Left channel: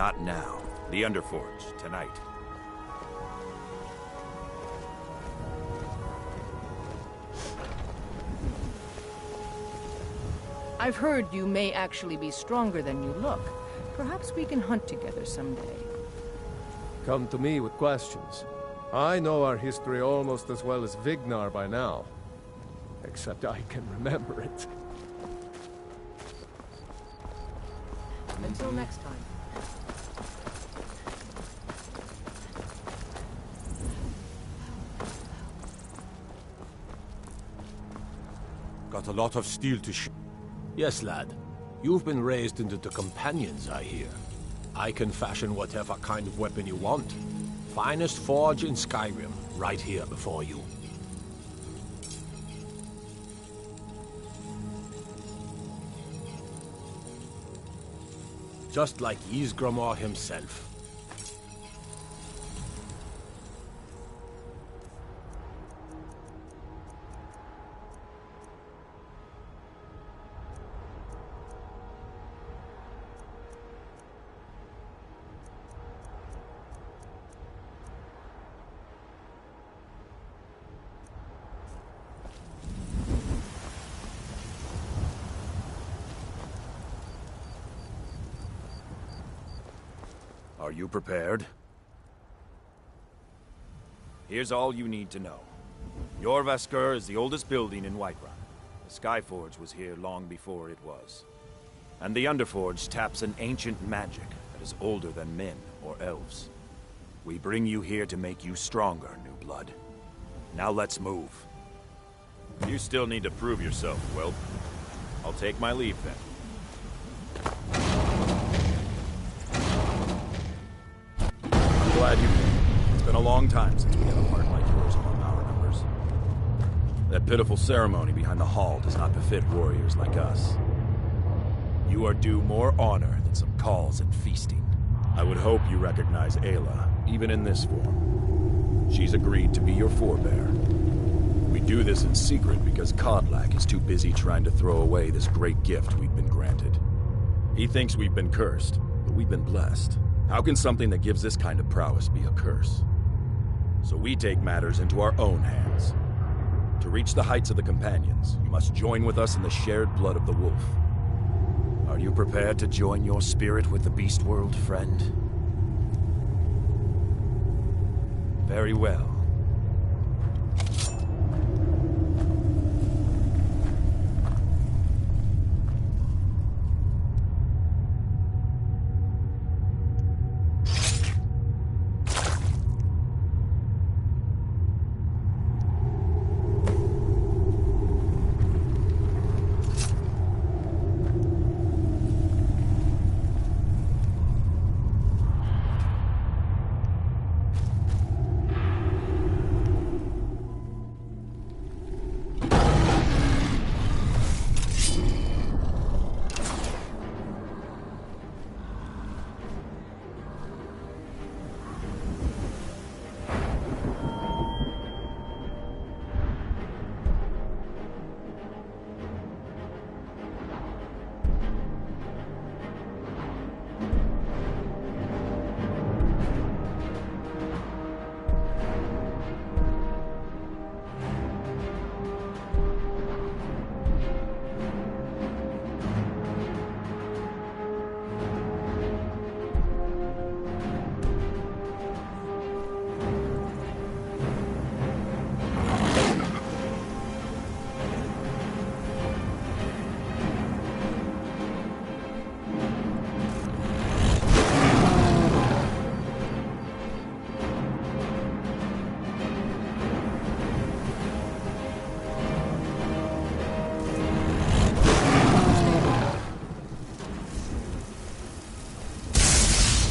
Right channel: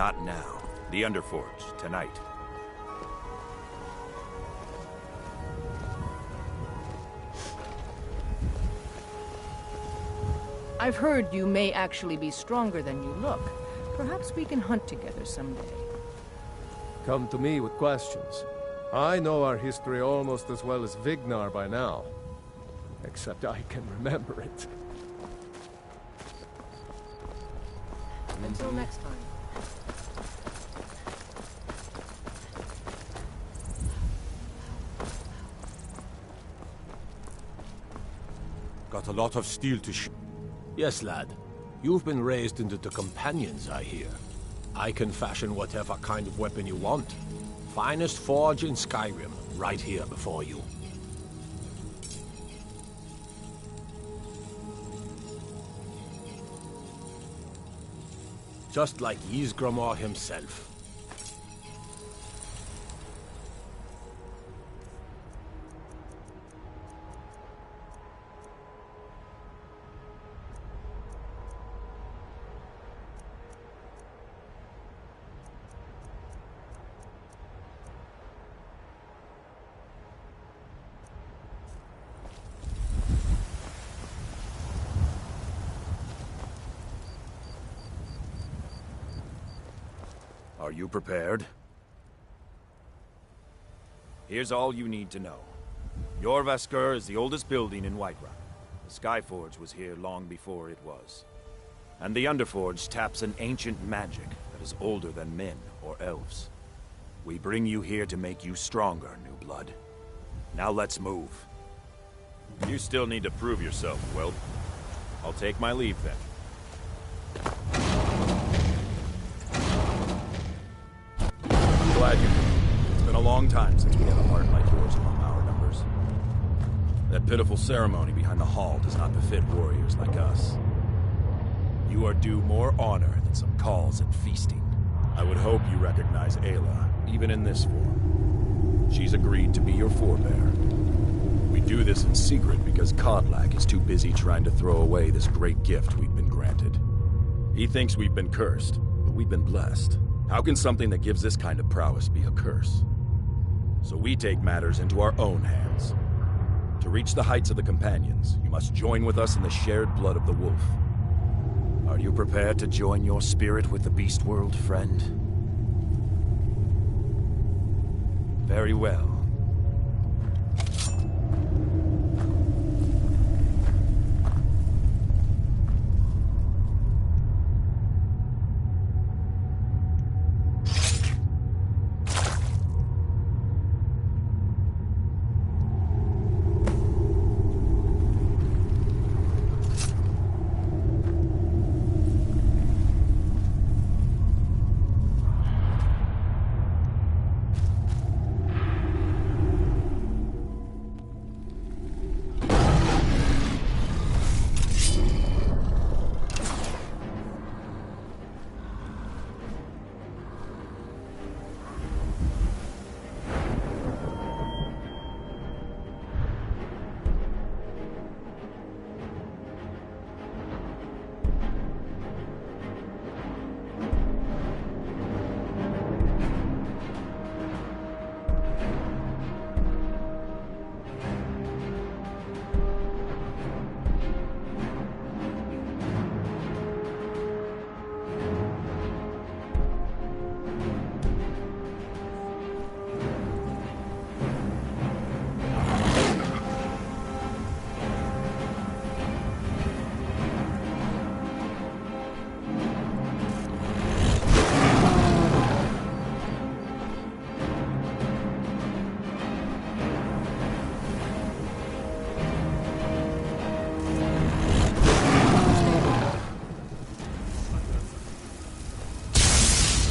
Not now. The Underforge, tonight. I've heard you may actually be stronger than you look. Perhaps we can hunt together someday. Come to me with questions. I know our history almost as well as Vignar by now. Except I can remember it. Until next time. Got a lot of steel to Yes, lad. You've been raised into the companions, I hear. I can fashion whatever kind of weapon you want. Finest forge in Skyrim, right here before you. Just like Ysgramor himself. Are you prepared? Here's all you need to know. Jorvaskr is the oldest building in Whiterun. The Skyforge was here long before it was. And the Underforge taps an ancient magic that is older than men or elves. We bring you here to make you stronger, new blood. Now let's move. You still need to prove yourself, Whelp. I'll take my leave then. Glad you came. It's been a long time since we had a heart like yours among our numbers. That pitiful ceremony behind the hall does not befit warriors like us. You are due more honor than some calls and feasting. I would hope you recognize Ayla, even in this form. She's agreed to be your forebear. We do this in secret because Kodlak is too busy trying to throw away this great gift we've been granted. He thinks we've been cursed, but we've been blessed. How can something that gives this kind of prowess be a curse? So we take matters into our own hands. To reach the heights of the Companions, you must join with us in the shared blood of the wolf. Are you prepared to join your spirit with the beast world, friend? Very well.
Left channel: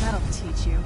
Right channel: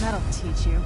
That'll teach you.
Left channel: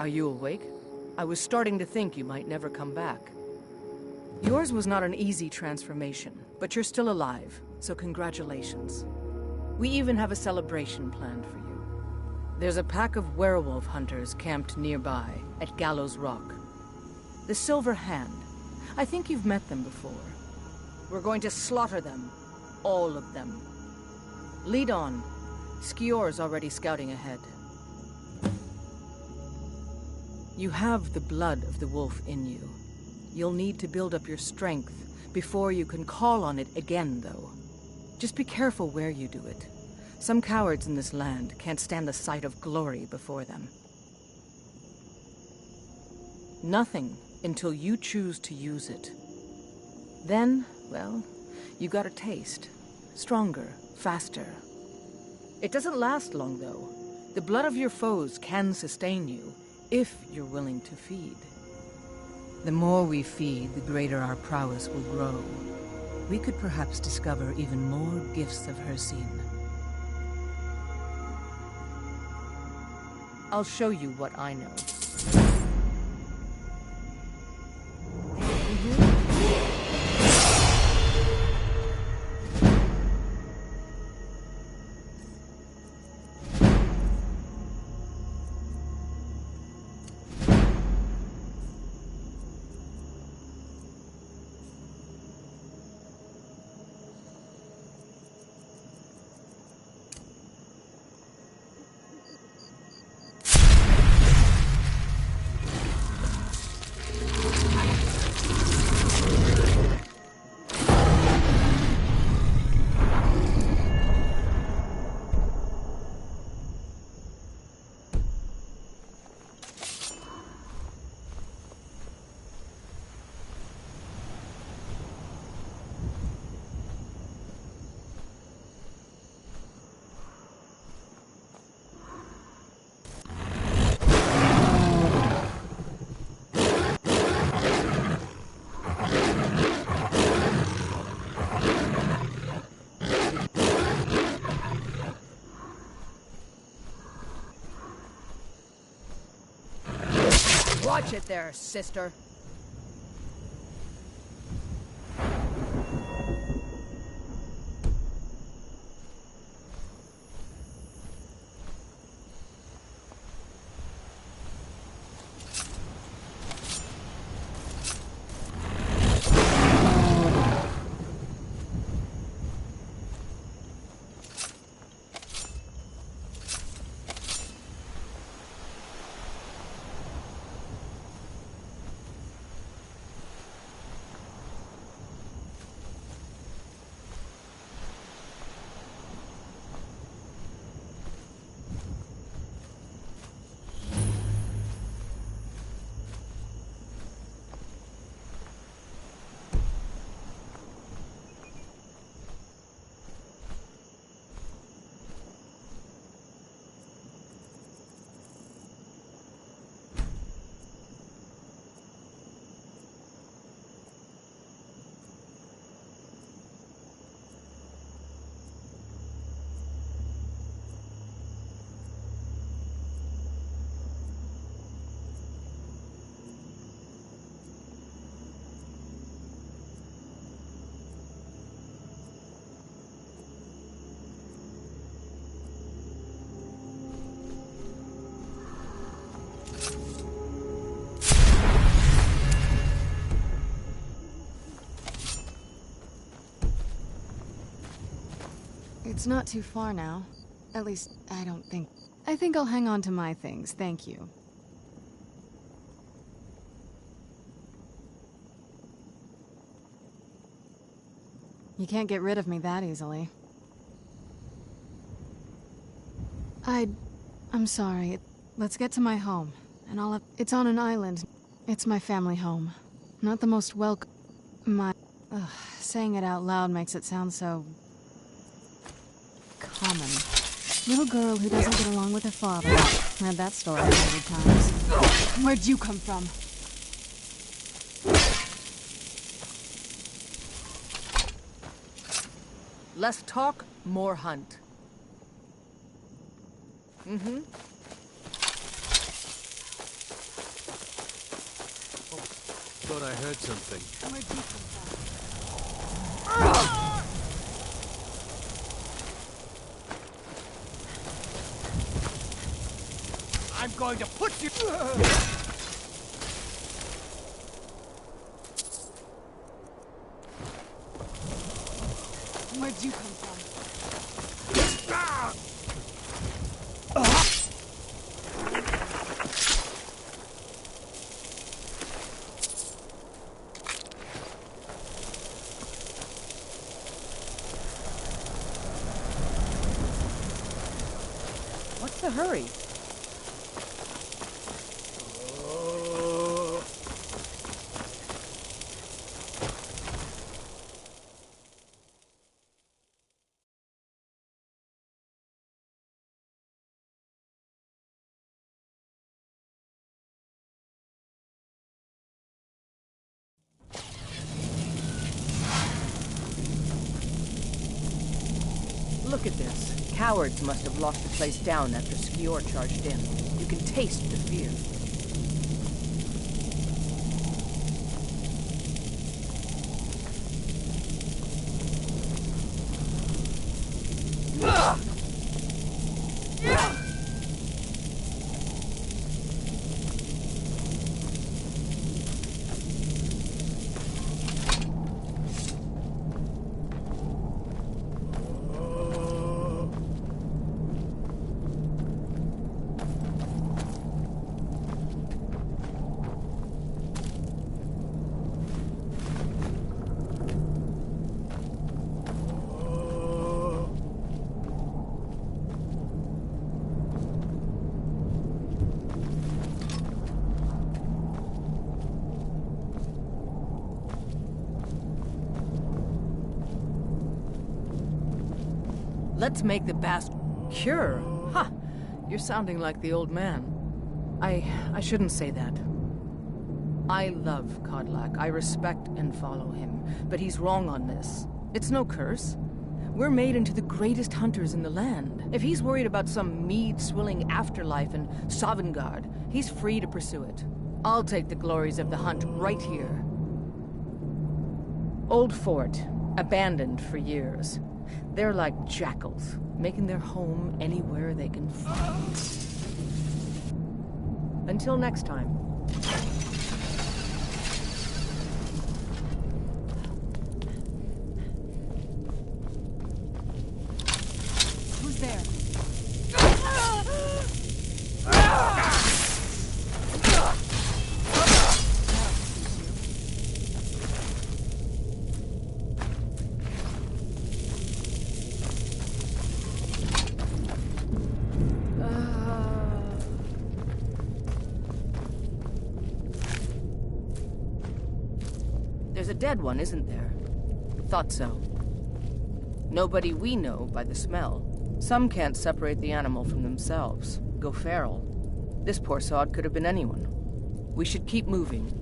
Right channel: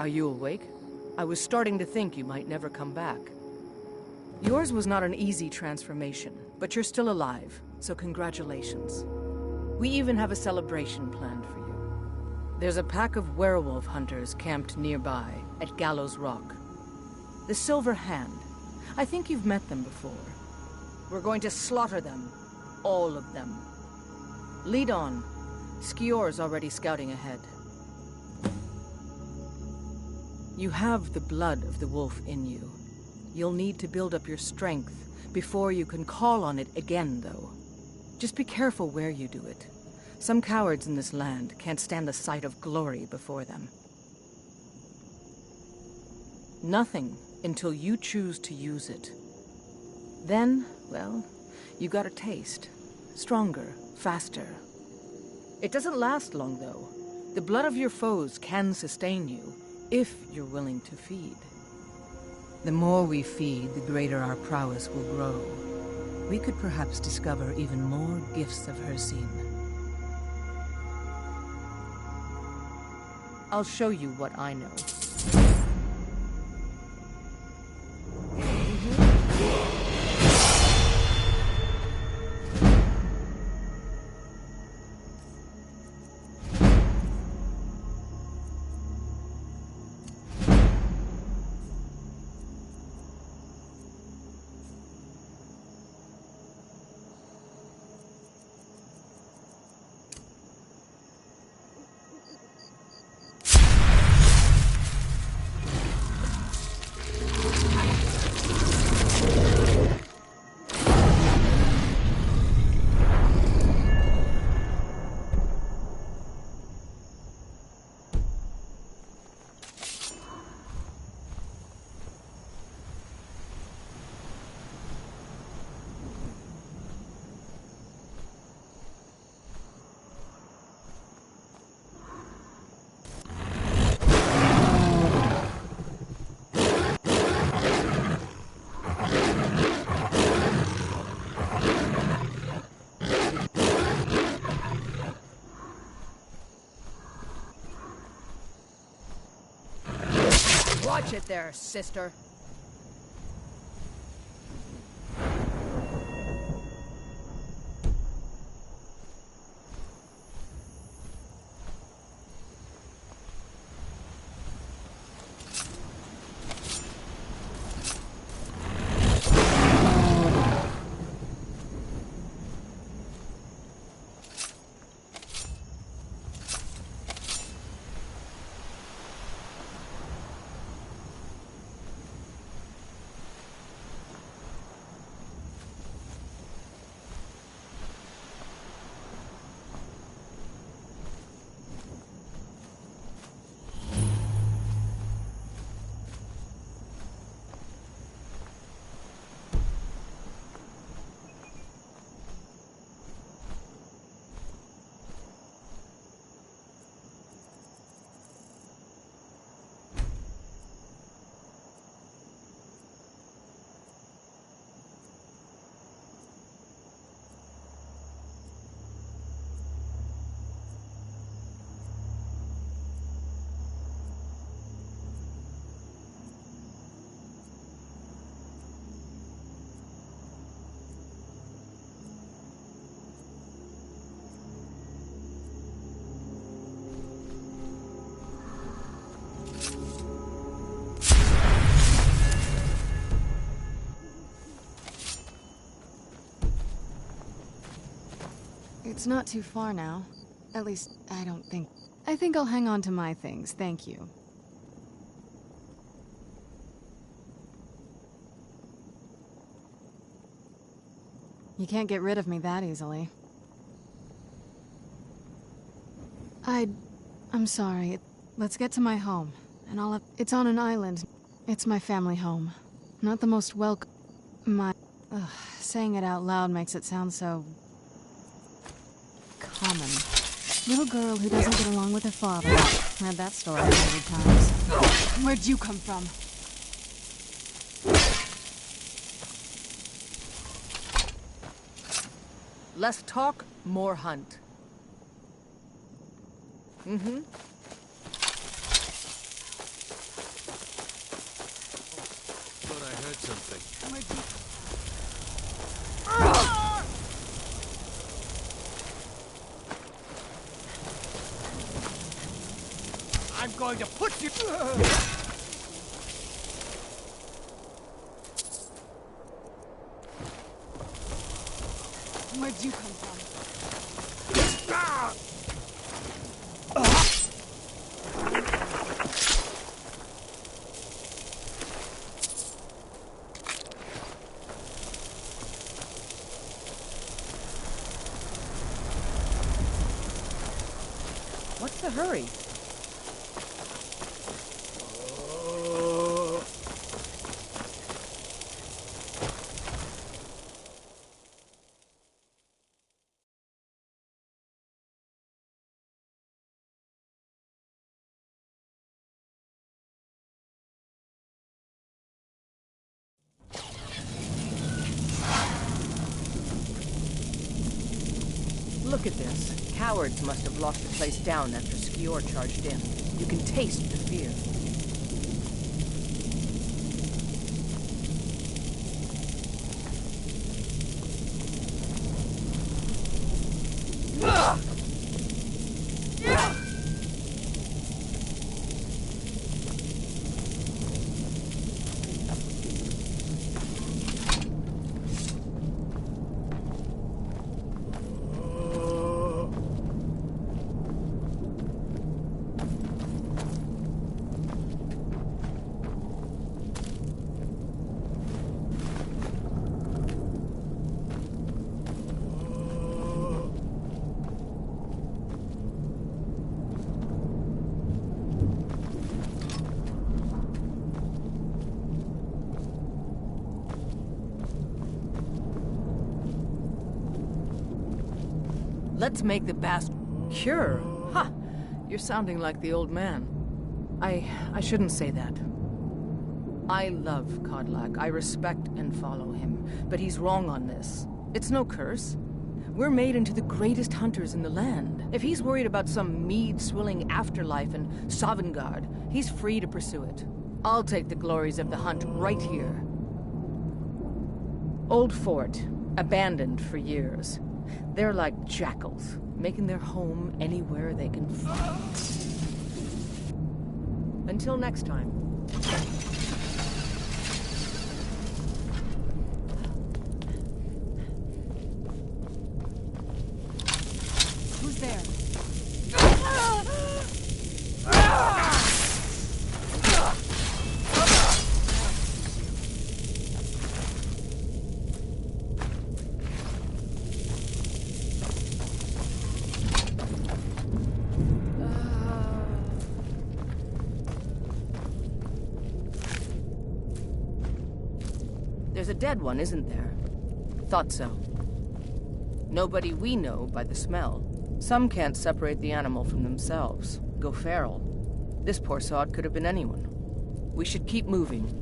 Are you awake? I was starting to think you might never come back. Yours was not an easy transformation, but you're still alive, so congratulations. We even have a celebration planned for you. There's a pack of werewolf hunters camped nearby, at Gallows Rock. The Silver Hand. I think you've met them before. We're going to slaughter them. All of them. Lead on. Skior's already scouting ahead. You have the blood of the wolf in you. You'll need to build up your strength before you can call on it again, though. Just be careful where you do it. Some cowards in this land can't stand the sight of glory before them. Nothing until you choose to use it. Then, well, you got a taste. Stronger, faster. It doesn't last long, though. The blood of your foes can sustain you, if you're willing to feed. The more we feed, the greater our prowess will grow. We could perhaps discover even more gifts of Hircine. I'll show you what I know. Watch it there, sister. It's not too far now. At least, I don't think... I think I'll hang on to my things, thank you. You can't get rid of me that easily. I'm sorry. Let's get to my home, and I'll have... It's on an island. It's my family home. Not the most welcome... saying it out loud makes it sound so... common. Little girl who doesn't get along with her father. Read that story 100 times. Where'd you come from? Less talk, more hunt. thought I heard something. I'm going to put you... Where'd you come from? What's the hurry? Look at this. Cowards must have locked the place down after Skior charged in. You can taste the fear. Let's make the bast cure. Ha! You're sounding like the old man. I shouldn't say that. I love Kodlak. I respect and follow him. But he's wrong on this. It's no curse. We're made into the greatest hunters in the land. If he's worried about some mead-swilling afterlife in Sovngarde, he's free to pursue it. I'll take the glories of the hunt right here. Old fort, abandoned for years. They're like jackals, making their home anywhere they can find. Until next time. Who's there? There's a dead one, isn't there? Thought so. Nobody we know by the smell. Some can't separate the animal from themselves. Go feral. This poor sod could have been anyone. We should keep moving.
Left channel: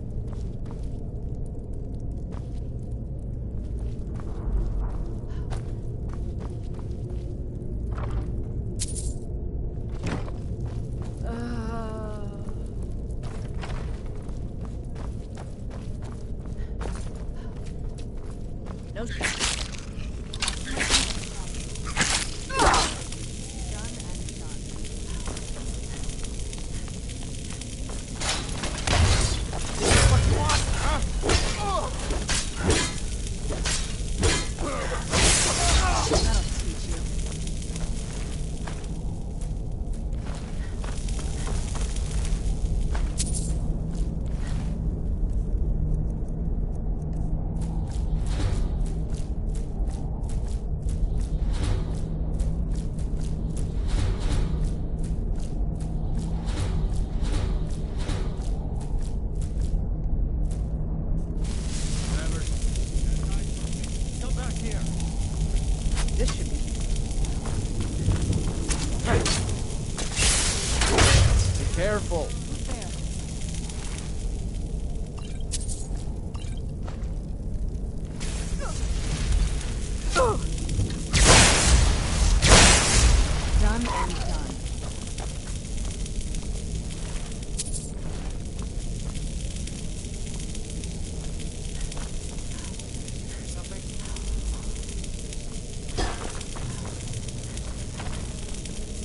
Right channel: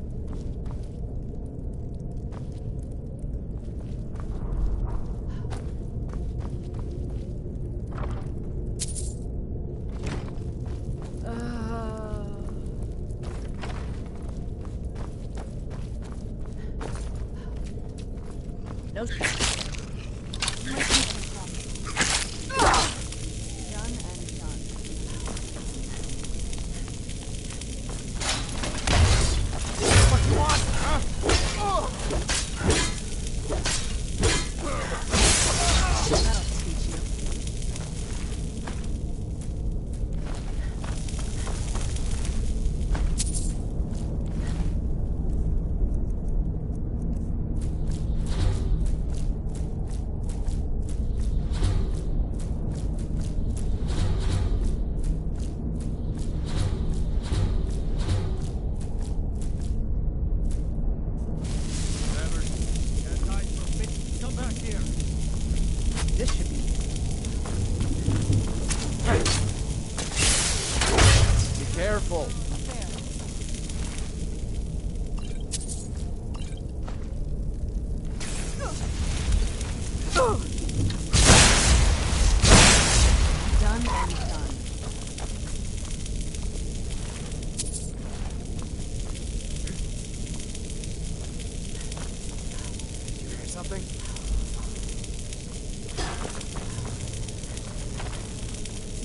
No shit. Done and done. What you want, huh? That'll teach you. This should be... Be careful. Who's there? Done and done. something?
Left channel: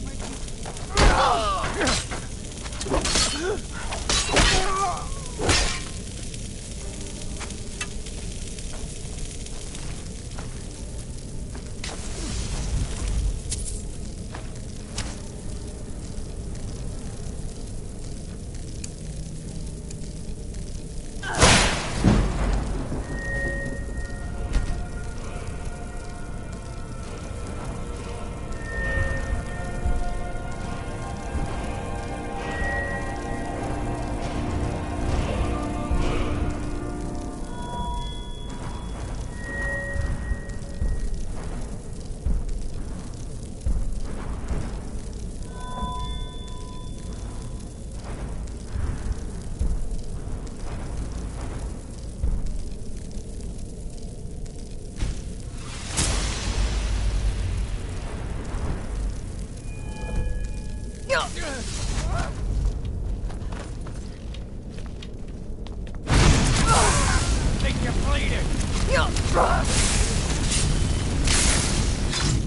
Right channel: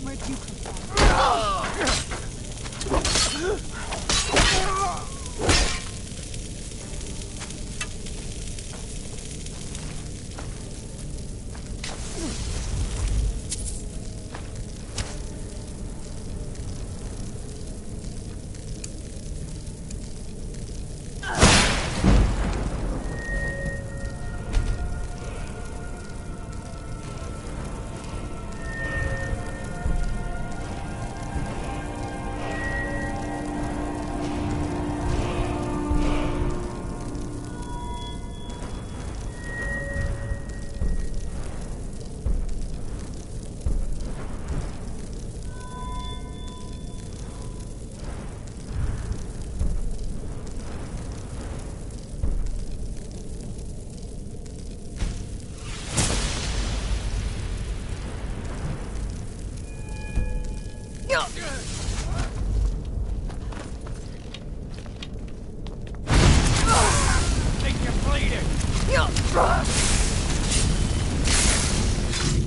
My think you're bleeding.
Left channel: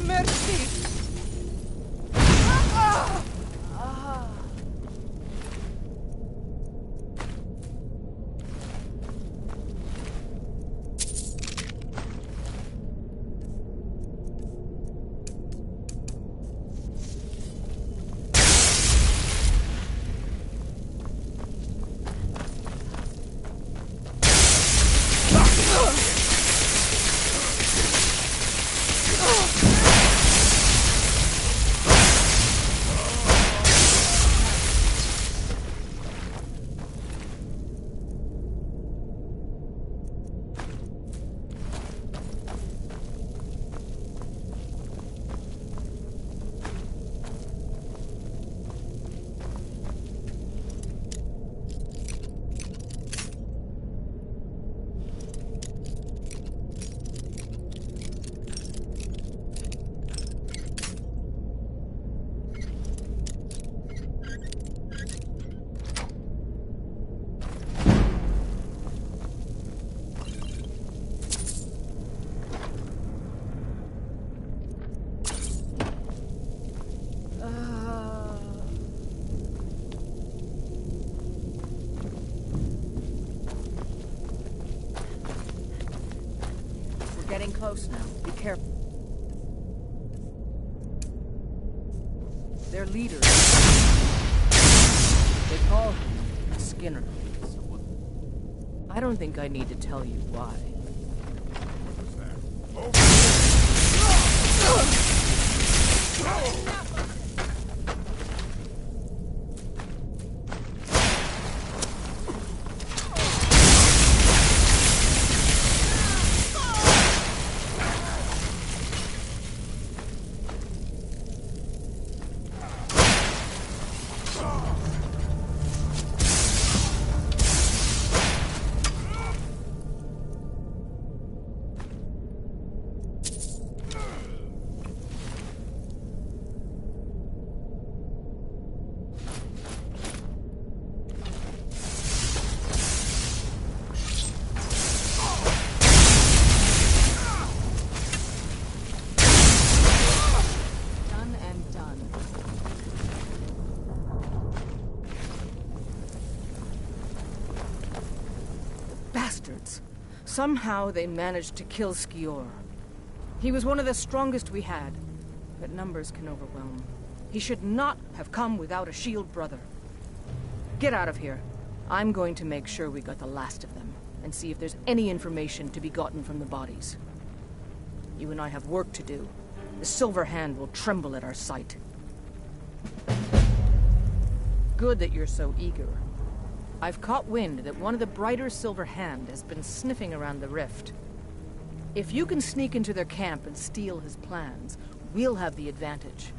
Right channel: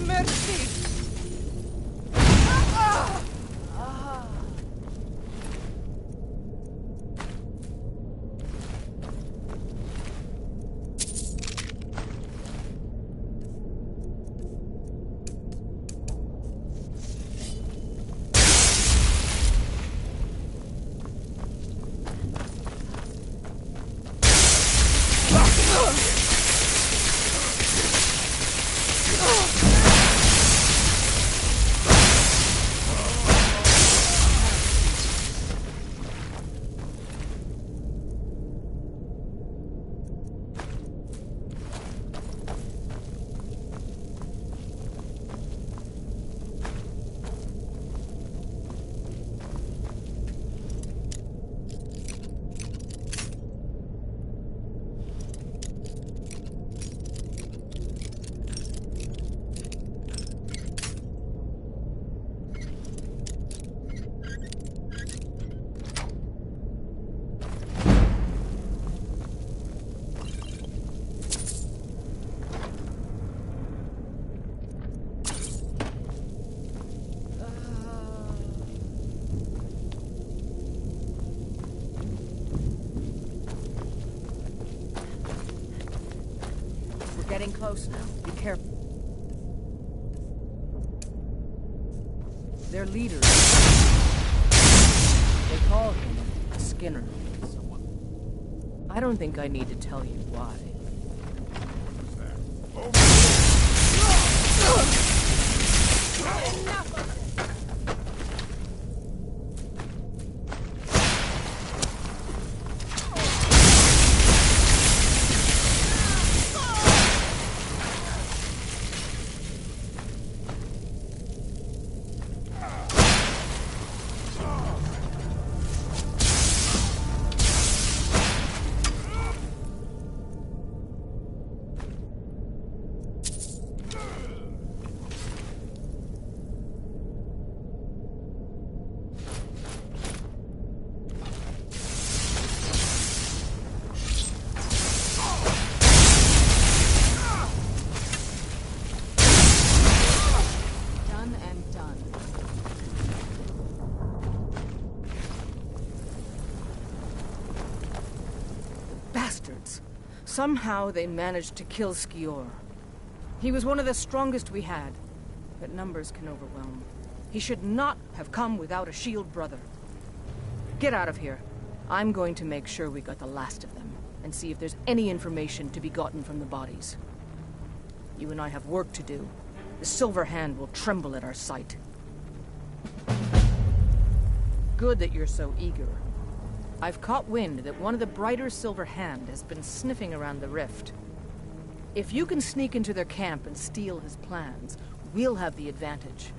Merci! Getting close now. Be careful. Their leader. They call him Skinner. I don't think I need to tell you why. Bastards. Somehow they managed to kill Skior. He was one of the strongest we had, but numbers can overwhelm. He should not have come without a shield brother. Get out of here. I'm going to make sure we got the last of them, and see if there's any information to be gotten from the bodies. You and I have work to do. The Silver Hand will tremble at our sight. Good that you're so eager. I've caught wind that one of the brighter Silver Hand has been sniffing around the rift. If you can sneak into their camp and steal his plans, we'll have the advantage.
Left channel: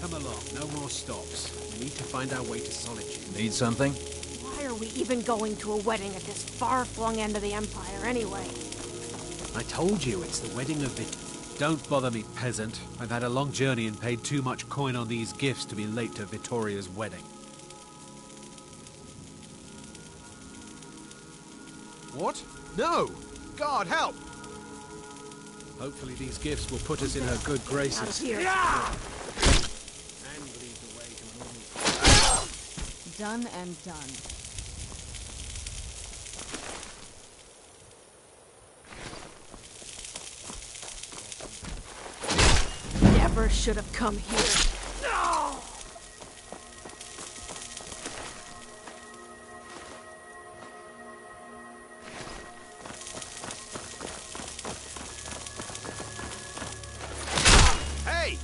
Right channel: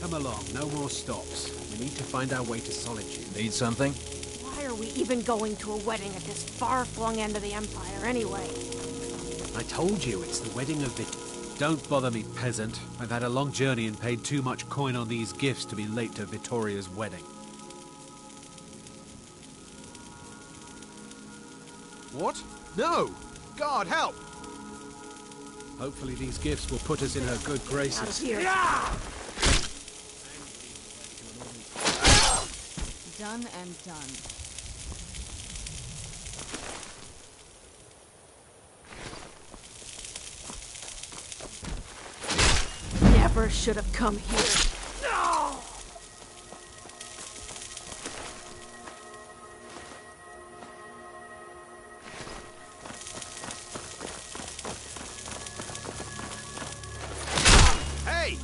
Come along, no more stops. We need to find our way to Solitude. Need something? Why are we even going to a wedding at this far-flung end of the Empire, anyway? I told you, it's the wedding of Don't bother me, peasant. I've had a long journey and paid too much coin on these gifts to be late to Vittoria's wedding. What? No! God, help! Hopefully these gifts will put us in her good graces. Out of here. Done and done. Never should have come here. No! Hey!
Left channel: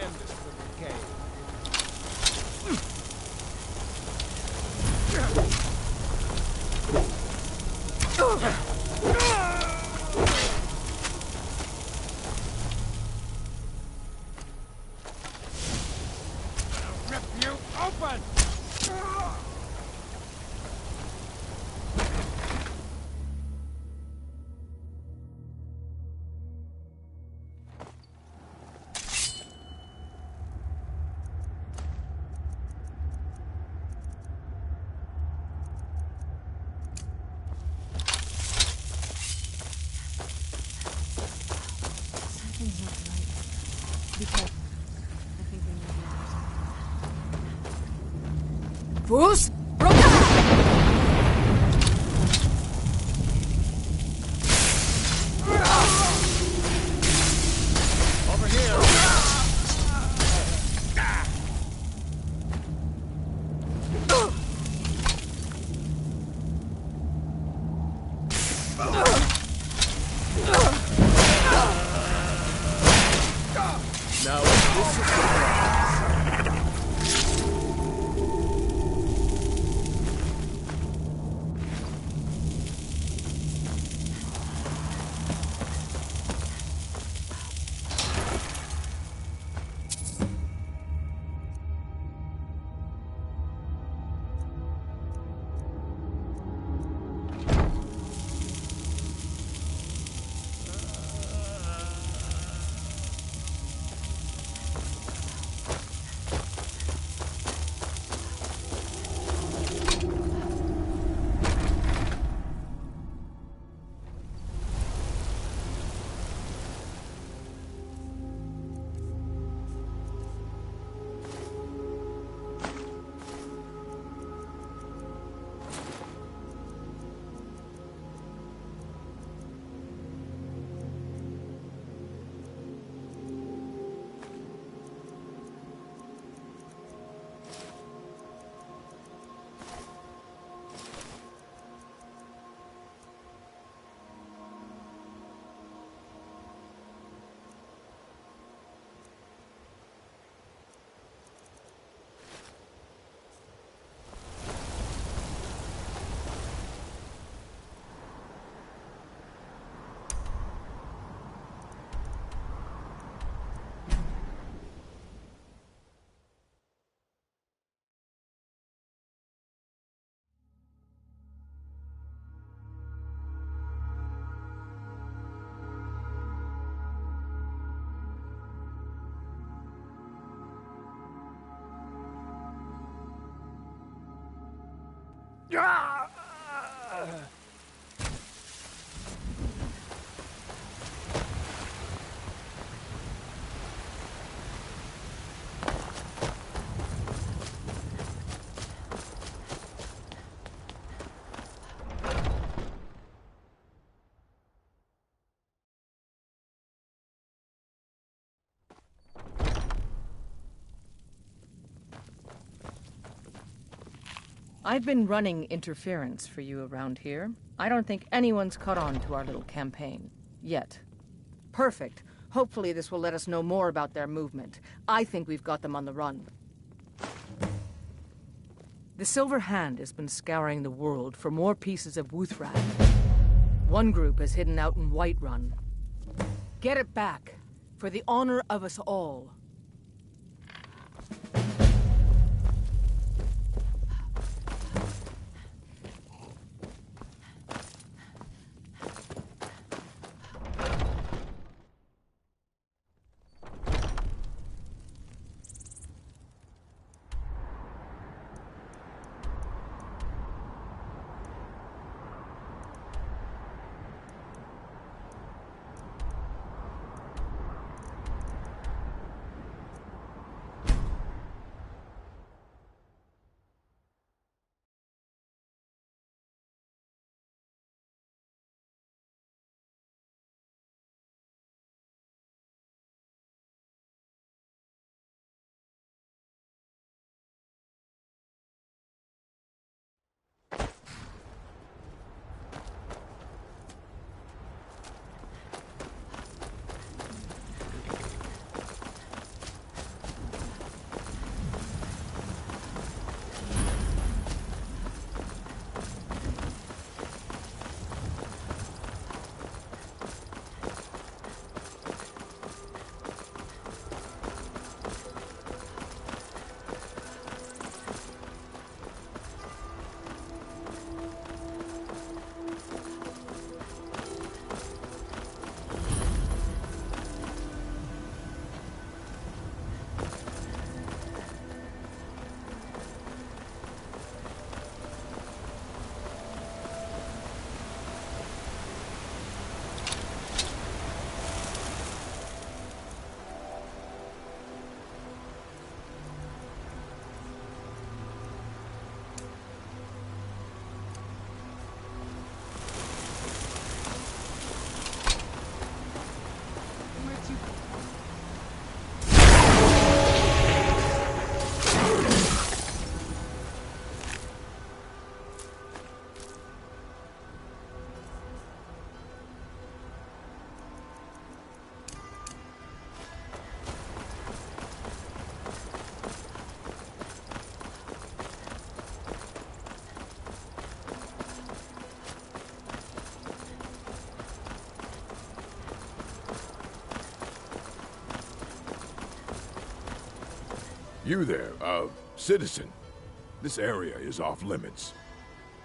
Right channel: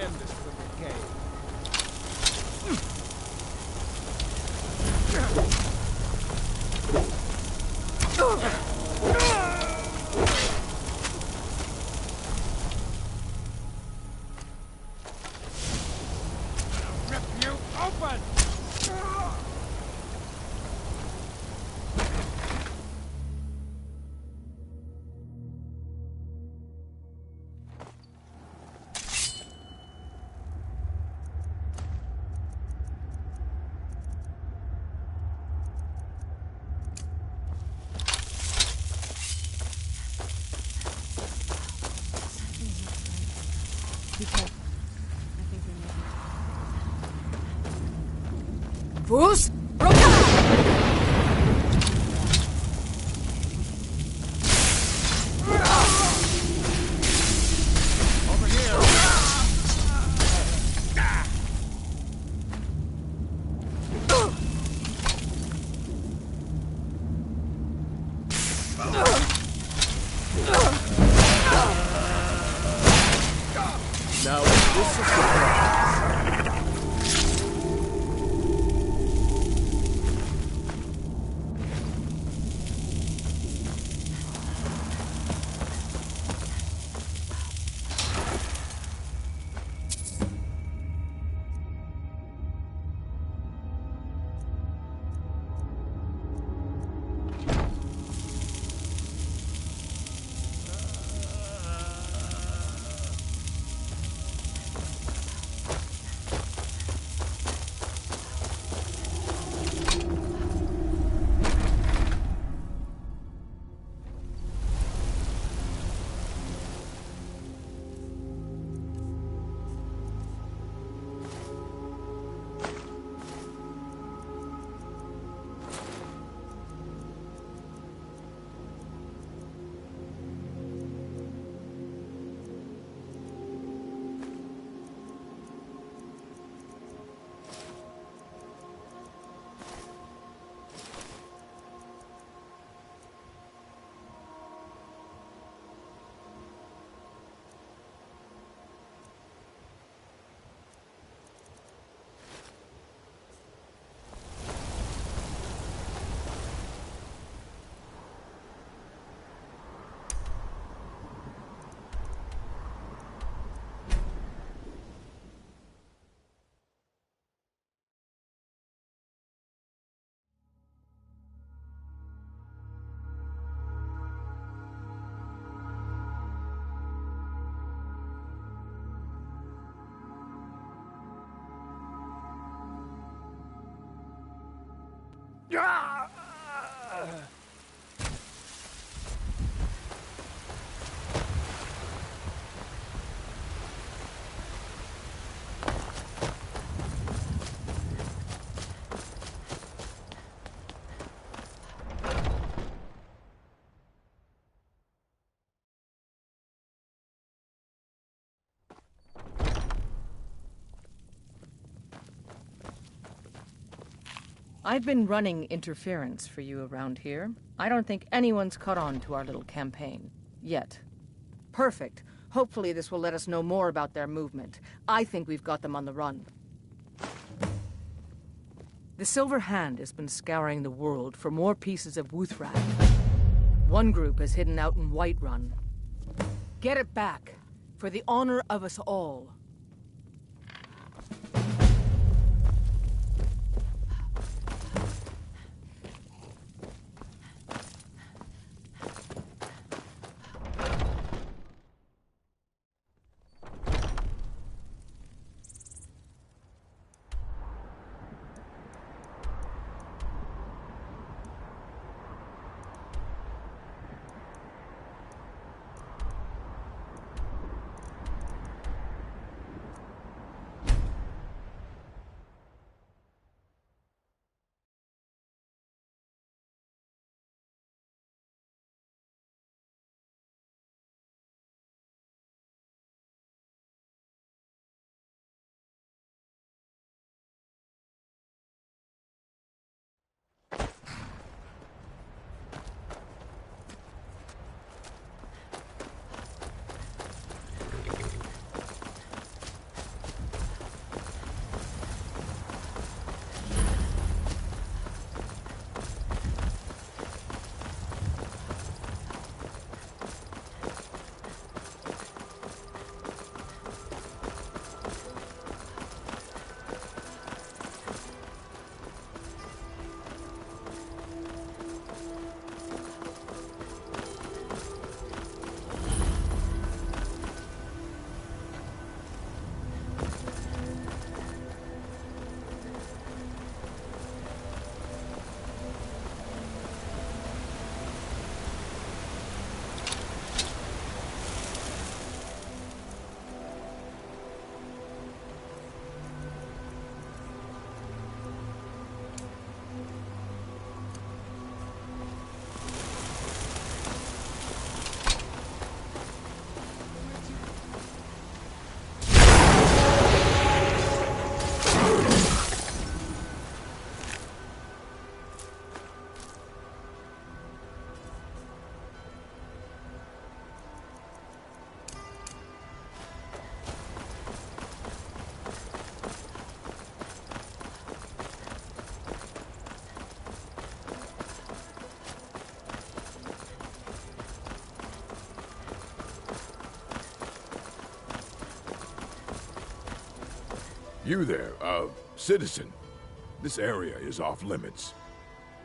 End this little game. Rip you open! Something's not right. Be careful. I think we may be Bruce, Rota! Now, this is the prize. I've been running interference for you around here. I don't think anyone's caught on to our little campaign. Yet. Perfect. Hopefully this will let us know more about their movement. I think we've got them on the run. The Silver Hand has been scouring the world for more pieces of Wuthrak. One group is hidden out in Whiterun. Get it back, for the honor of us all. You there, citizen. This area is off limits.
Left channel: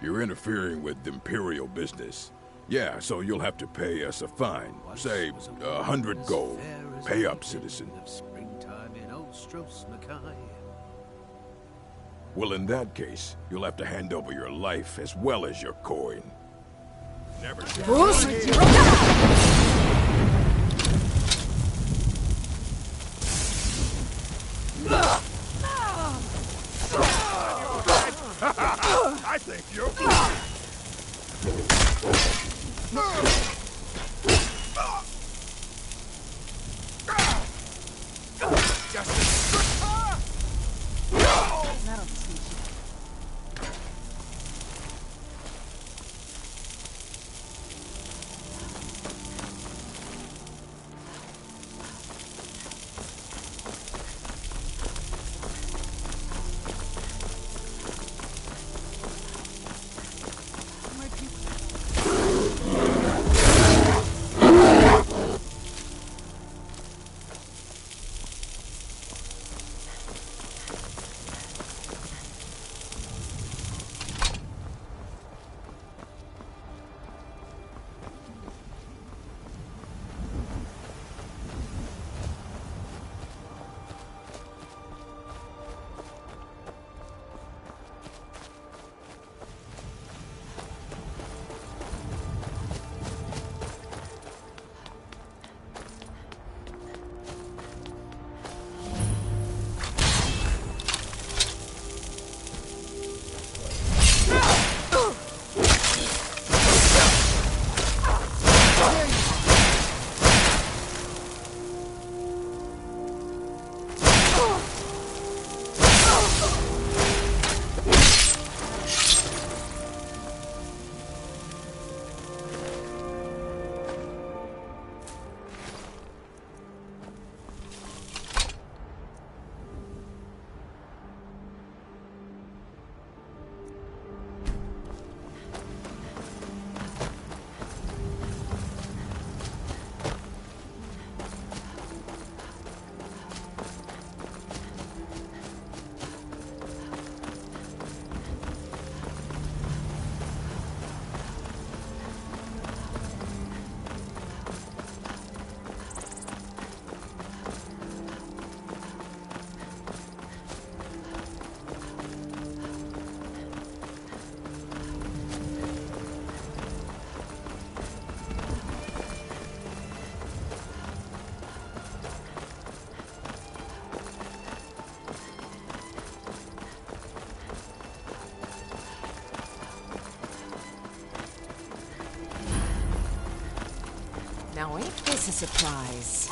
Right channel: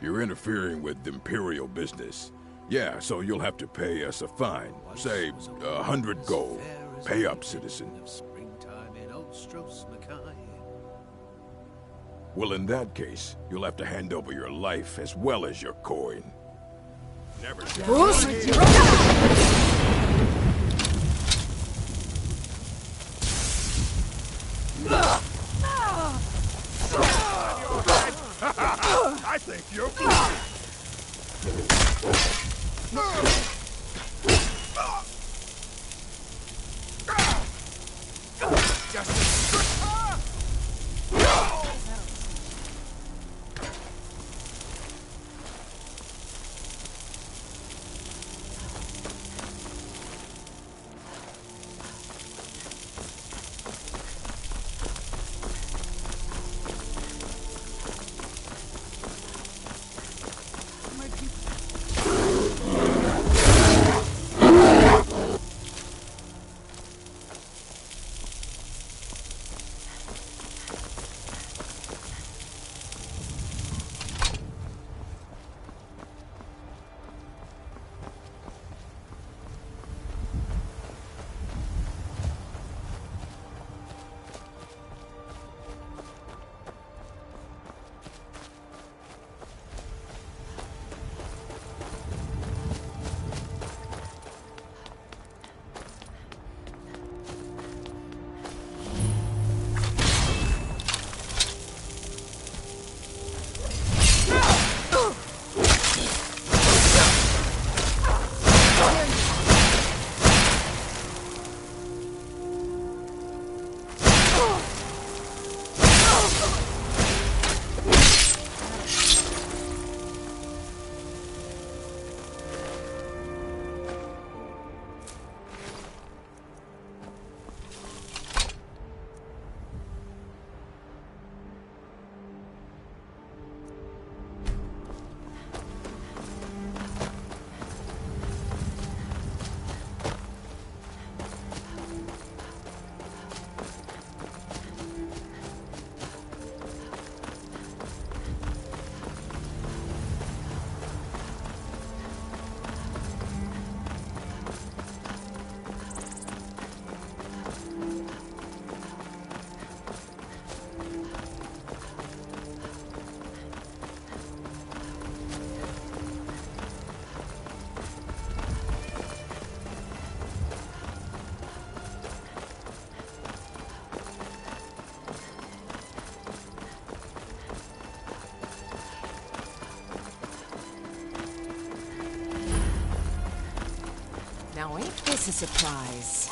You're interfering with Imperial business. Yeah, so you'll have to pay us a fine. Say, 100 gold. Pay up, citizen. Well, in that case, you'll have to hand over your life as well as your coin. Never I think you're... Now ain't this a surprise?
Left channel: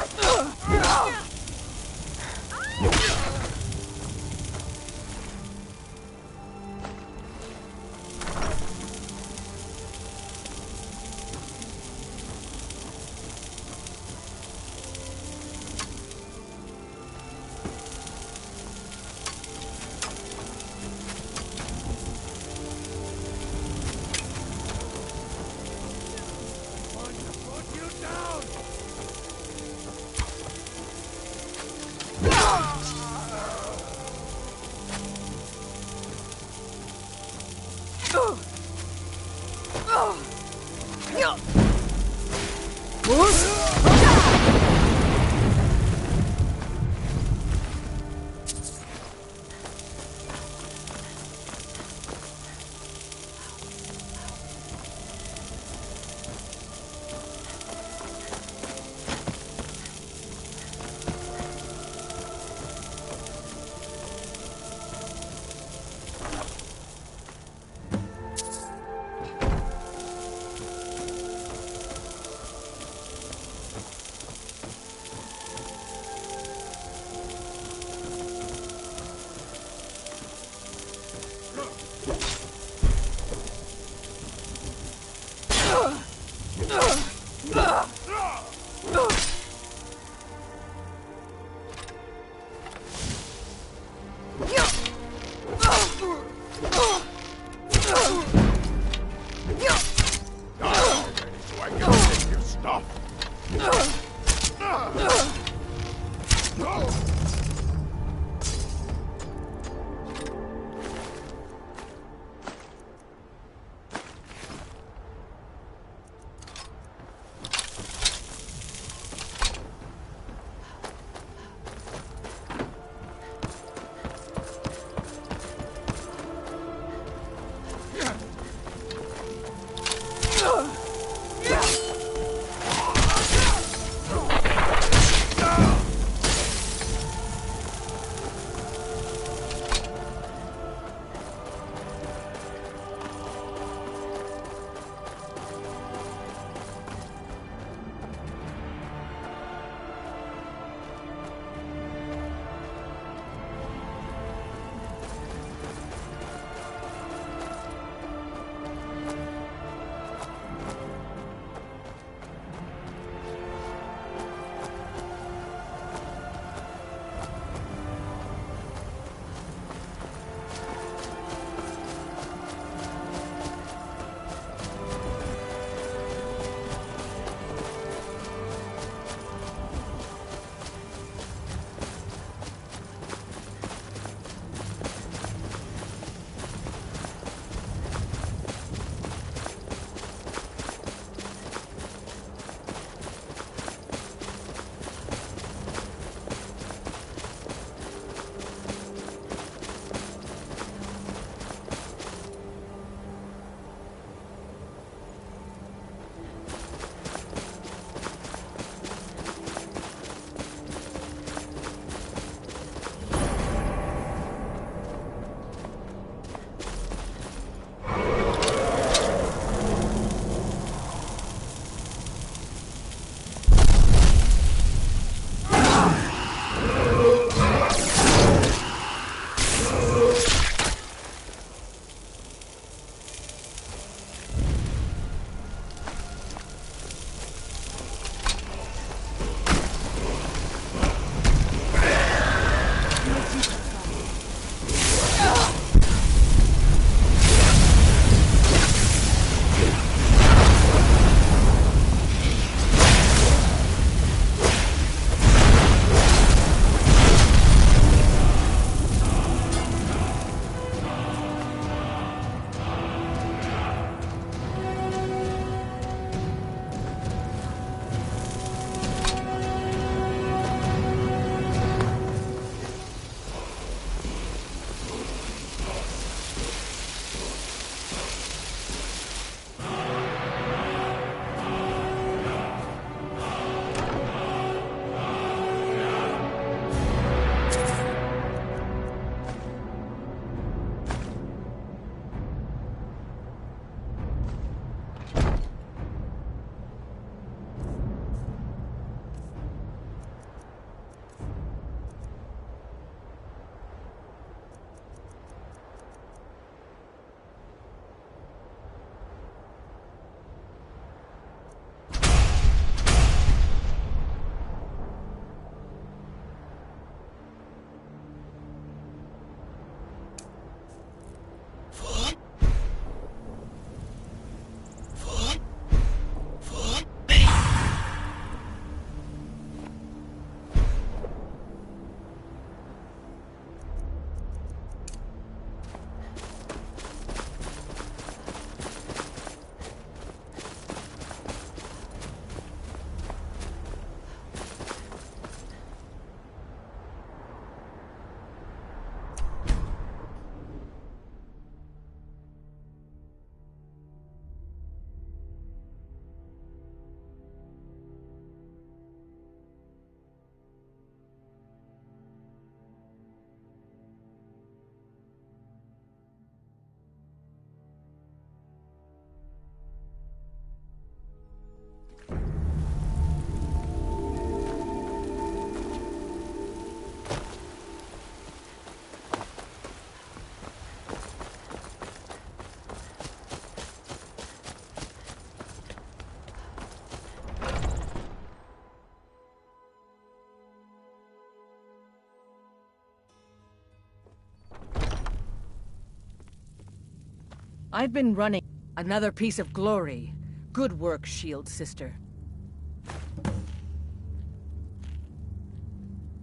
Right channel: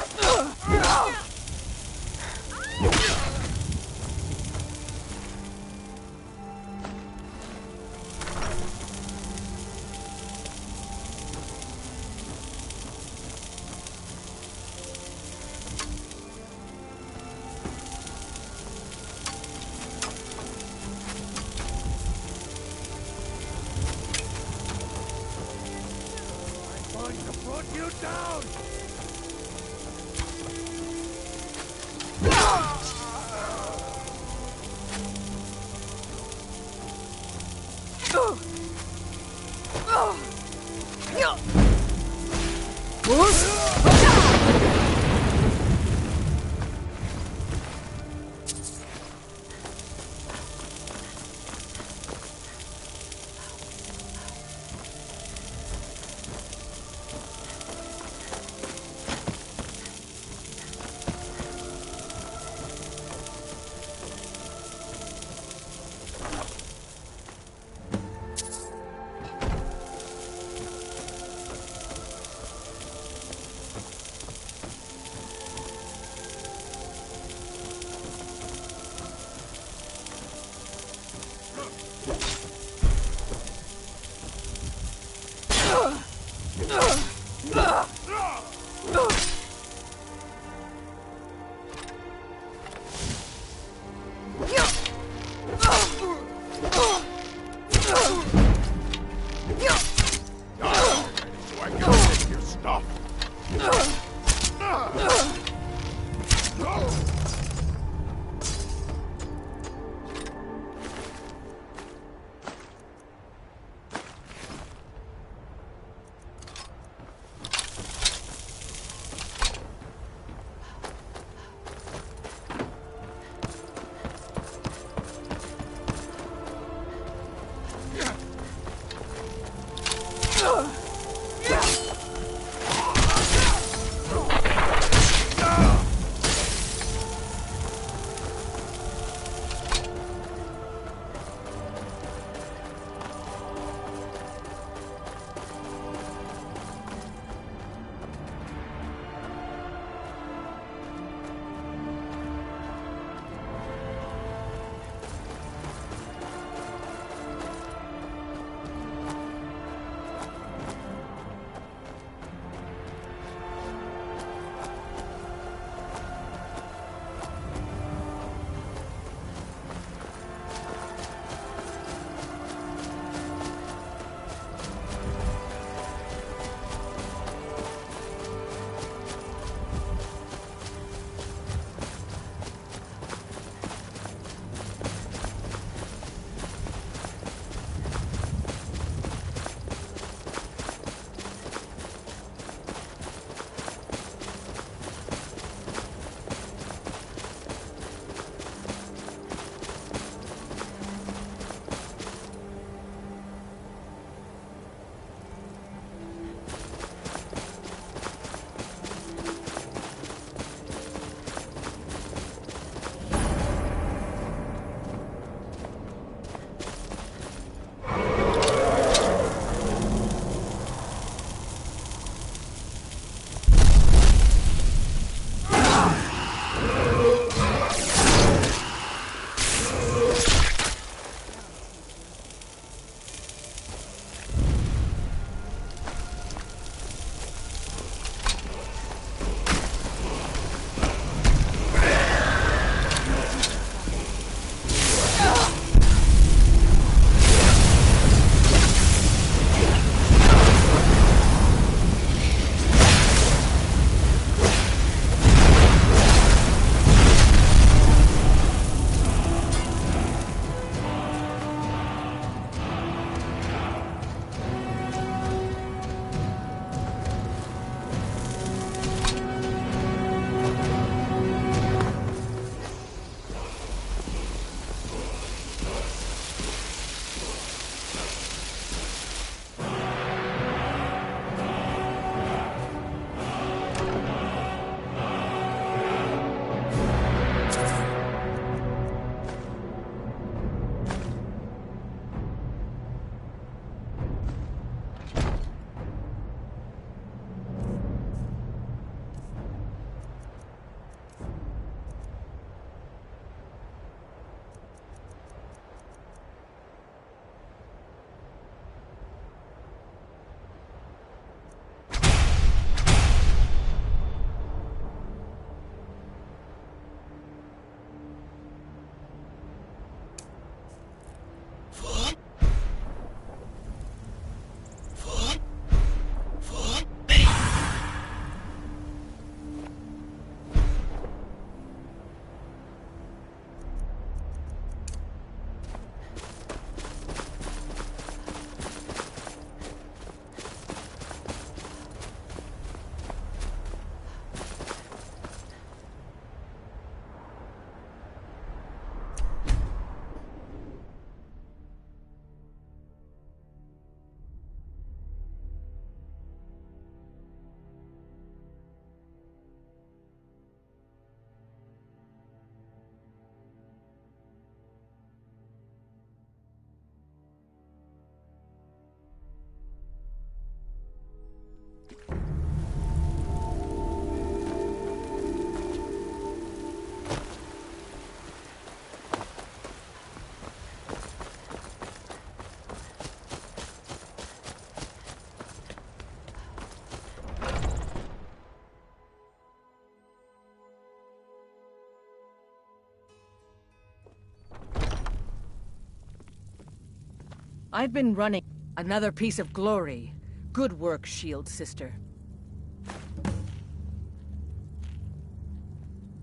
I've been running another piece of glory. Good work, Shield Sister.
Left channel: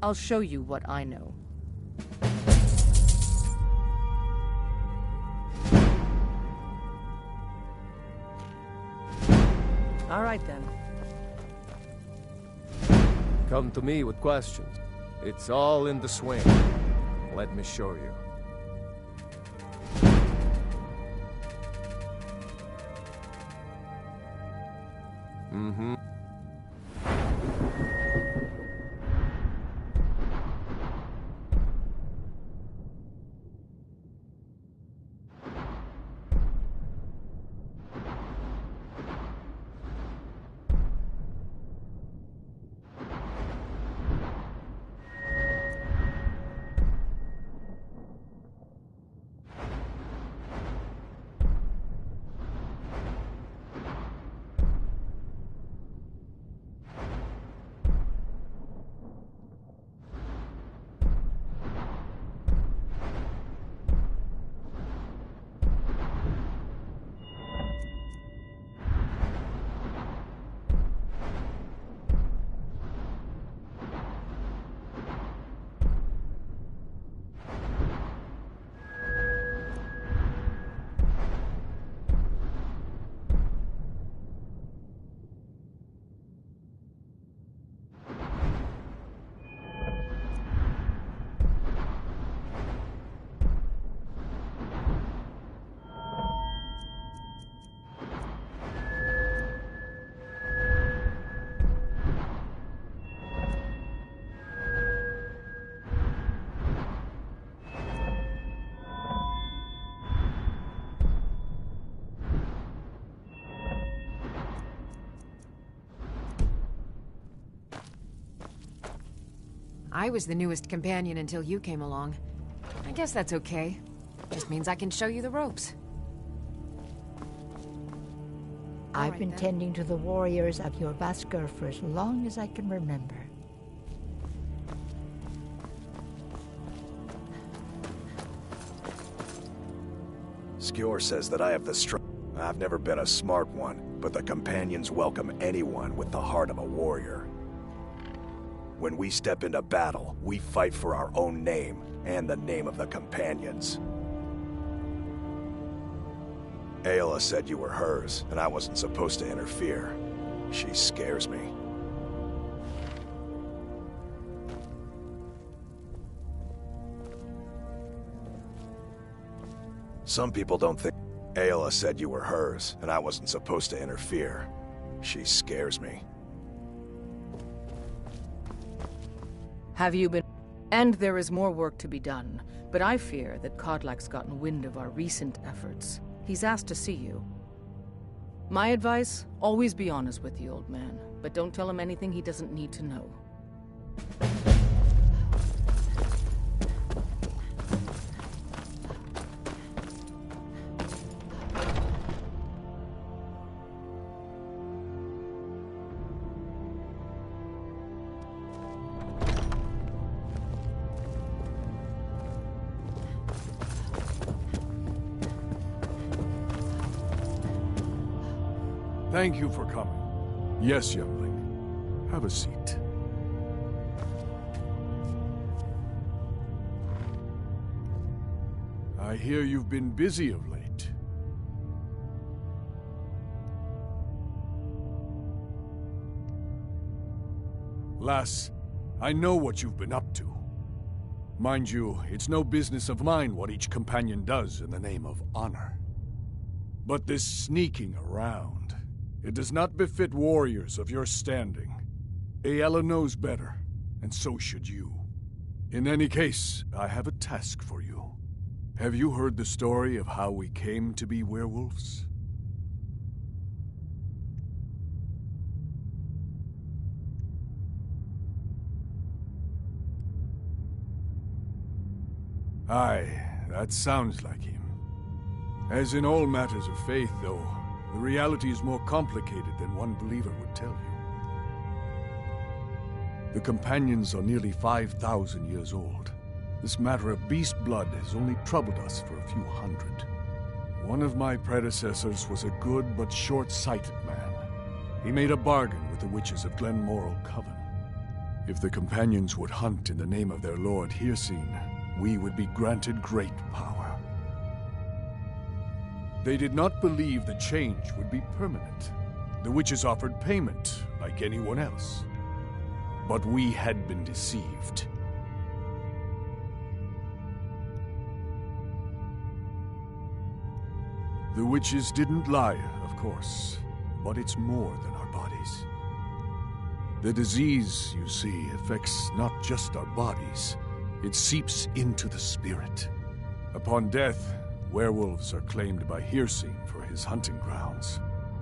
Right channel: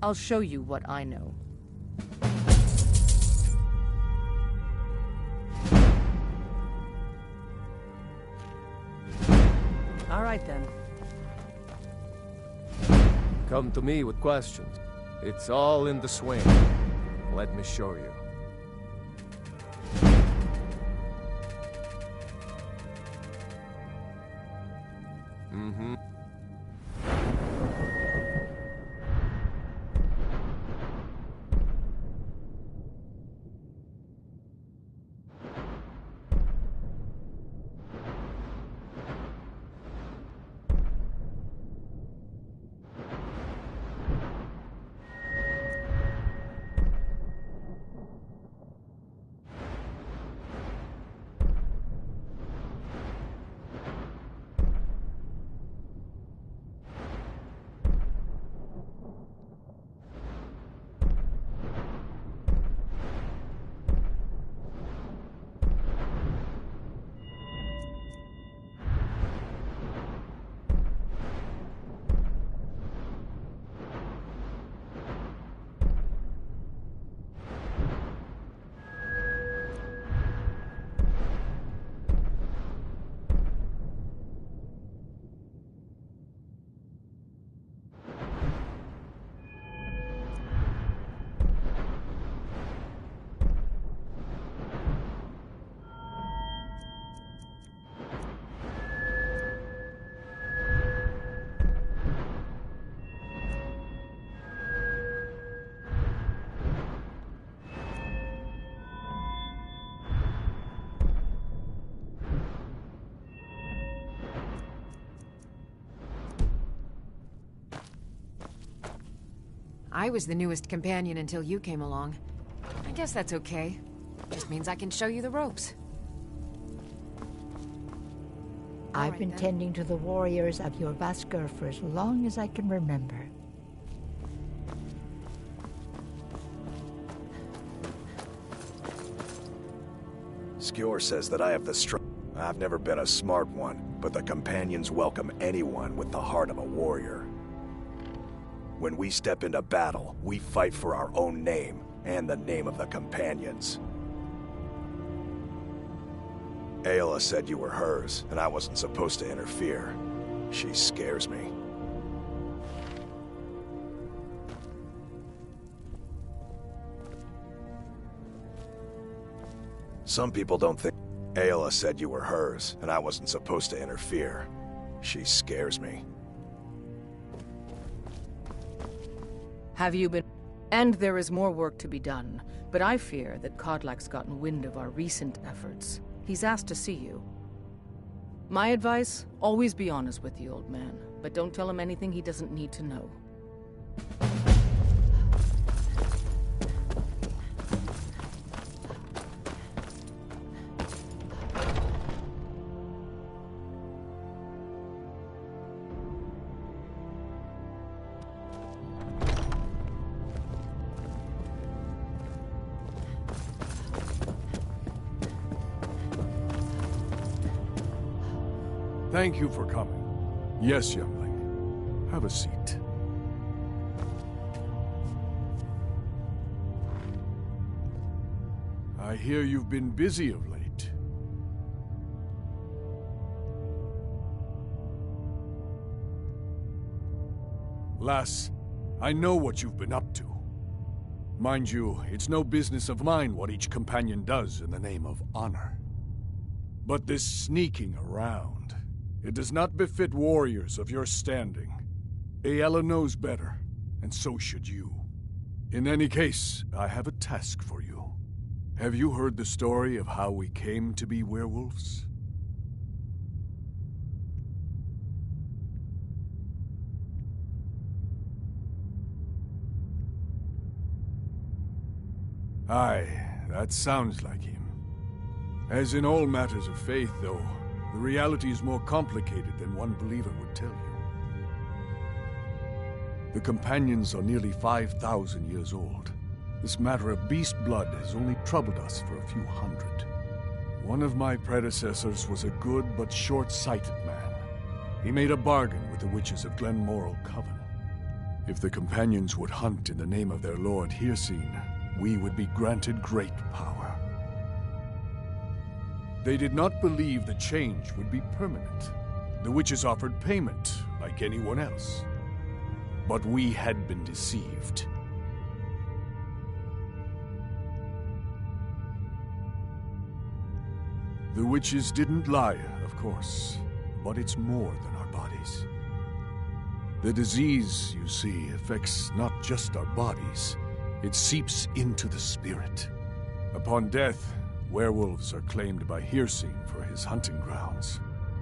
I'll show you what I know. All right, then. Come to me with questions. It's all in the swing. Let me show you. Mm-hmm. I was the newest companion until you came along. I guess that's okay. Just means I can show you the ropes. I've been tending to the warriors of your Vasker for as long as I can remember. Skjor says that I have the strength. I've never been a smart one, but the companions welcome anyone with the heart of a warrior. When we step into battle, we fight for our own name and the name of the companions. Ayla said you were hers, and I wasn't supposed to interfere. She scares me. Some people don't think... Ayla said you were hers, and I wasn't supposed to interfere. She scares me. Have you been... And there is more work to be done, but I fear that Kodlak's gotten wind of our recent efforts. He's asked to see you. My advice, always be honest with the old man, but don't tell him anything he doesn't need to know. Thank you for coming. Yes, youngling. Have a seat. I hear you've been busy of late. Lass, I know what you've been up to. Mind you, it's no business of mine what each companion does in the name of honor. But this sneaking around, it does not befit warriors of your standing. Ayla knows better, and so should you. In any case, I have a task for you. Have you heard the story of how we came to be werewolves? Aye, that sounds like him. As in all matters of faith, though, the reality is more complicated than one believer would tell you. The companions are nearly 5,000 years old. This matter of beast blood has only troubled us for a few hundred. One of my predecessors was a good but short-sighted man. He made a bargain with the witches of Glenmoral Coven. If the companions would hunt in the name of their lord Hircine, we would be granted great power. They did not believe the change would be permanent. The witches offered payment, like anyone else. But we had been deceived. The witches didn't lie, of course, but it's more than our bodies. The disease, you see, affects not just our bodies, it seeps into the spirit. Upon death, werewolves are claimed by Hircine for his hunting grounds.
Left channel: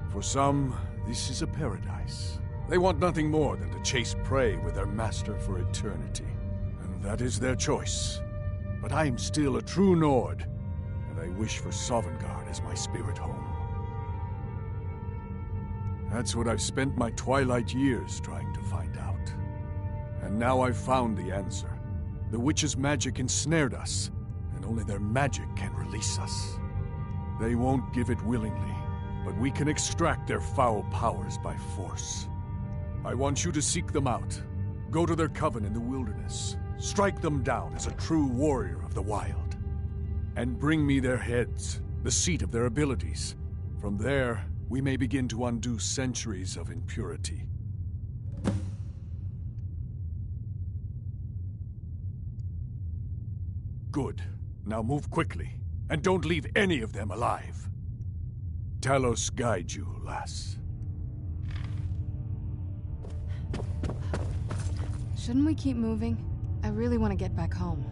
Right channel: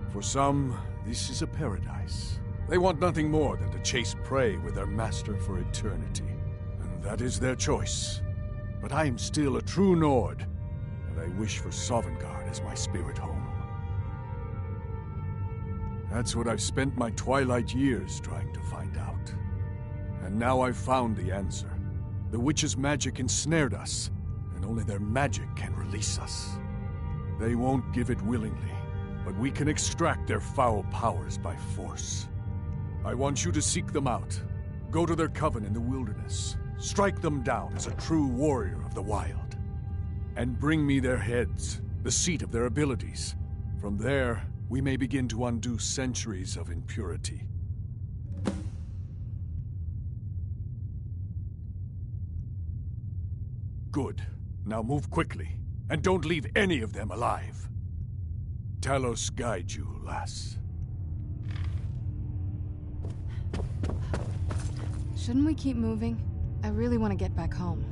For some, this is a paradise. They want nothing more than to chase prey with their master for eternity. And that is their choice. But I am still a true Nord, and I wish for Sovngarde as my spirit home. That's what I've spent my twilight years trying to find out. And now I've found the answer. The witches' magic ensnared us, and only their magic can release us. They won't give it willingly, but we can extract their foul powers by force. I want you to seek them out. Go to their coven in the wilderness. Strike them down as a true warrior of the wild. And bring me their heads, the seat of their abilities. From there, we may begin to undo centuries of impurity. Good. Now move quickly, and don't leave any of them alive. Talos guide you, lass. Shouldn't we keep moving? I really want to get back home.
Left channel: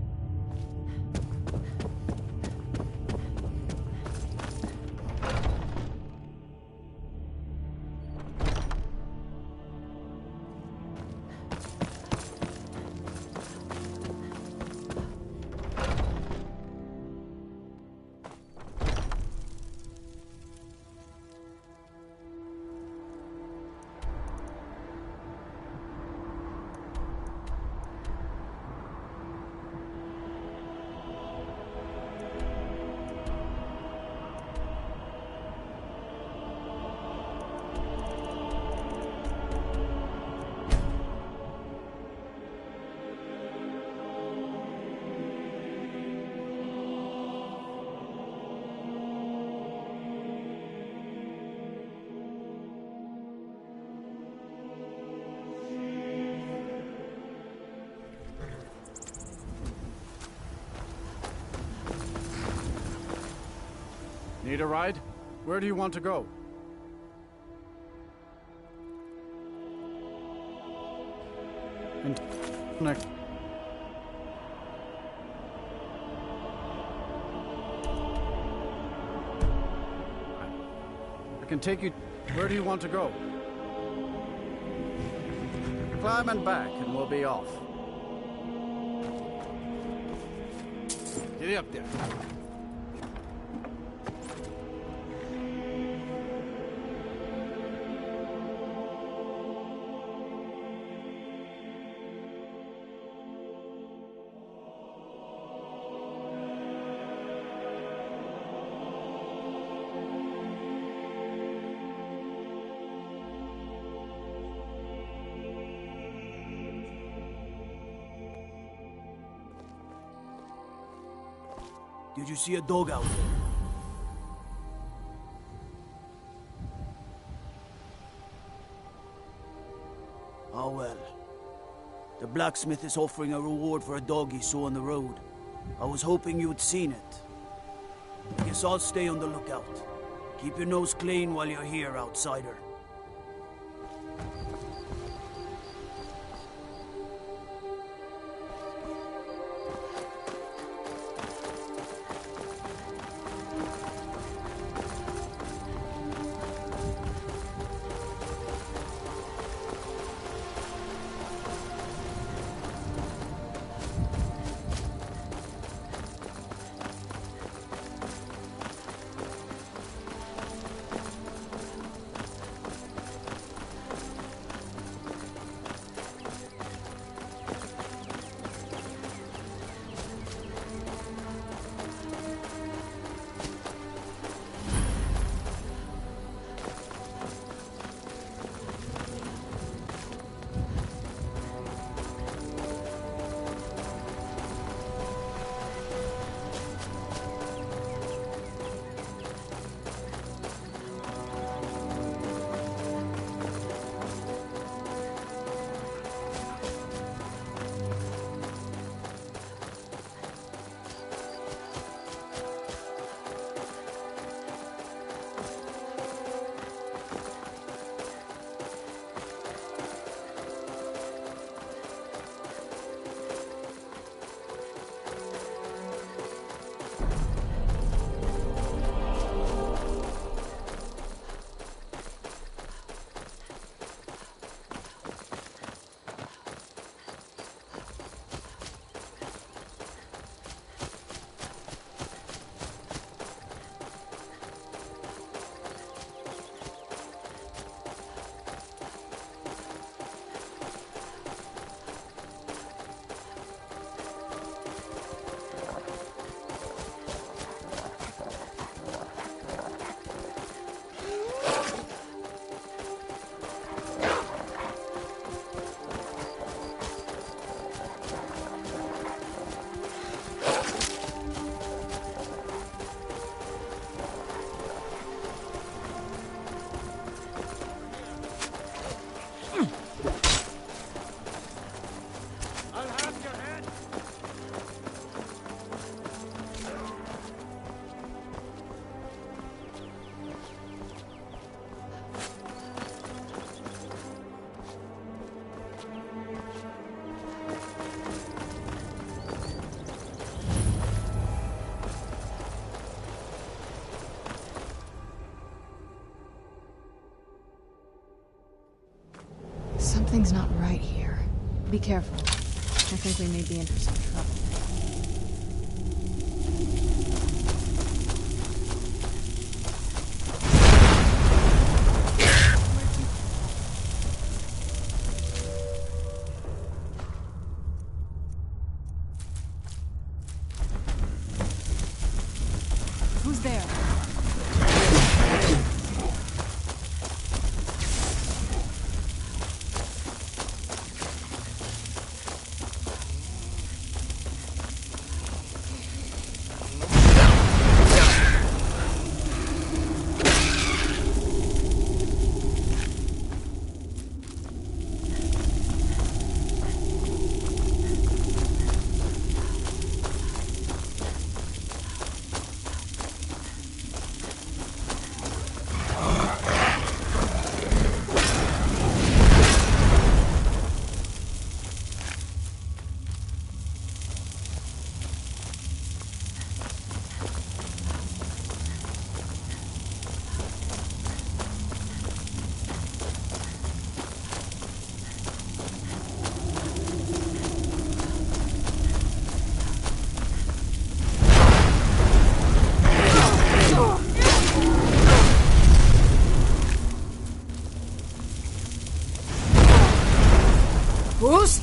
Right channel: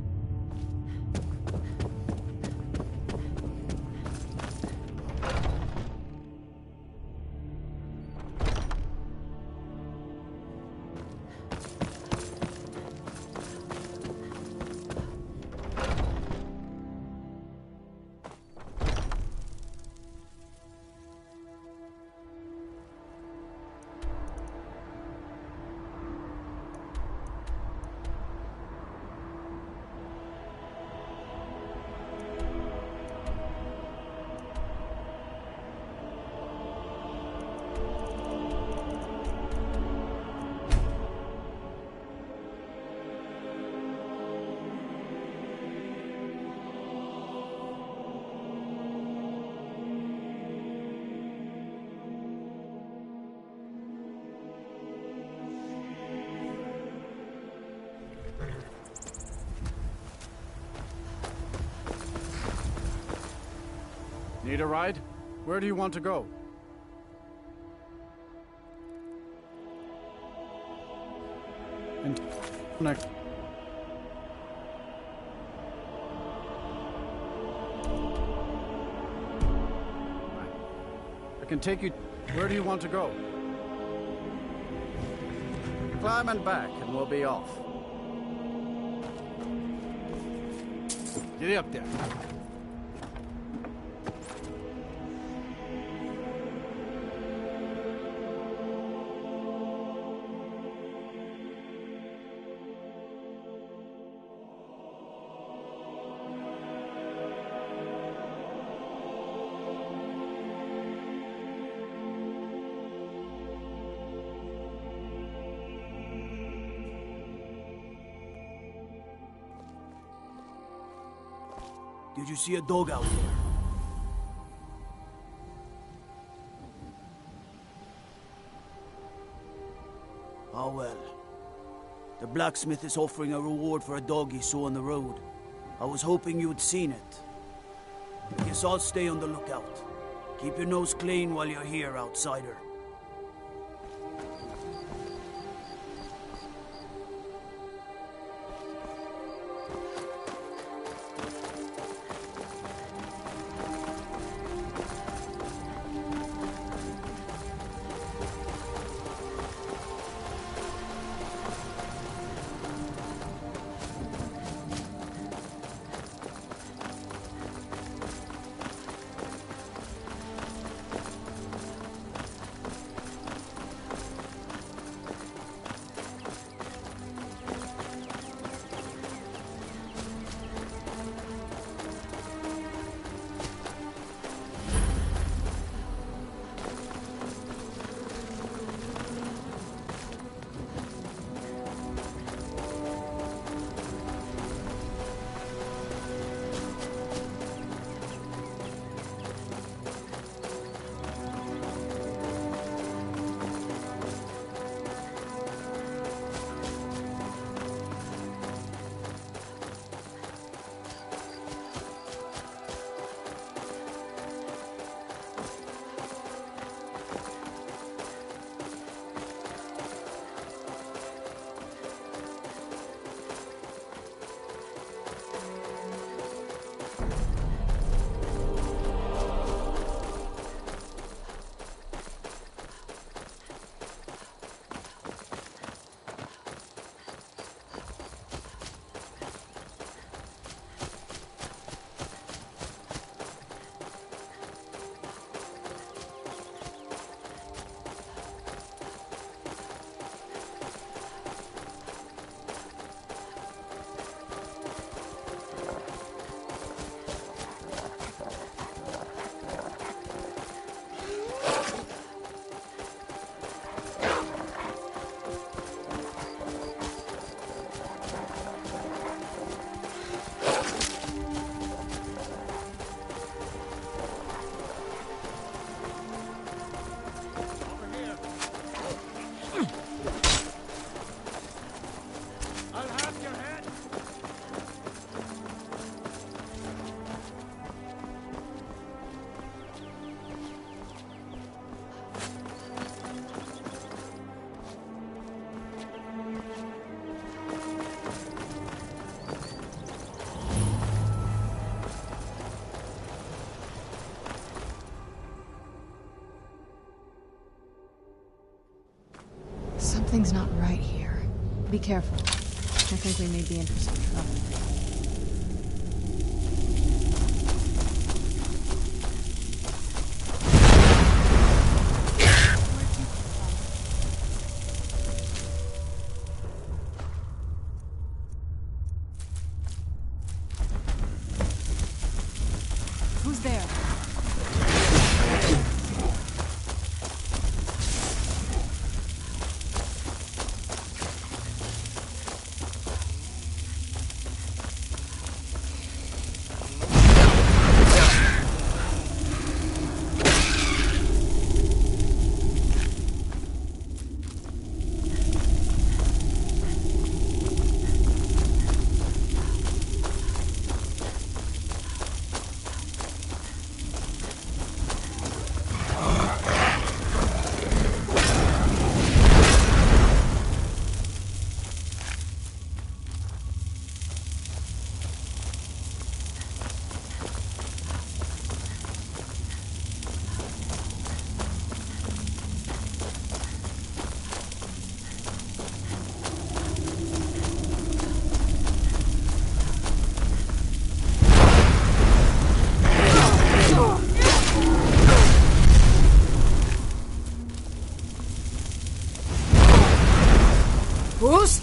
Need a ride? Where do you want to go? Next. I can take you. Where do you want to go? Climb and back, and we'll be off. Get up there. Did you see a dog out there? Oh well. The blacksmith is offering a reward for a dog he saw on the road. I was hoping you'd seen it. I guess I'll stay on the lookout. Keep your nose clean while you're here, outsider. Something's not right here. Be careful. I think we may be in for some trouble. Who's there? Who's?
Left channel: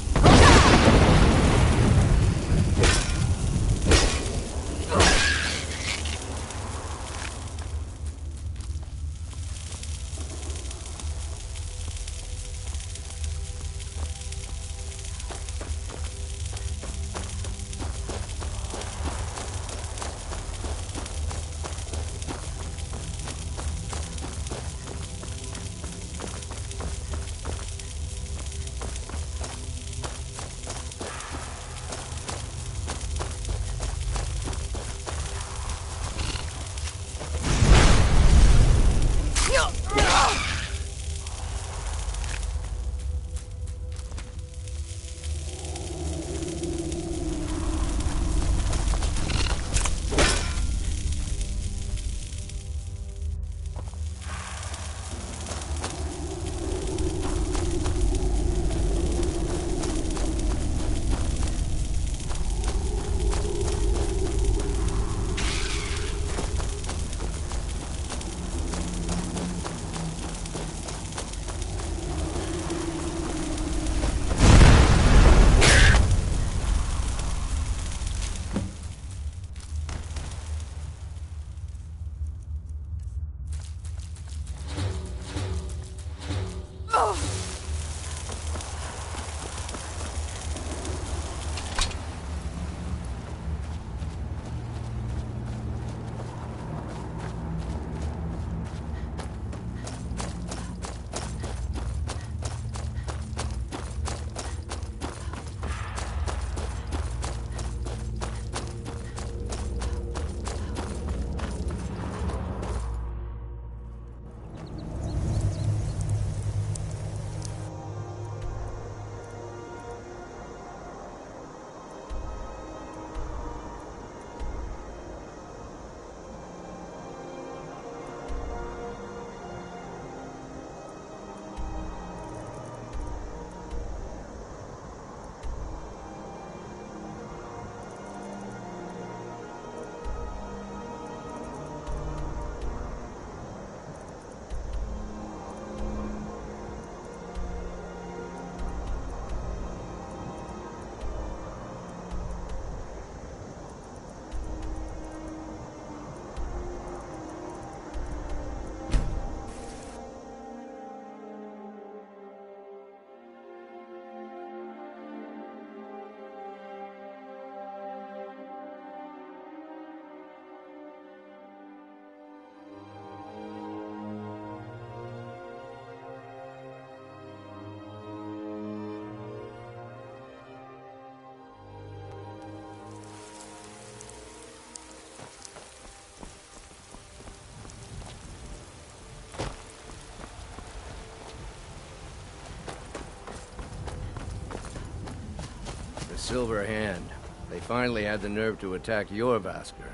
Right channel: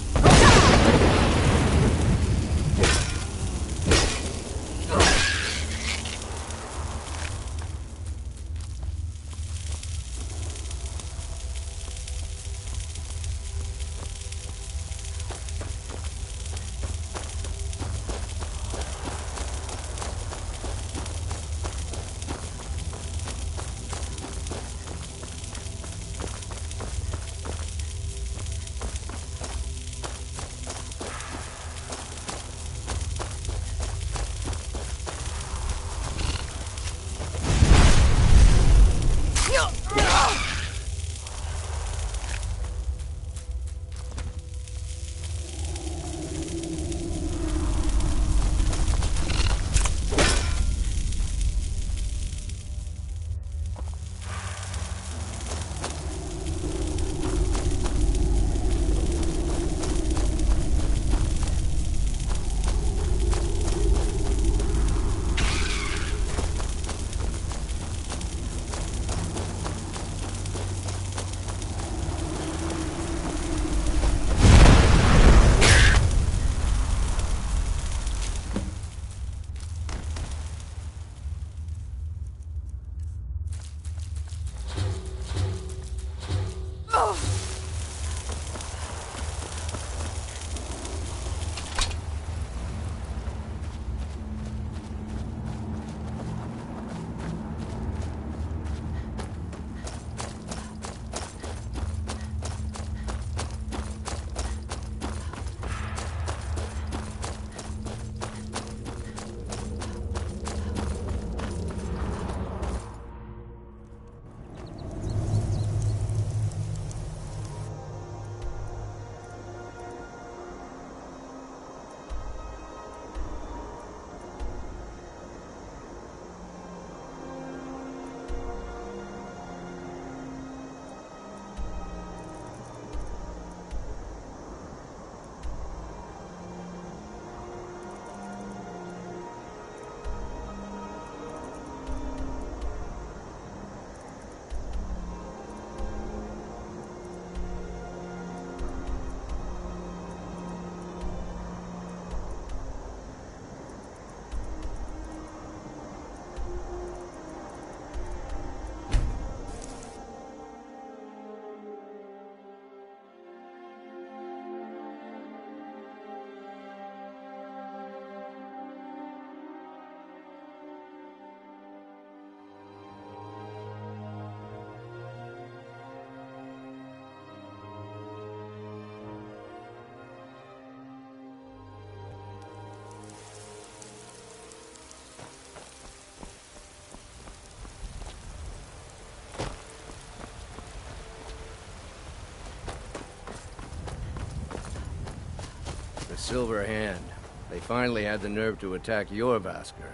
Silver Hand. They finally had the nerve to attack your Vasker.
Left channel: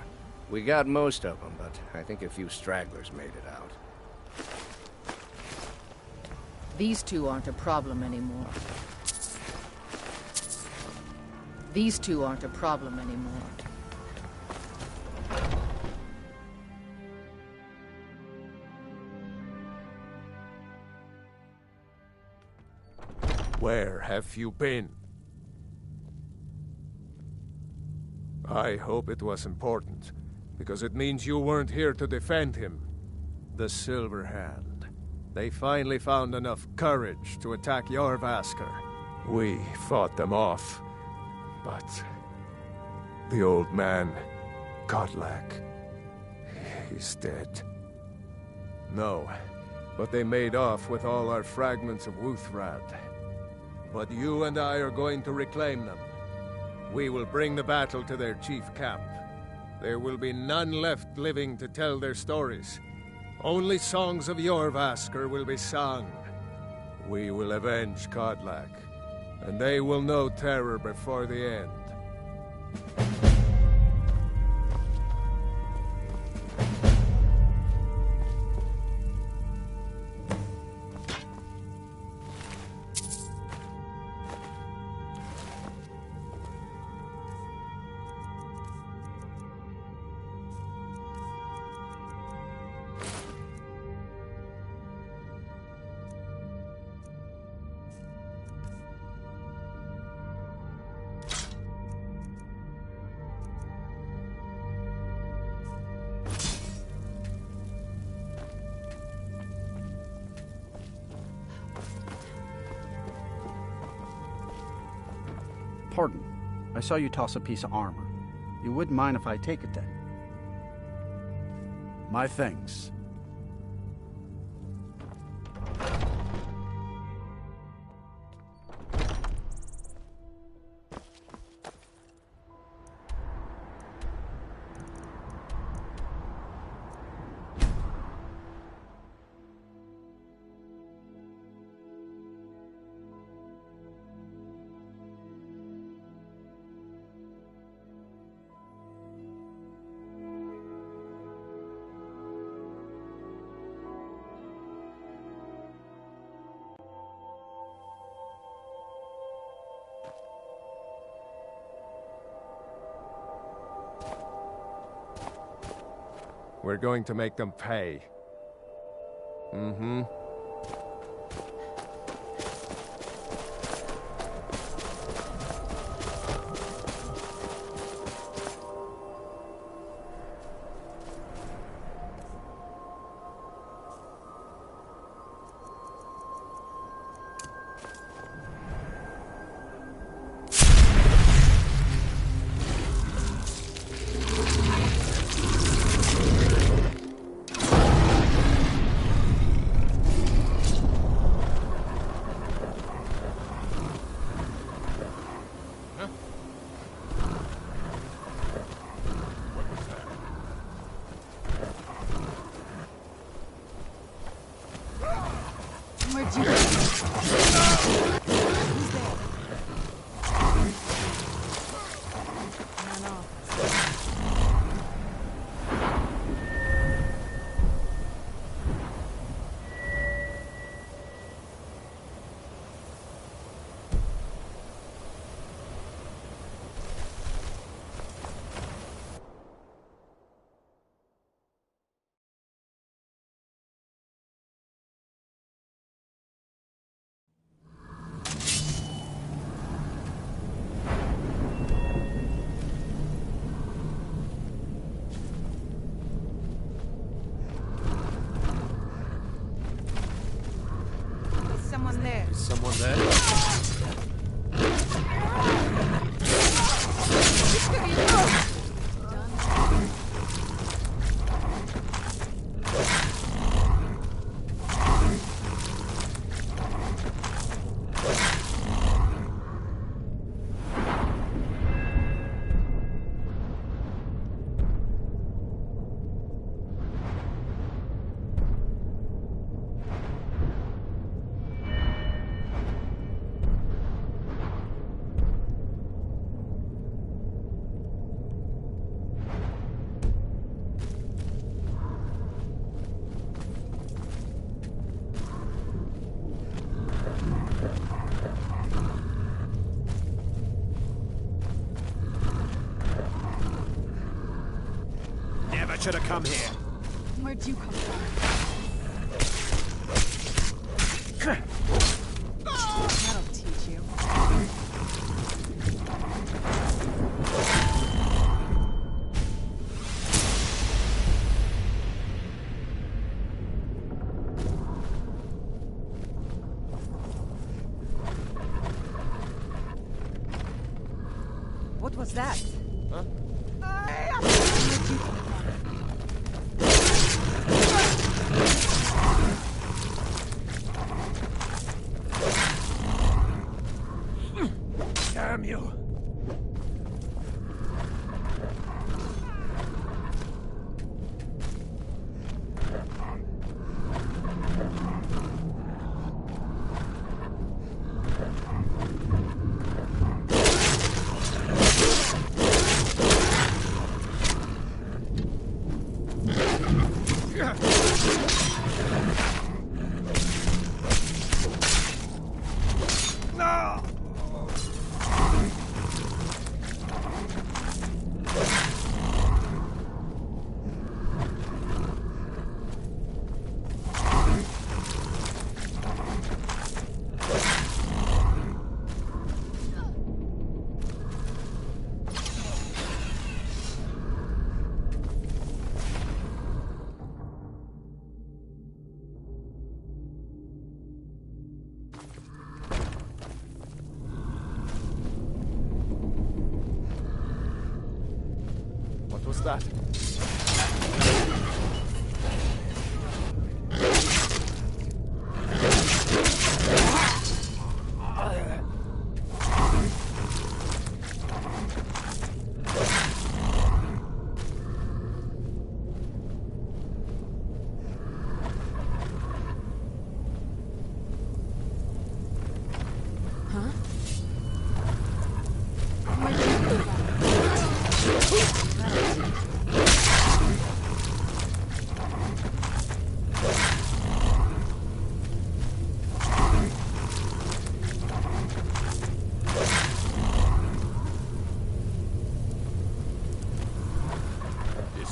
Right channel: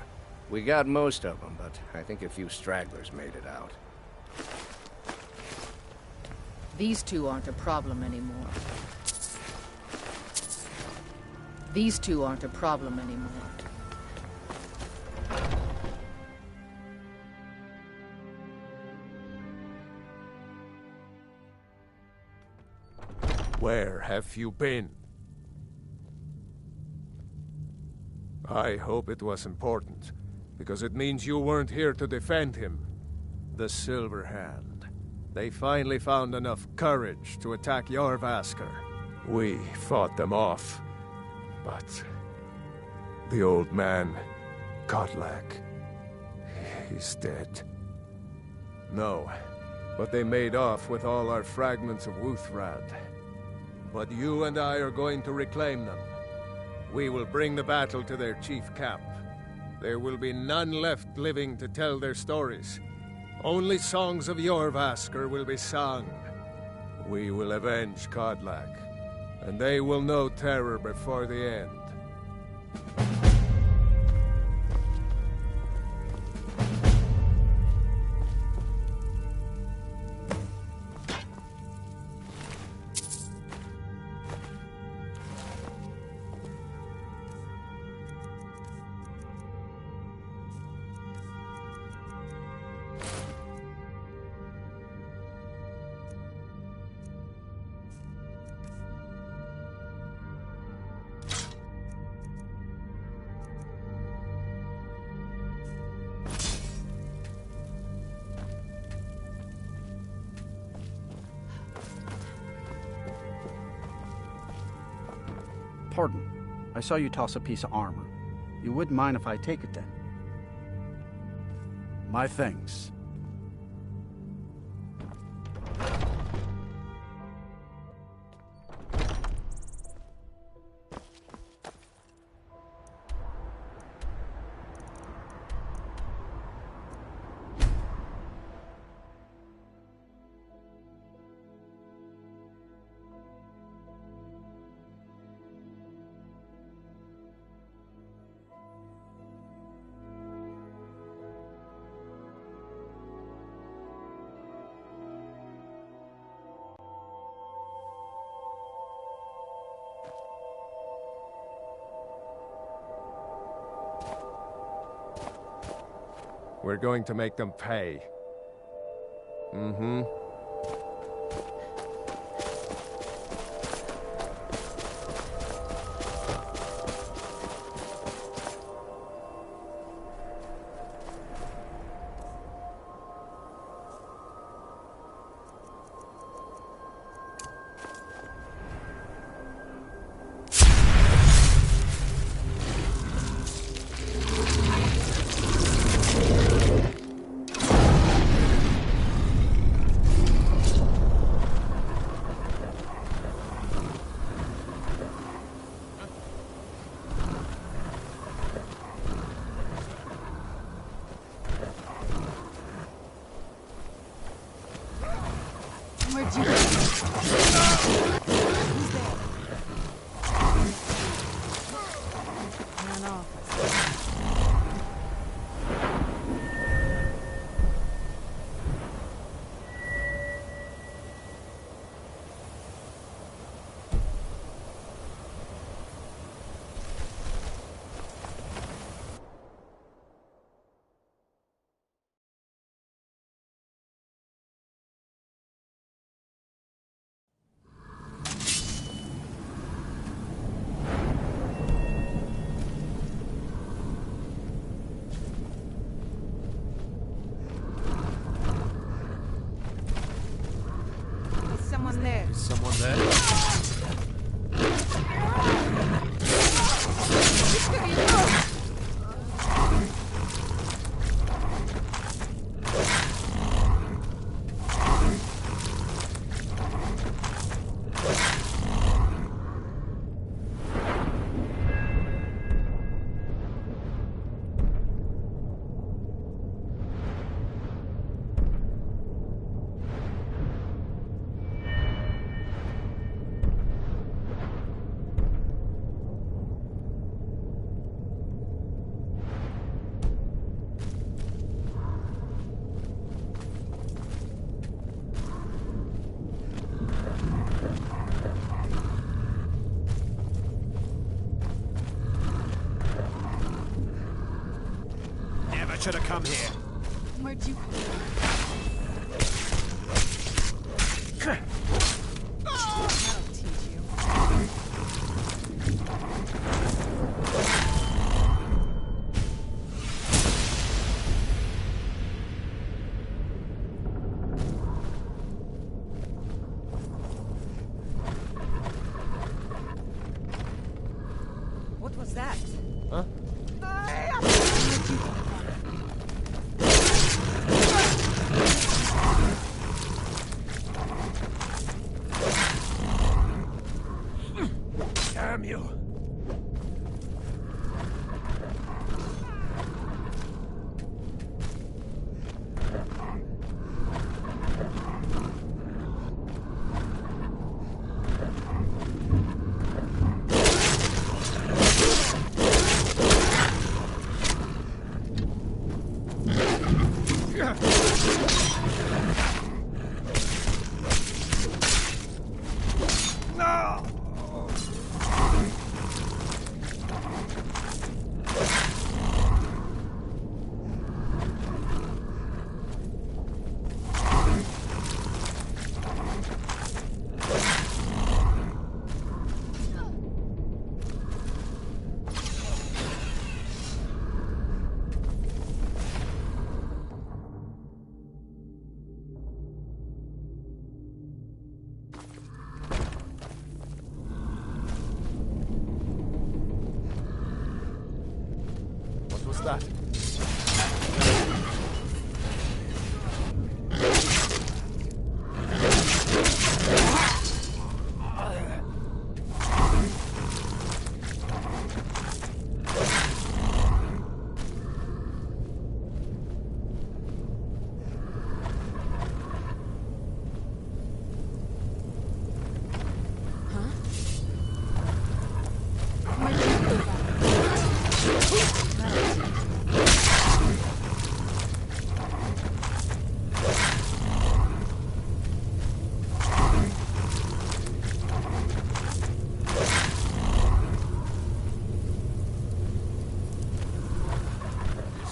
We got most of them, but I think a few stragglers made it out. These two aren't a problem anymore. These two aren't a problem anymore. Where have you been? I hope it was important, because it means you weren't here to defend him. The Silver Hand. They finally found enough courage to attack your Vasker. We fought them off, but the old man, Godlak, he's dead. No, but they made off with all our fragments of Wuthrad. But you and I are going to reclaim them. We will bring the battle to their chief camp. There will be none left living to tell their stories. Only songs of your Vasker will be sung. We will avenge Godlak, and they will know terror before the end. Pardon. I saw you toss a piece of armor. You wouldn't mind if I take it then? My thanks. We're going to make them pay. Mm-hmm. Where'd you go? Who's there? Ran off. Someone there. Is someone there? torture to come here. Where'd you come from? That'll teach you. What was that? Huh? Damn you! What was that?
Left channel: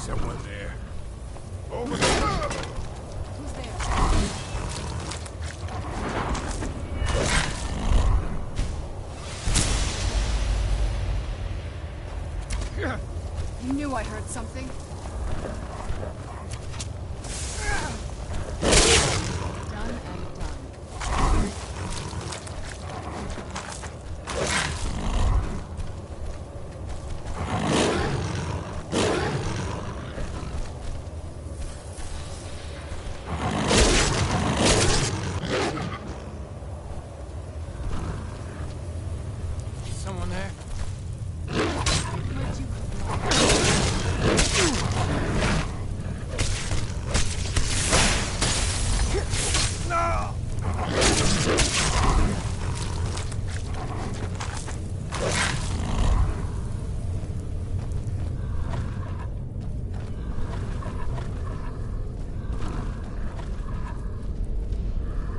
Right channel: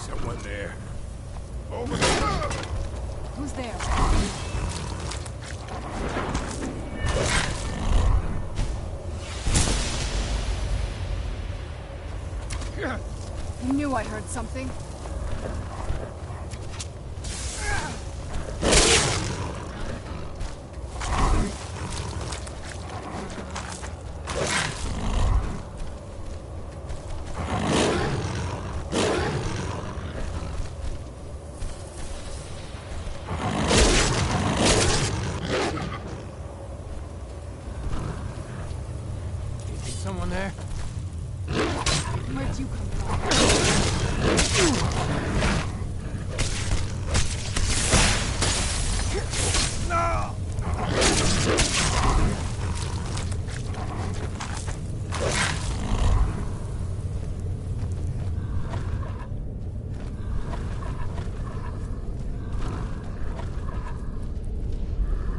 Someone there. Over there! Who's there? I knew I heard something. Someone there? Where'd you come from? No!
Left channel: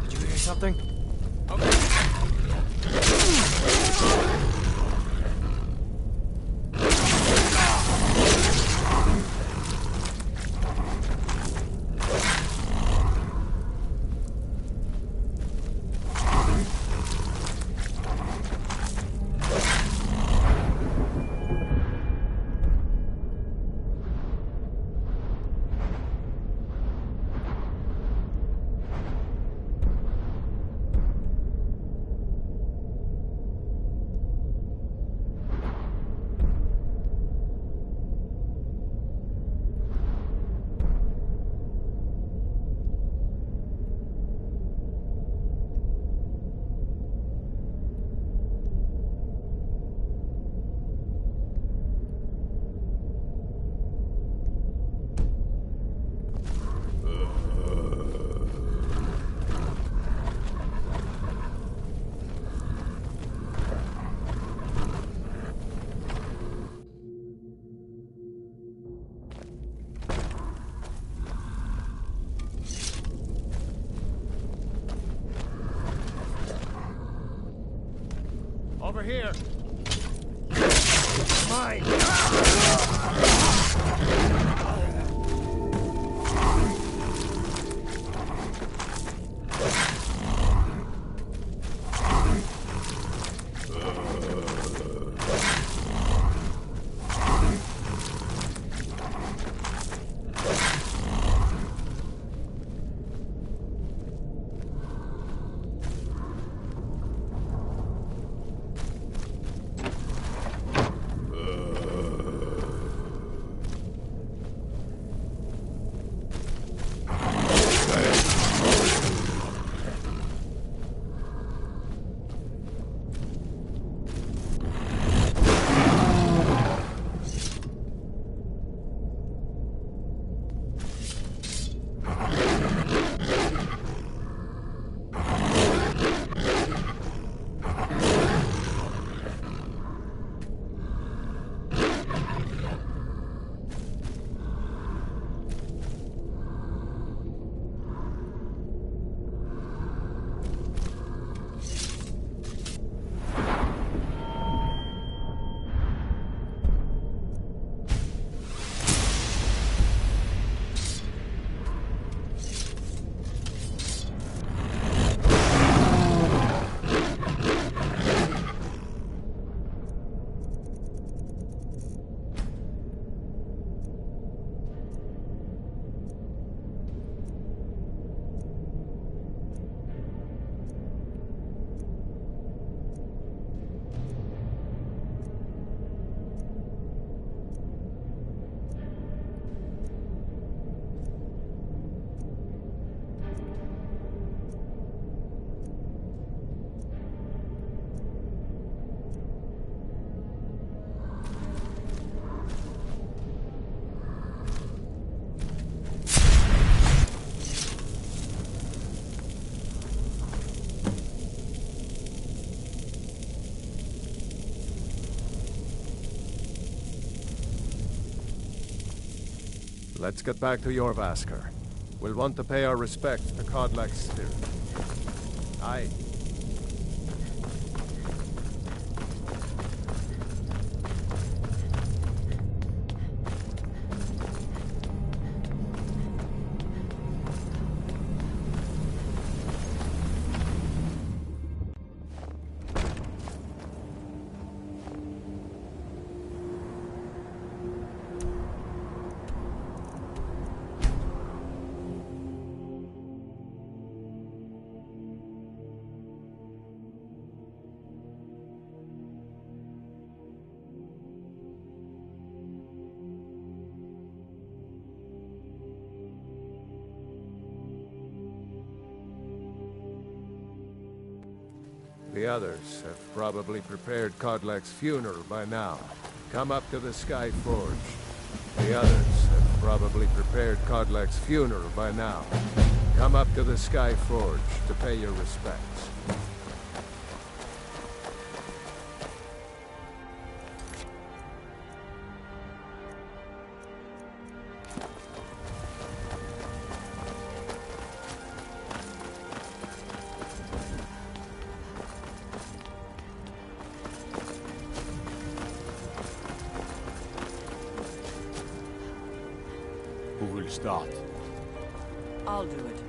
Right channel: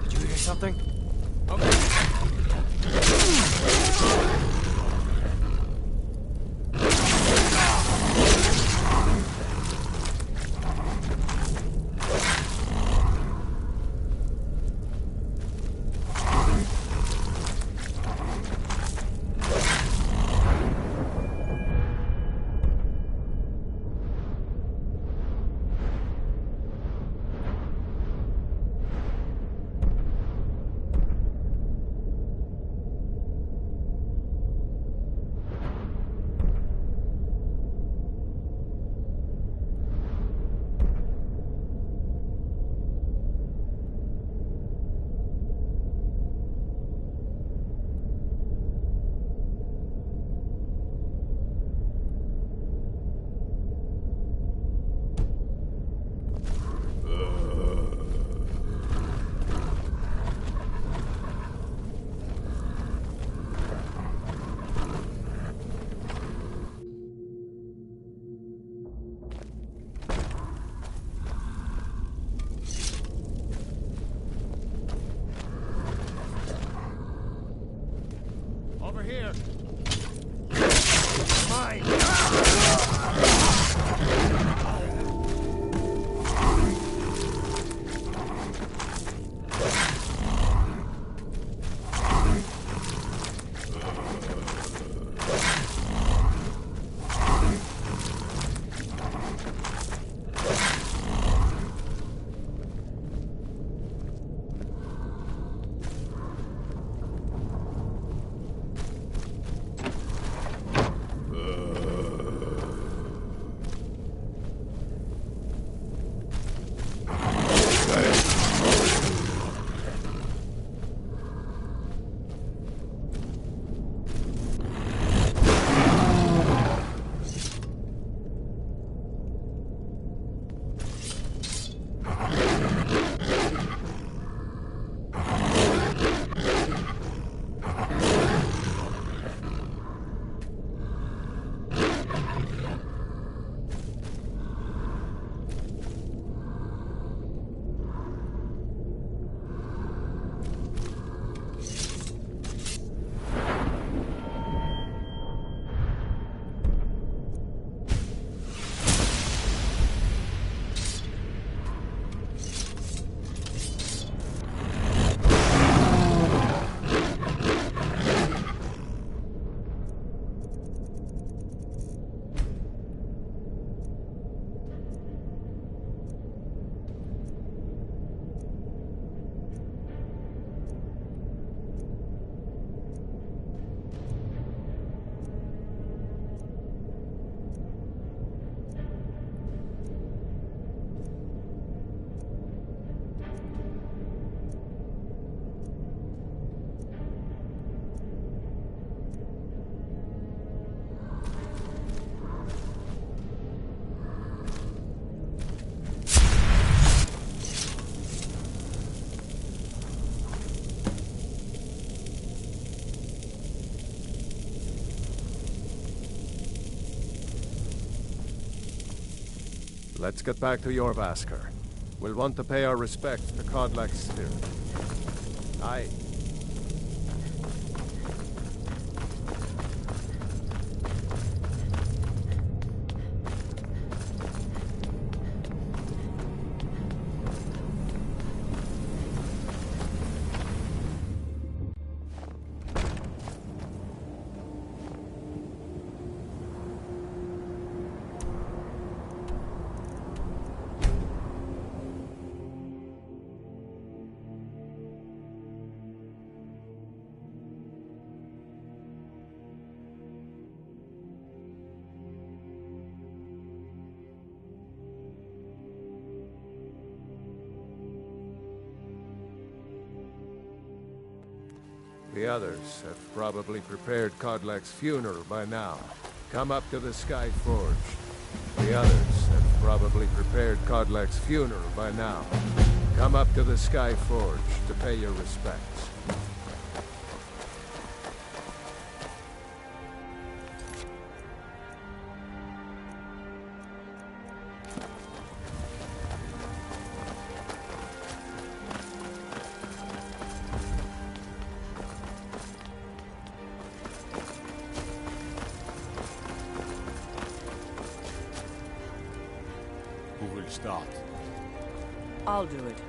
Did you hear something? Over here. Mine. Let's get back to Jorvaskr. We'll want to pay our respects to Kodlak's spirit. Aye. The others have probably prepared Kodlak's funeral by now. Come up to the Sky Forge. The others have probably prepared Kodlak's funeral by now. Come up to the Sky Forge to pay your respects. Who will start? I'll do it.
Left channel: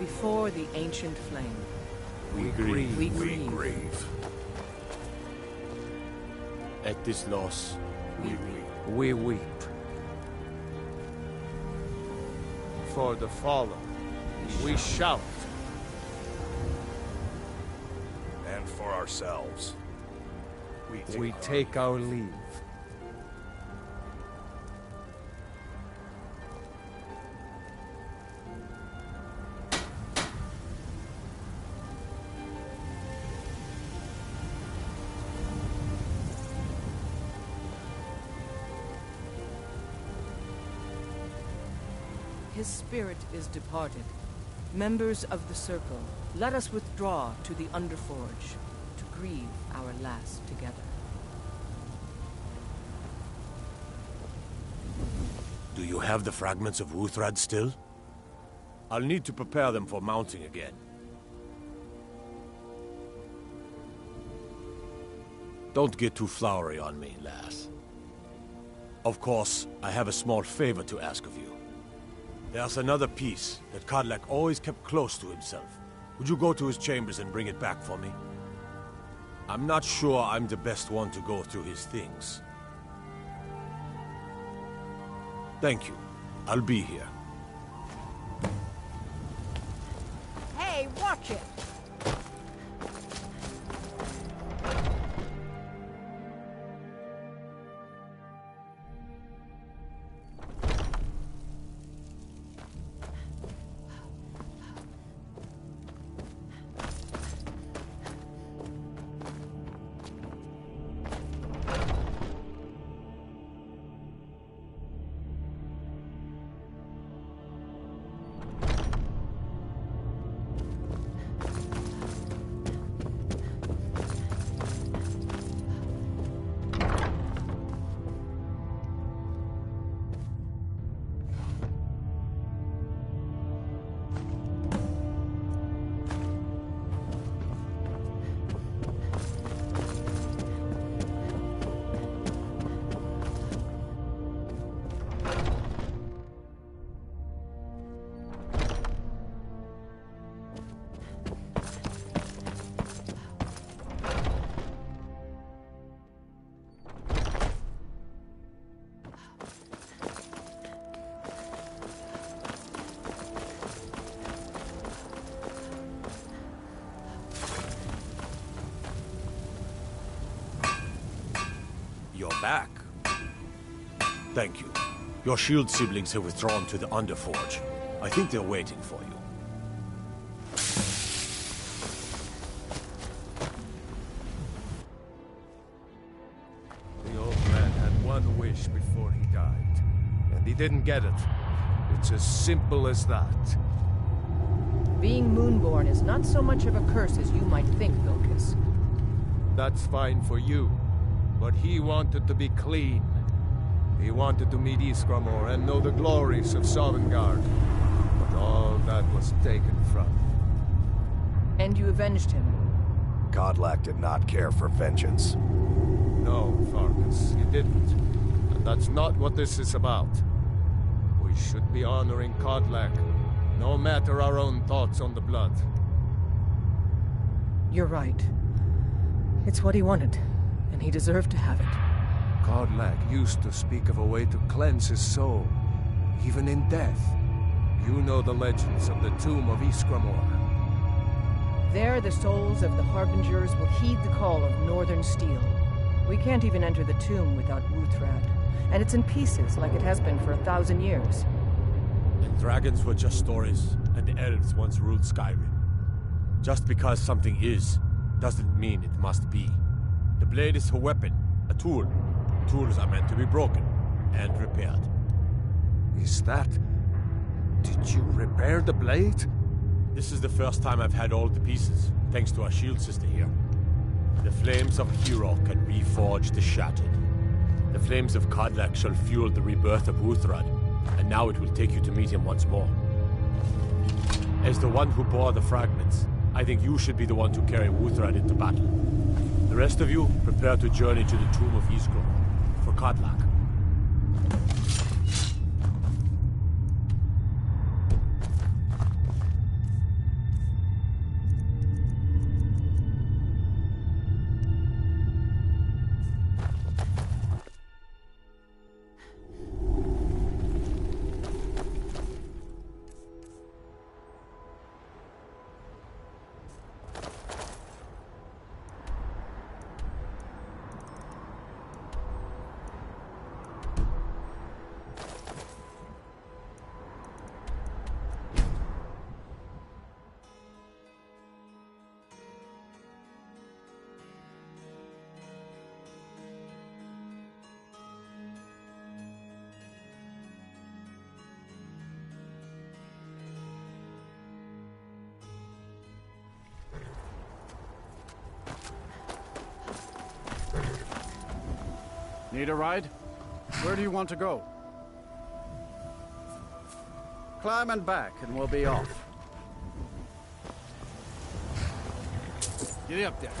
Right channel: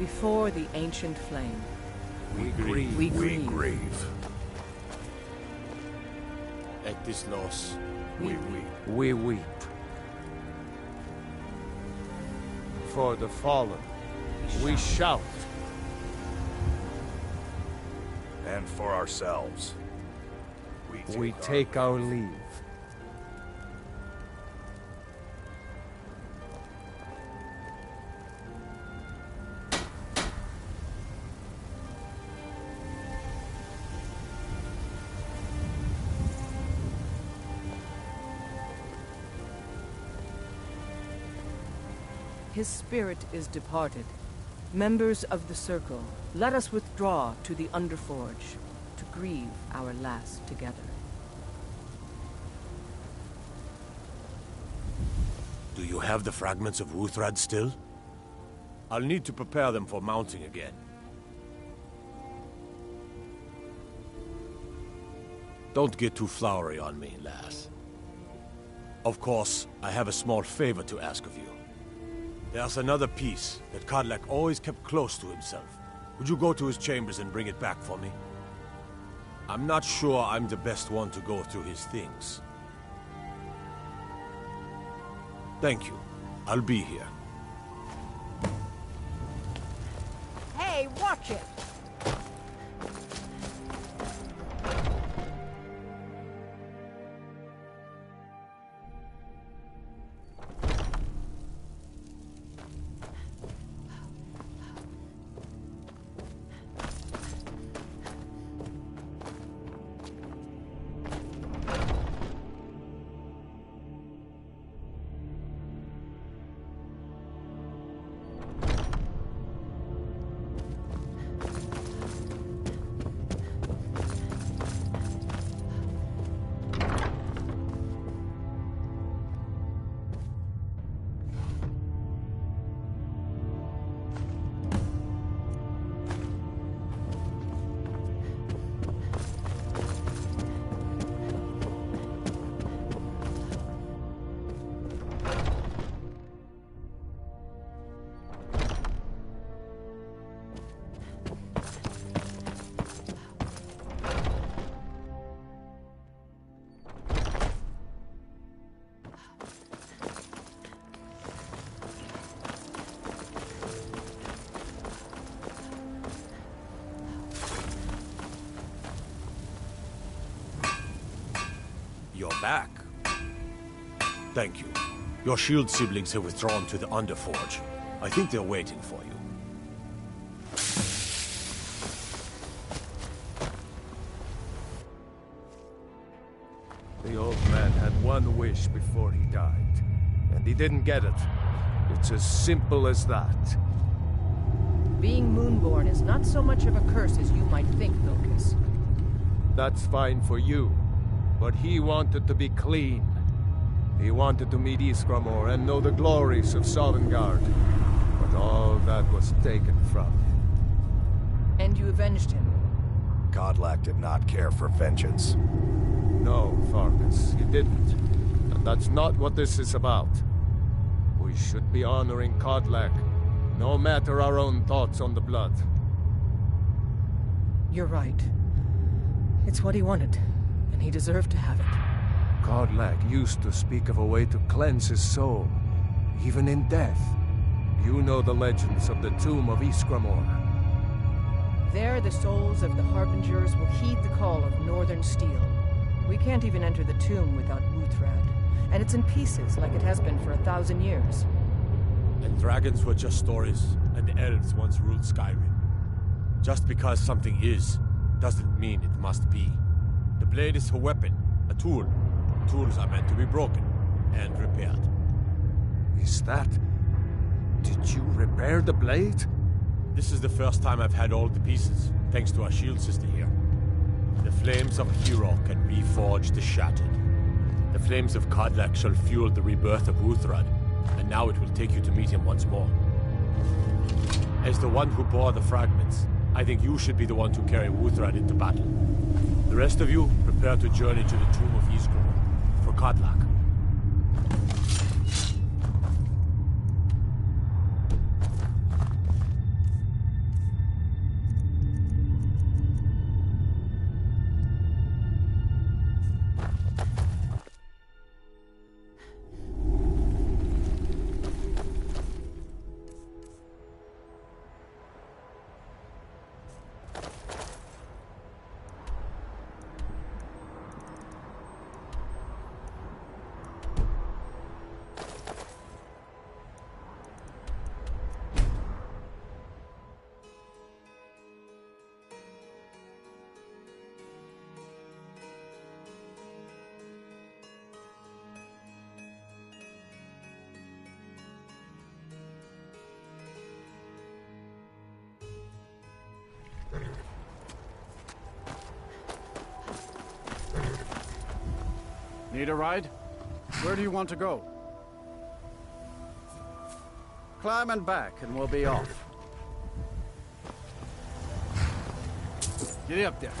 Before the ancient flame. We grieve. We grieve. At this loss, we weep. We weep. For the fallen, we shout. And for ourselves, we take our leave. His spirit is departed. Members of the Circle, let us withdraw to the Underforge to grieve our last together. Do you have the fragments of Wuthrad still? I'll need to prepare them for mounting again. Don't get too flowery on me, lass. Of course, I have a small favor to ask of you. There's another piece that Kodlak always kept close to himself. Would you go to his chambers and bring it back for me? I'm not sure I'm the best one to go through his things. Thank you. I'll be here. Hey, watch it! You're back. Thank you. Your shield siblings have withdrawn to the Underforge. I think they're waiting for you. The old man had one wish before he died, and he didn't get it. It's as simple as that. Being Moonborn is not so much of a curse as you might think, That's fine for you, but he wanted to be clean. He wanted to meet Iskramor and know the glories of Sovngarde. But all that was taken from him. And you avenged him? Kodlak did not care for vengeance. No, Farkas, he didn't. And that's not what this is about. We should be honoring Kodlak, no matter our own thoughts on the blood. You're right. It's what he wanted, and he deserved to have it. Kodlak used to speak of a way to cleanse his soul, even in death. You know the legends of the tomb of Iskramor. There, the souls of the Harbingers will heed the call of Northern Steel. We can't even enter the tomb without Wuthrad, and it's in pieces like it has been for 1,000 years. And dragons were just stories, and the elves once ruled Skyrim. Just because something is, doesn't mean it must be. The blade is a weapon, a tool. Tools are meant to be broken, and repaired. Is that... Did you repair the blade? This is the first time I've had all the pieces, thanks to our shield sister here. The flames of a hero can reforge the shattered. The flames of Kodlak shall fuel the rebirth of Wuthrad, and now it will take you to meet him once more. As the one who bore the fragments, I think you should be the one to carry Wuthrad into battle. The rest of you, prepare to journey to the tomb of Iskramor, for Kodlak. Need a ride? Where do you want to go? Climb and back, and we'll be off. Get up there.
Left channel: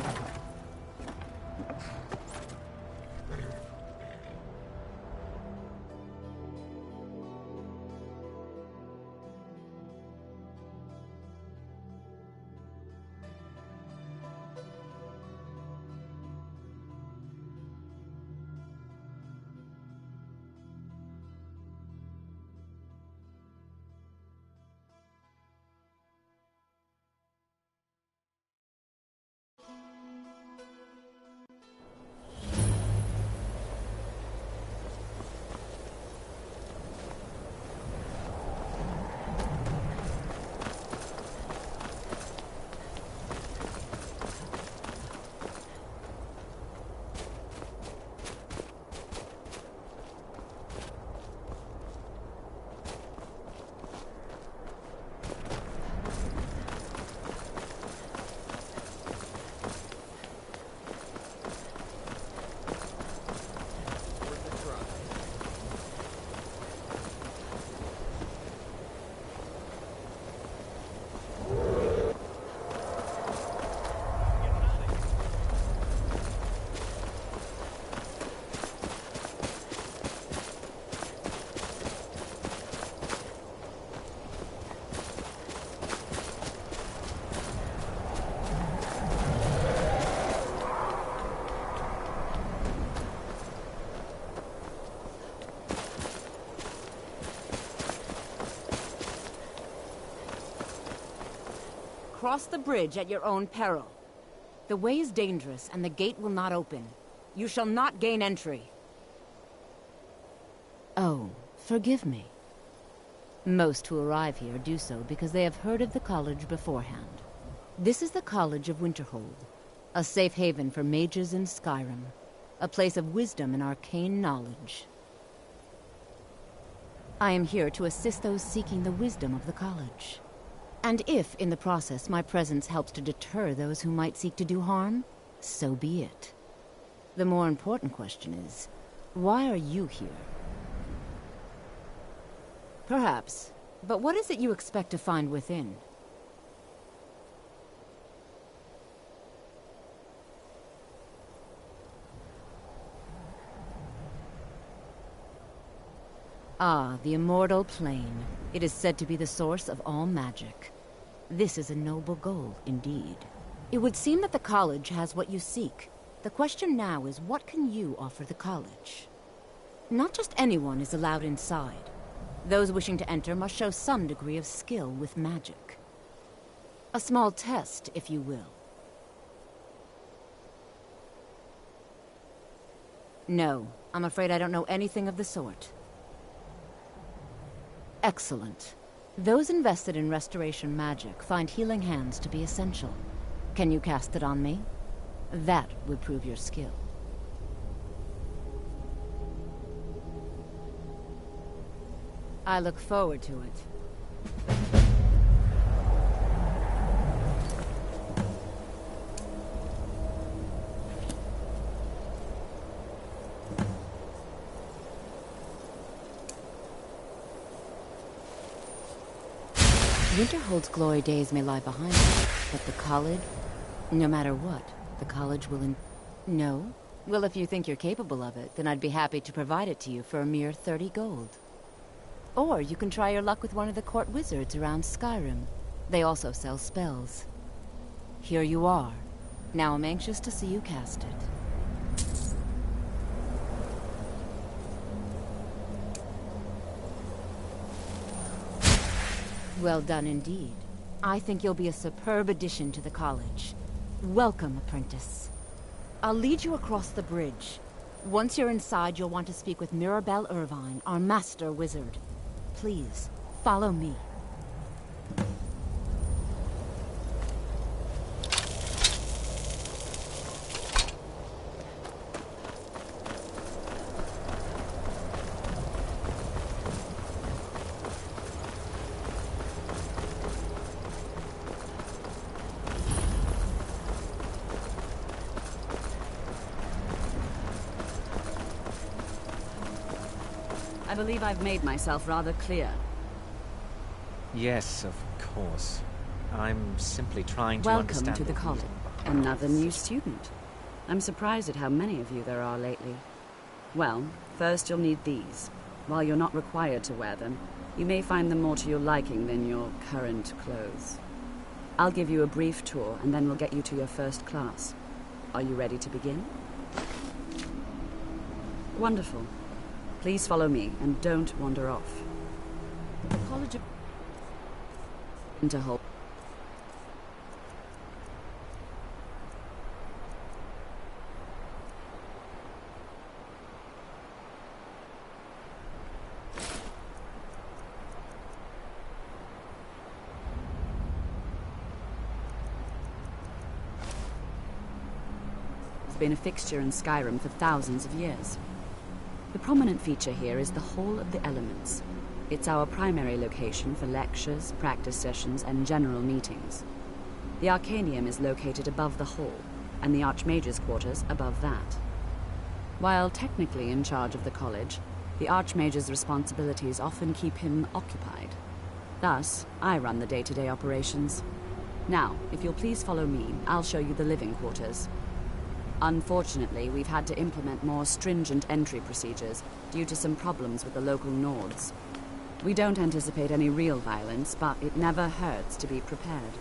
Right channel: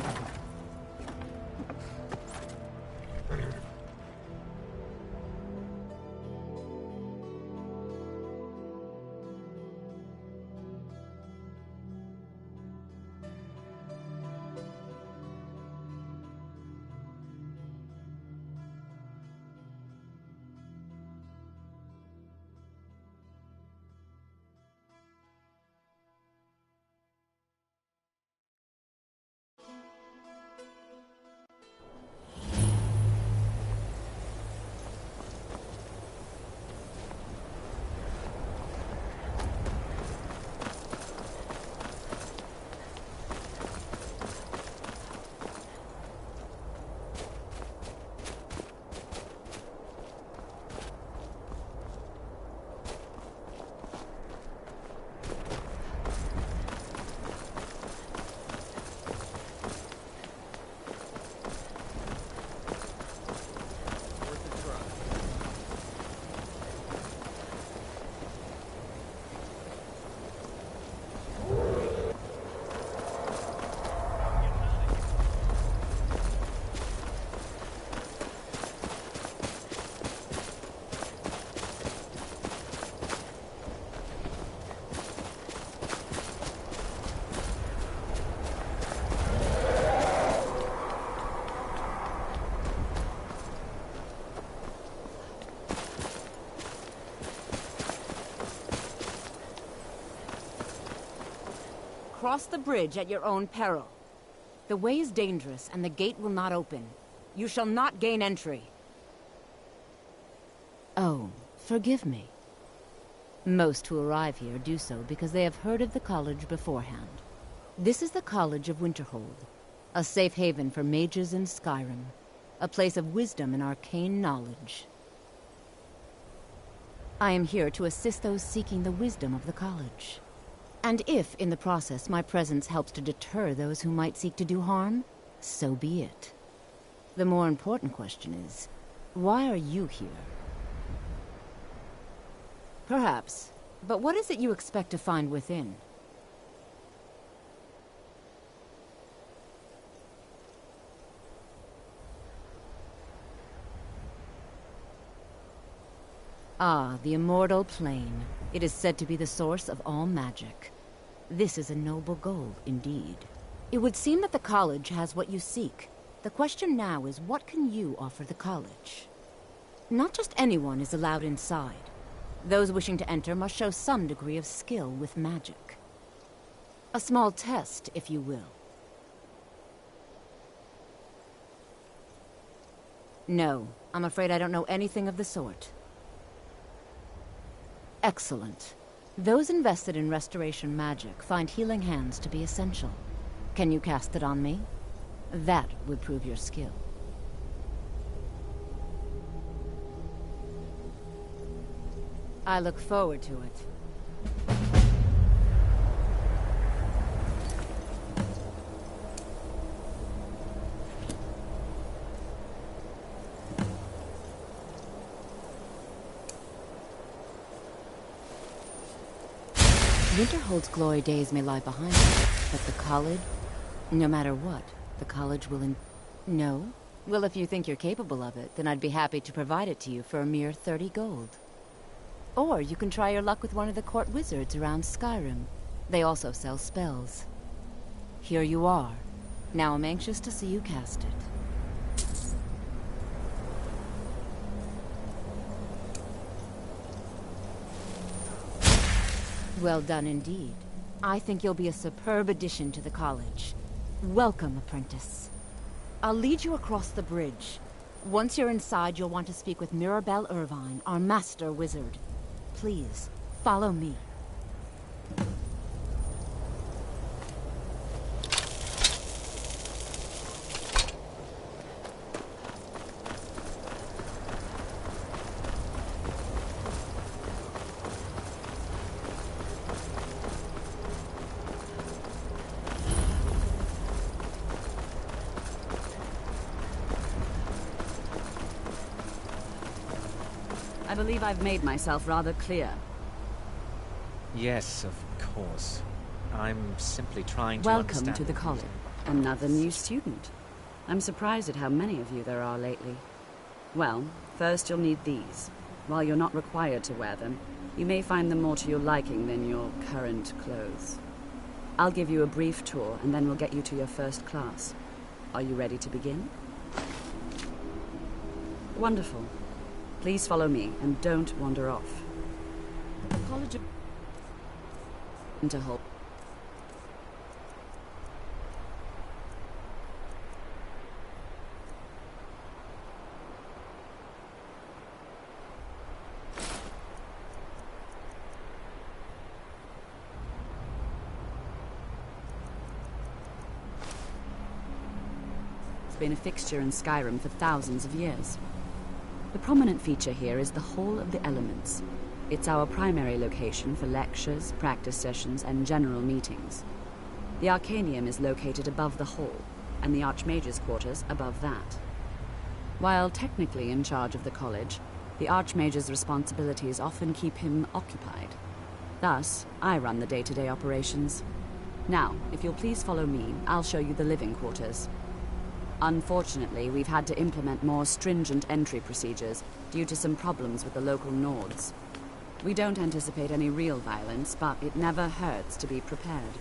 Cross the bridge at your own peril. The way is dangerous, and the gate will not open. You shall not gain entry. Oh, forgive me. Most who arrive here do so because they have heard of the college beforehand. This is the College of Winterhold, a safe haven for mages in Skyrim, a place of wisdom and arcane knowledge. I am here to assist those seeking the wisdom of the college. And if, in the process, my presence helps to deter those who might seek to do harm, so be it. The more important question is, why are you here? Perhaps. But what is it you expect to find within? Ah, the Immortal Plane. It is said to be the source of all magic. This is a noble goal, indeed. It would seem that the college has what you seek. The question now is, what can you offer the college? Not just anyone is allowed inside. Those wishing to enter must show some degree of skill with magic. A small test, if you will. No, I'm afraid I don't know anything of the sort. Excellent. Those invested in restoration magic find healing hands to be essential. Can you cast it on me? That would prove your skill. I look forward to it. Winterhold's glory days may lie behind us, but the college, no matter what, the college will No? Well, if you think you're capable of it, then I'd be happy to provide it to you for a mere 30 gold. Or you can try your luck with one of the court wizards around Skyrim. They also sell spells. Here you are. Now I'm anxious to see you cast it. Well done indeed. I think you'll be a superb addition to the college. Welcome, apprentice. I'll lead you across the bridge. Once you're inside, you'll want to speak with Mirabelle Irvine, our master wizard. Please, follow me. I believe I've made myself rather clear. Yes, of course. I'm simply trying to Welcome understand to the college. Another new student. I'm surprised at how many of you there are lately. Well, first you'll need these. While you're not required to wear them, you may find them more to your liking than your current clothes. I'll give you a brief tour, and then we'll get you to your first class. Are you ready to begin? Wonderful. Please follow me, and don't wander off. The College of Winterhold. Has been a fixture in Skyrim for thousands of years. The prominent feature here is the Hall of the Elements. It's our primary location for lectures, practice sessions, and general meetings. The Arcanium is located above the hall, and the Archmage's quarters above that. While technically in charge of the college, the Archmage's responsibilities often keep him occupied. Thus, I run the day-to-day operations. Now, if you'll please follow me, I'll show you the living quarters. Unfortunately, we've had to implement more stringent entry procedures due to some problems with the local Nords. We don't anticipate any real violence, but it never hurts to be prepared.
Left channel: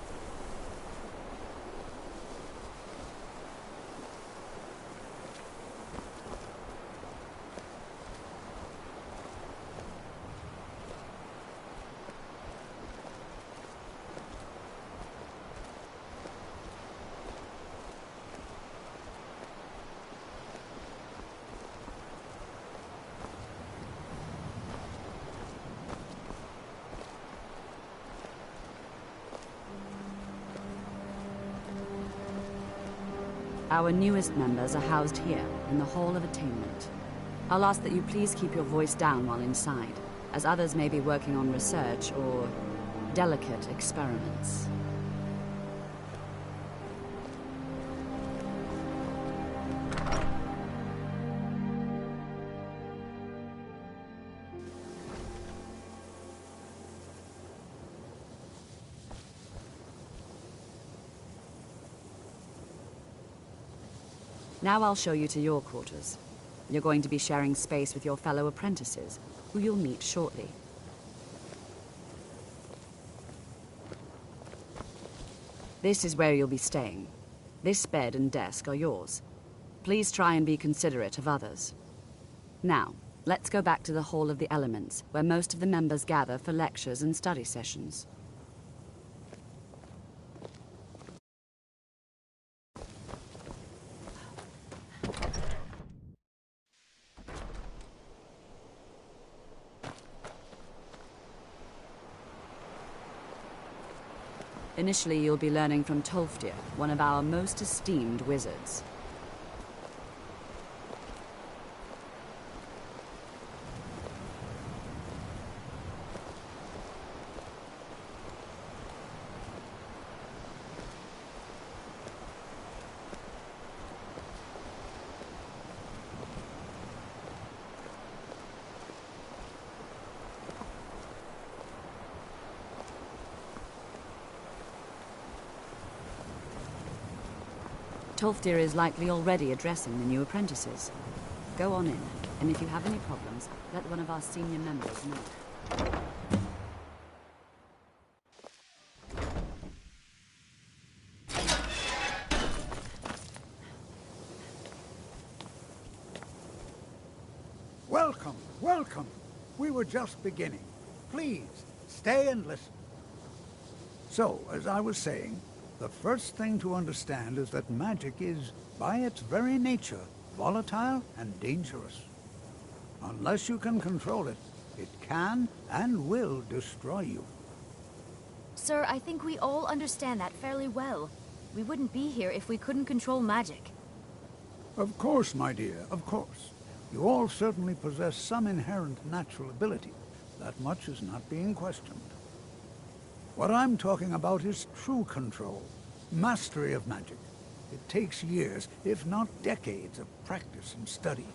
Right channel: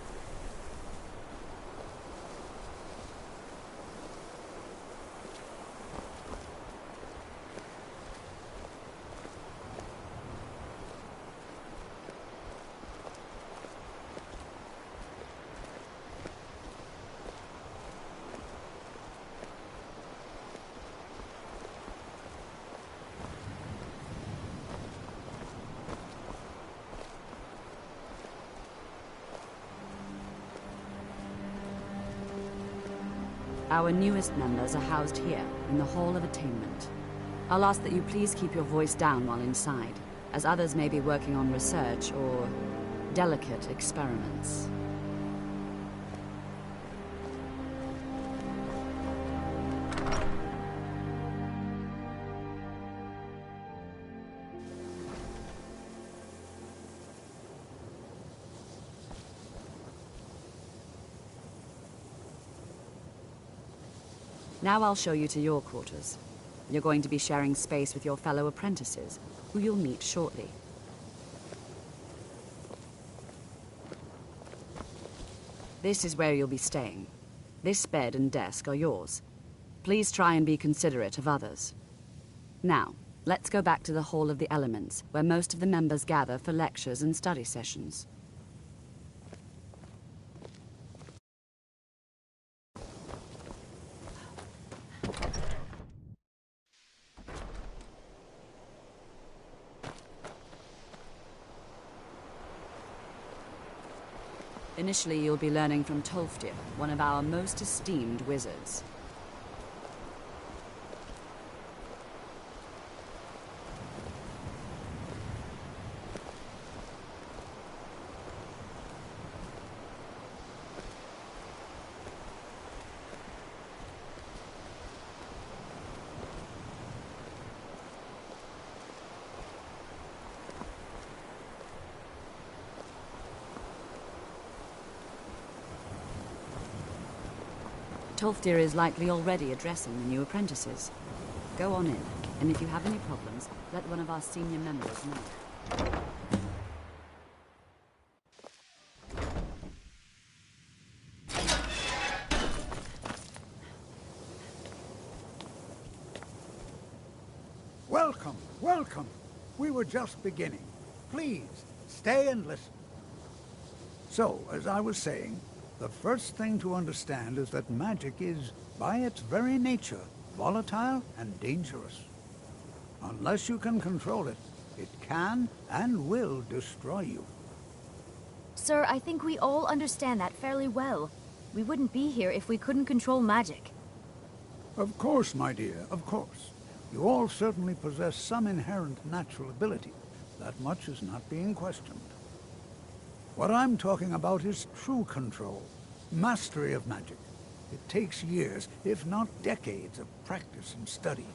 Our newest members are housed here, in the Hall of Attainment. I'll ask that you please keep your voice down while inside, as others may be working on research or delicate experiments. Now I'll show you to your quarters. You're going to be sharing space with your fellow apprentices, who you'll meet shortly. This is where you'll be staying. This bed and desk are yours. Please try and be considerate of others. Now, let's go back to the Hall of the Elements, where most of the members gather for lectures and study sessions. Initially, you'll be learning from Tolfdir, one of our most esteemed wizards. Tolfdir is likely already addressing the new apprentices. Go on in, and if you have any problems, let one of our senior members know. Welcome, welcome. We were just beginning. Please, stay and listen. So, as I was saying, the first thing to understand is that magic is, by its very nature, volatile and dangerous. Unless you can control it, it can and will destroy you. Sir, I think we all understand that fairly well. We wouldn't be here if we couldn't control magic. Of course, my dear, of course. You all certainly possess some inherent natural ability. That much is not being questioned. What I'm talking about is true control, mastery of magic. It takes years, if not decades, of practice and study.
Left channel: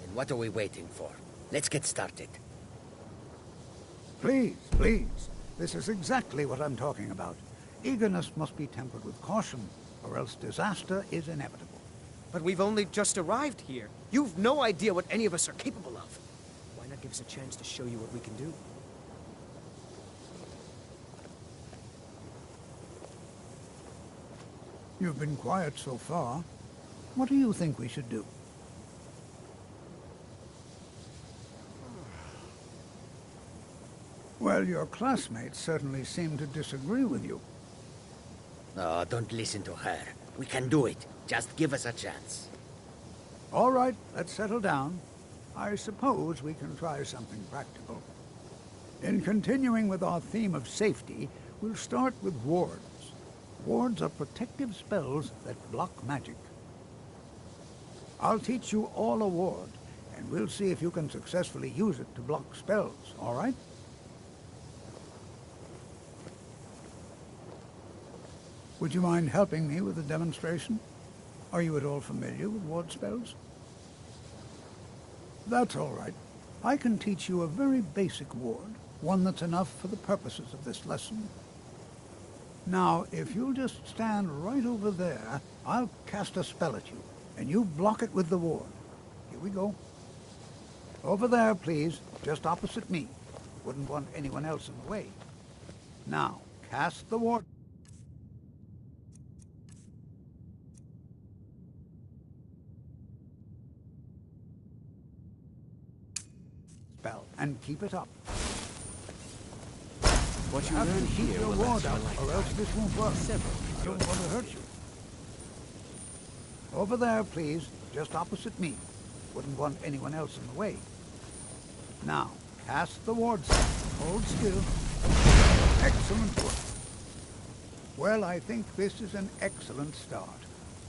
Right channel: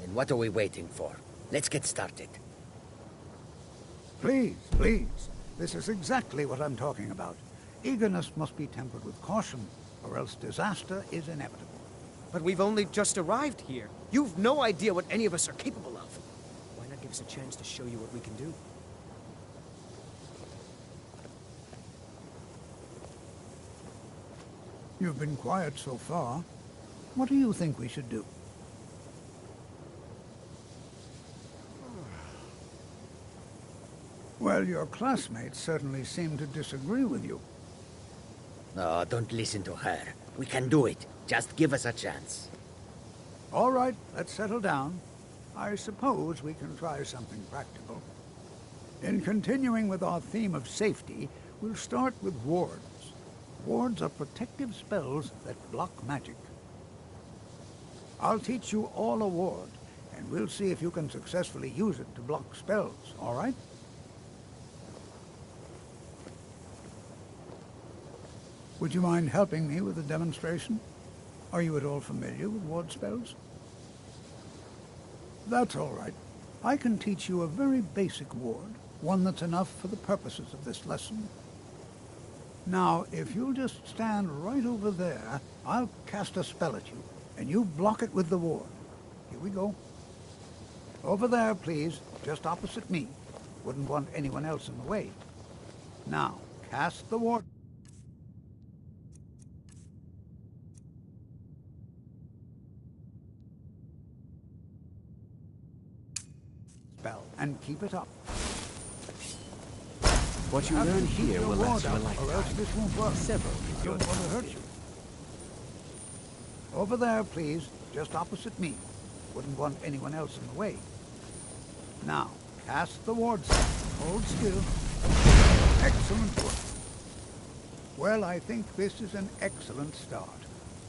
Then what are we waiting for? Let's get started. Please, please. This is exactly what I'm talking about. Eagerness must be tempered with caution, or else disaster is inevitable. But we've only just arrived here. You've no idea what any of us are capable of. Why not give us a chance to show you what we can do? You've been quiet so far. What do you think we should do? Well, your classmates certainly seem to disagree with you. No, don't listen to her. We can do it. Just give us a chance. All right, let's settle down. I suppose we can try something practical. In continuing with our theme of safety, we'll start with wards. Wards are protective spells that block magic. I'll teach you all a ward, and we'll see if you can successfully use it to block spells, all right? Would you mind helping me with the demonstration? Are you at all familiar with ward spells? That's all right. I can teach you a very basic ward, one that's enough for the purposes of this lesson. Now, if you'll just stand right over there, I'll cast a spell at you, and you block it with the ward. Here we go. Over there, please, just opposite me. Wouldn't want anyone else in the way. Now, cast the ward. Spell, and keep it up. What you learn here will last you a lifetime. Or else this won't work. I don't want to hurt you. Over there, please, just opposite me. Wouldn't want anyone else in the way. Now, cast the ward spell. Hold still. Excellent work. Well, I think this is an excellent start.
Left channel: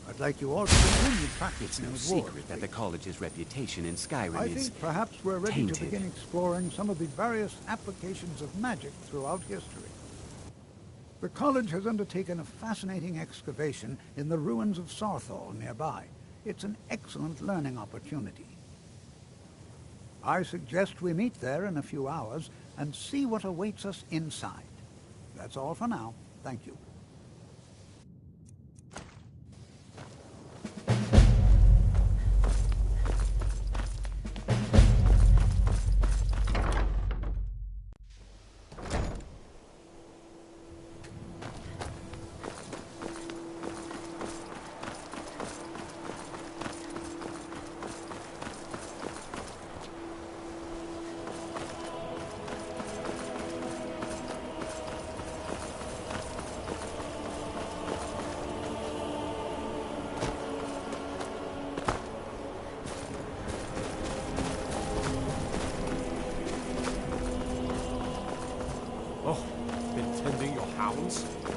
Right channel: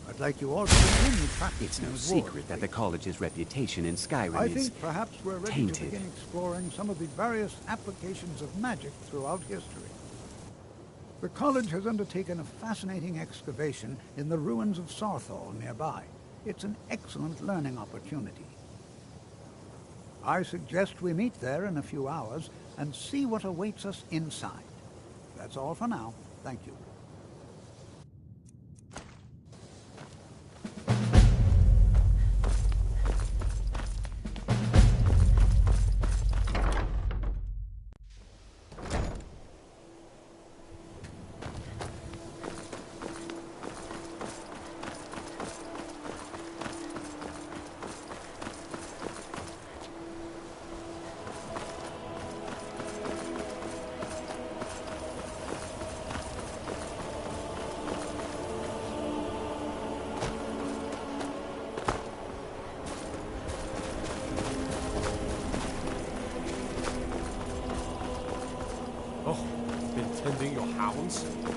I'd like you all to continue practicing It's no with secret wards, that the college's reputation in Skyrim I is think perhaps we're ready tainted. to begin exploring some of the various applications of magic throughout history. The college has undertaken a fascinating excavation in the ruins of Sarthal nearby. It's an excellent learning opportunity. I suggest we meet there in a few hours and see what awaits us inside. That's all for now. Thank you.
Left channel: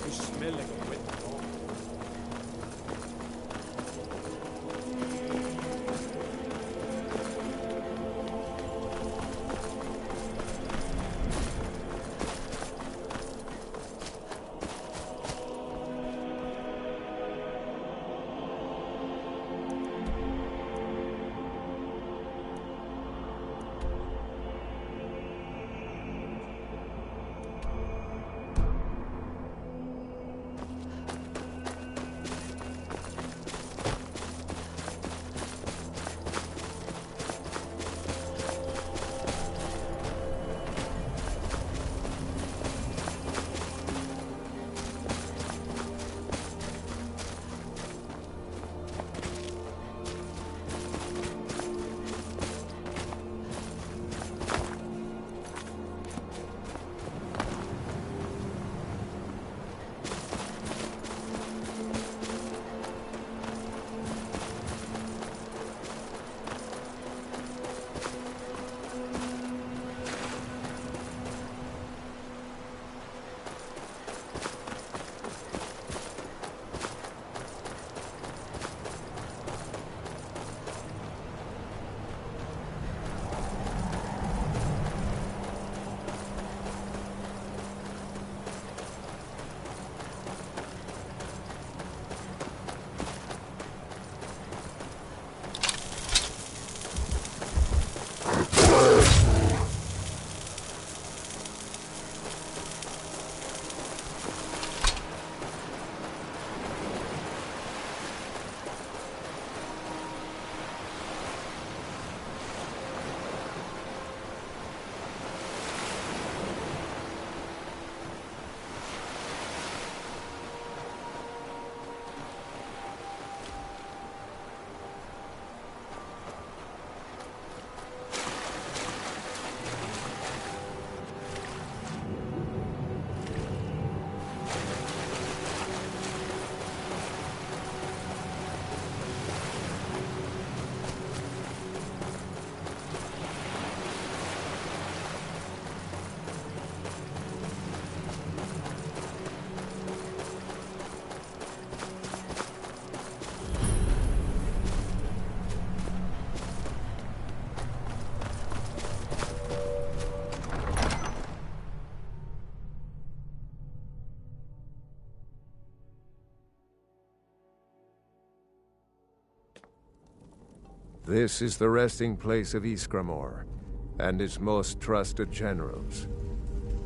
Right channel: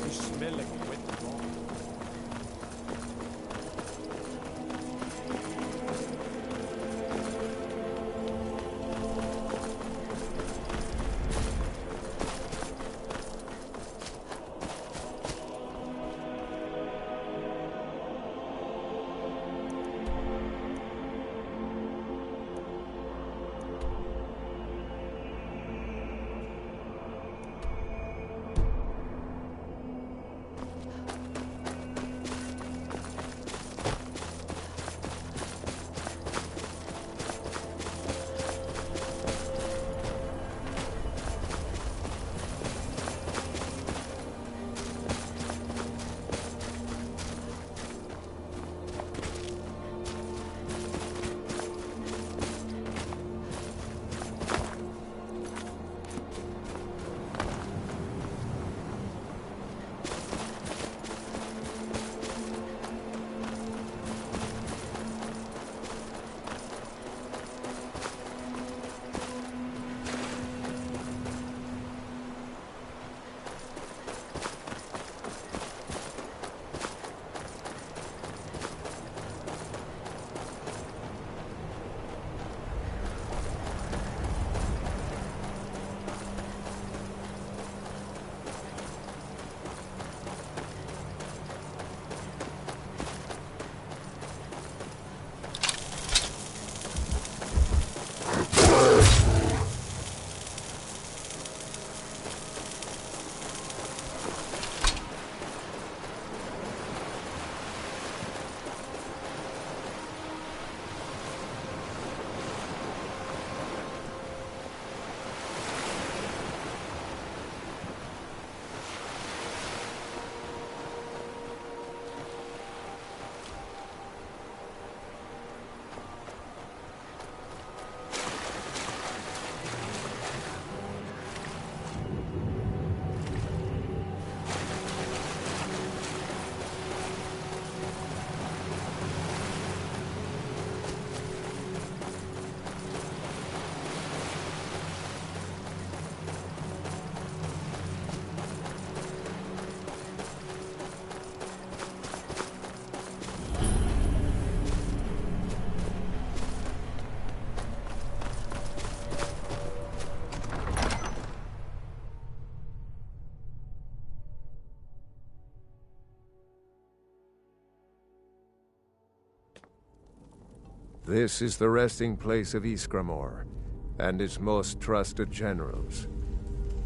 You smell like a wet dog. This is the resting place of Ysgramor, and its most trusted generals.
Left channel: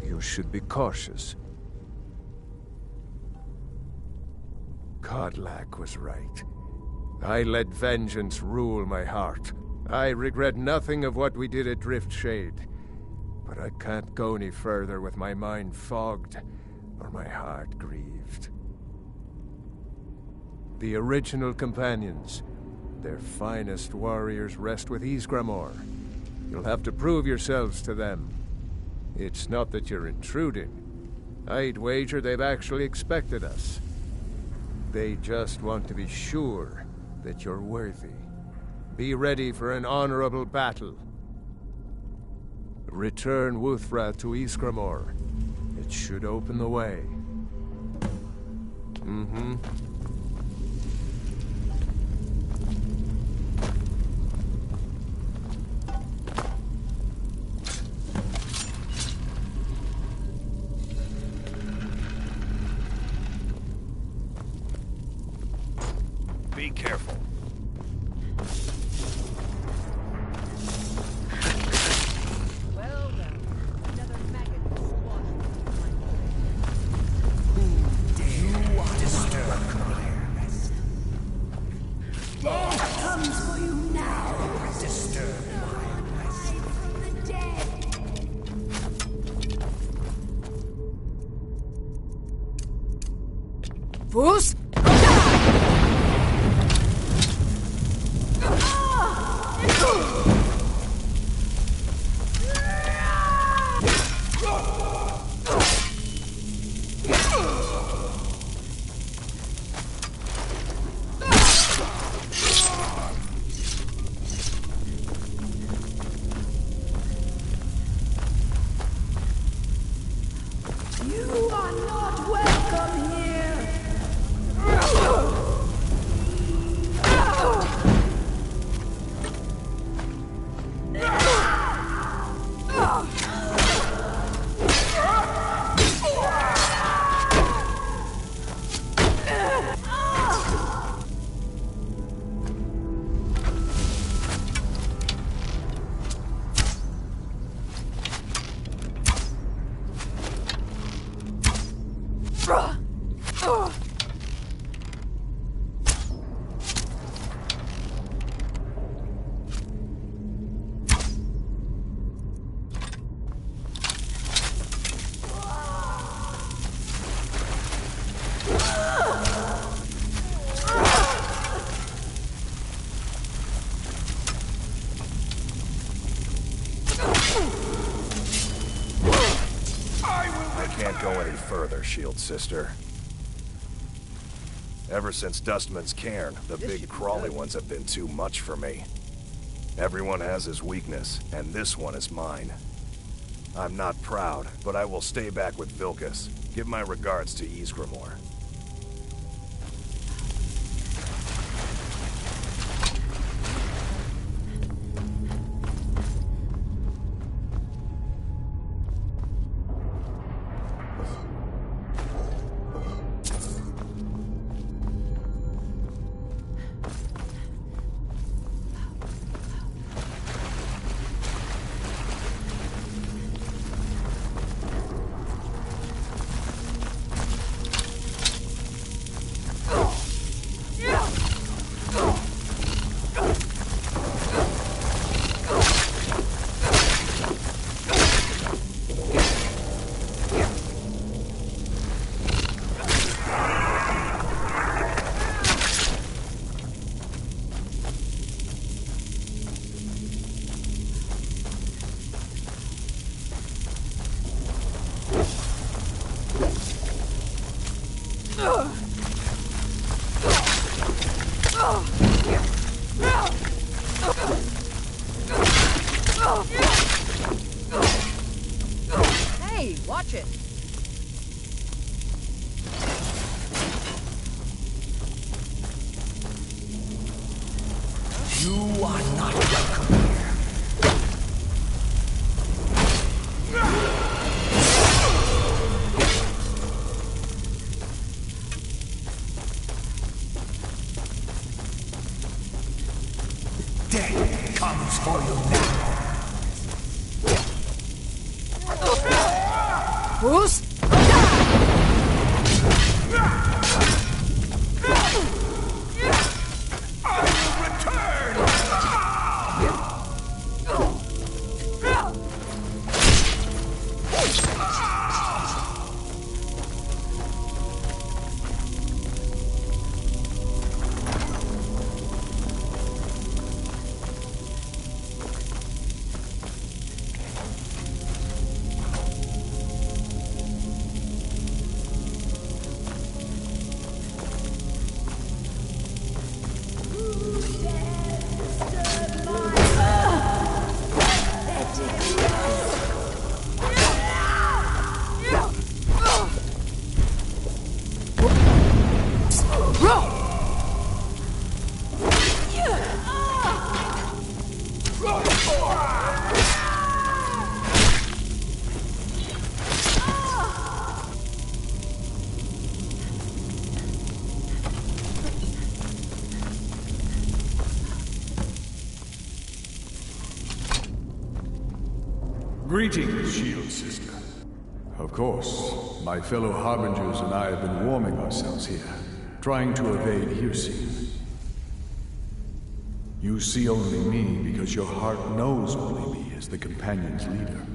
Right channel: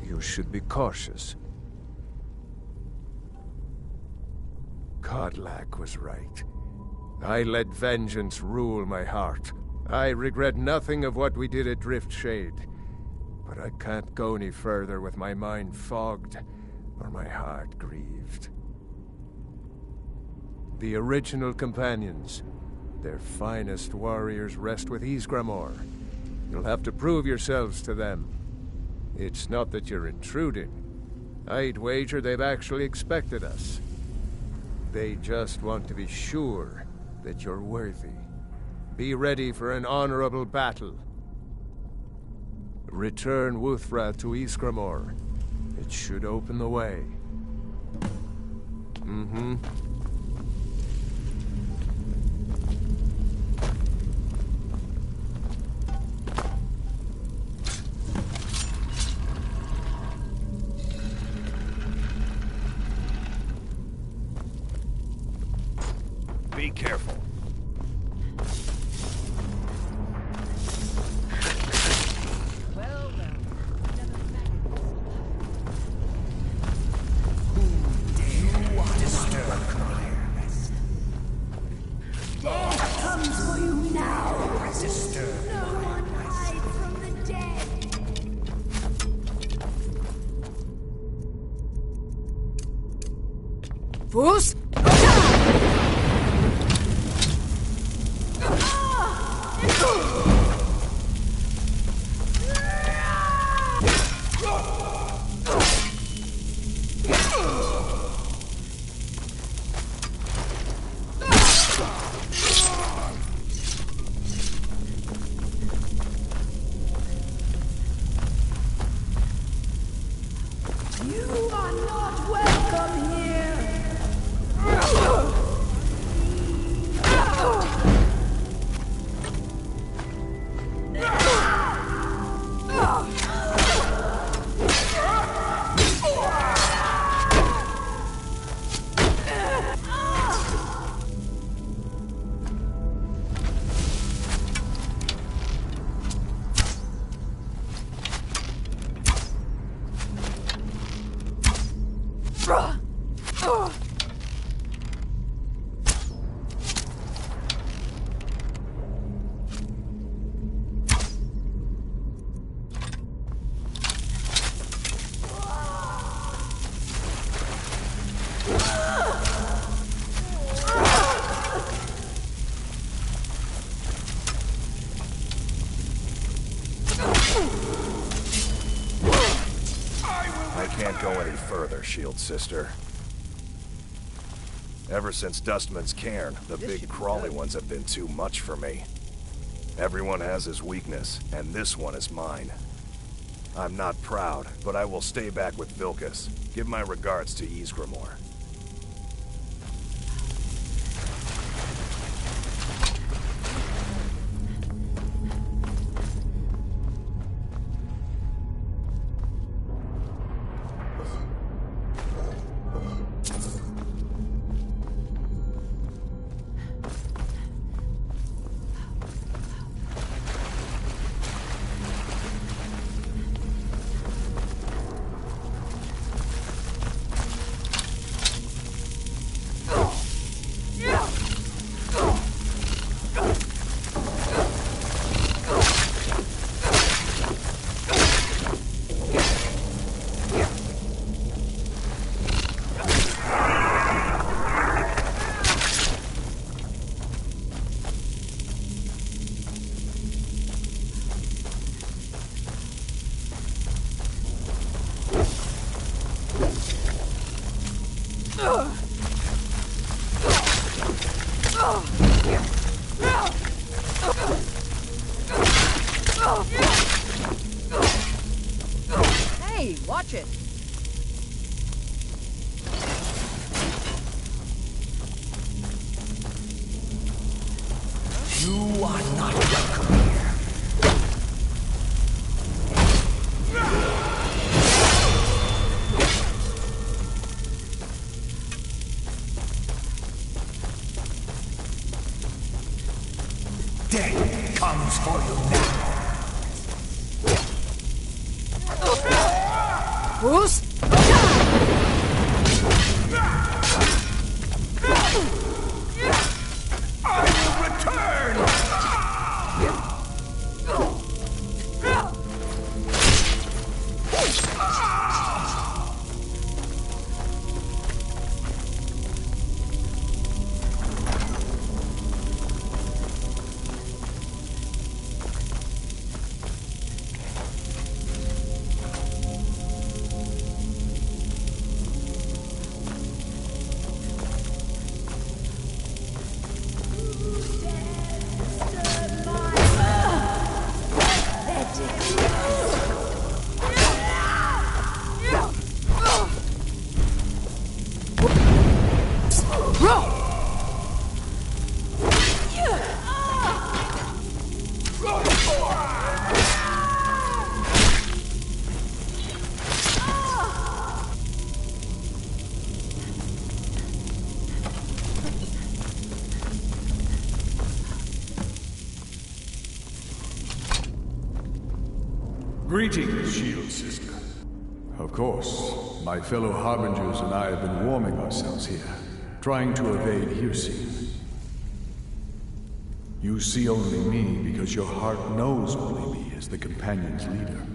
You should be cautious. Kodlak was right. I let vengeance rule my heart. I regret nothing of what we did at Driftshade, but I can't go any further with my mind fogged or my heart grieved. The original companions, their finest warriors, rest with Ysgramor. You'll have to prove yourselves to them. It's not that you're intruding. I'd wager they've actually expected us. They just want to be sure that you're worthy. Be ready for an honorable battle. Return Wuthra to Ysgramor. It should open the way. Mm-hmm. Be careful. Well, another maggot spawned. You are disturbed. Death comes for you now. Disturbed. No one hides from the dead. Fools! You are not welcome here. can't go any further, Shield Sister. Ever since Dustman's cairn, the big crawly ones have been too much for me. Everyone has his weakness, and this one is mine. I'm not proud, but I will stay back with Vilkas. Give my regards to Ysgramor. Hey, watch it! You are not welcome here. Death comes for you now. Bruce? Greetings, Shield Sister. Of course, my fellow Harbingers and I have been warming ourselves here, trying to evade Hircine. You see only me because your heart knows only me as the Companion's leader.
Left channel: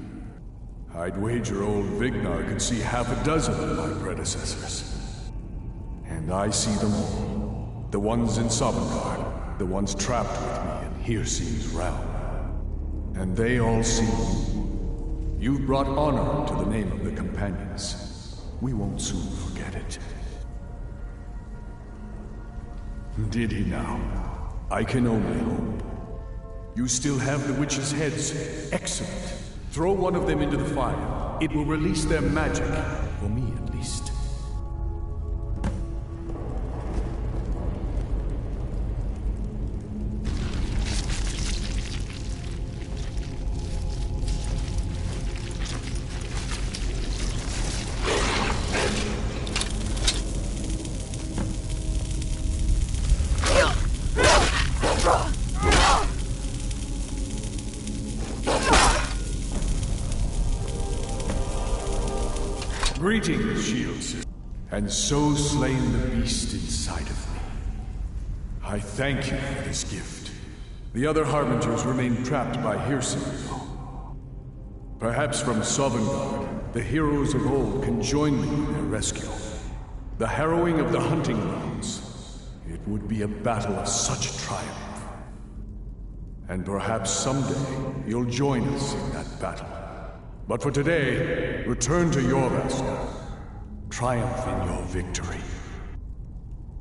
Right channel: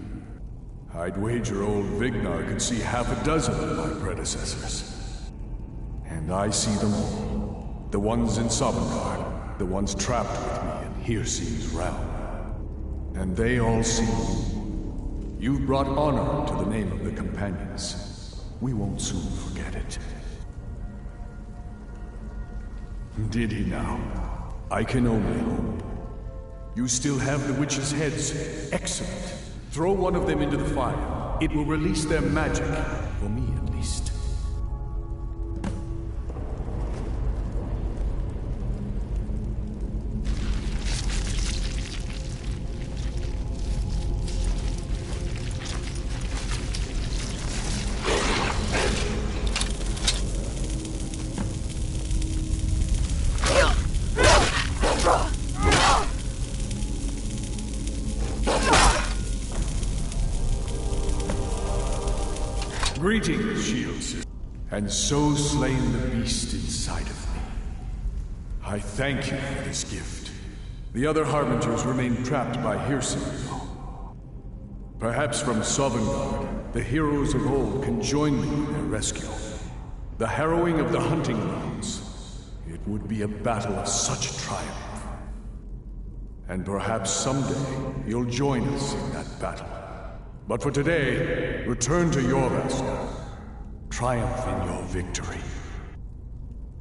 I'd wager old Vignar could see half a dozen of my predecessors. And I see them all. The ones in Sovngarde, the ones trapped with me in Hircine's realm. And they all see you. You've brought honor to the name of the Companions. We won't soon forget it. Did he now? I can only hope. You still have the witches' heads. Excellent. Throw one of them into the fire. It will release their magic. For me, at least. Greetings, Shield Sister. And so slain the beast inside of me. I thank you for this gift. The other Harbingers remain trapped by Hircine, though. Perhaps from Sovngarde, the heroes of old can join me in their rescue. The harrowing of the hunting grounds. It would be a battle of such triumph. And perhaps someday you'll join us in that battle. But for today, return to Jorvaskr. triumph in your victory,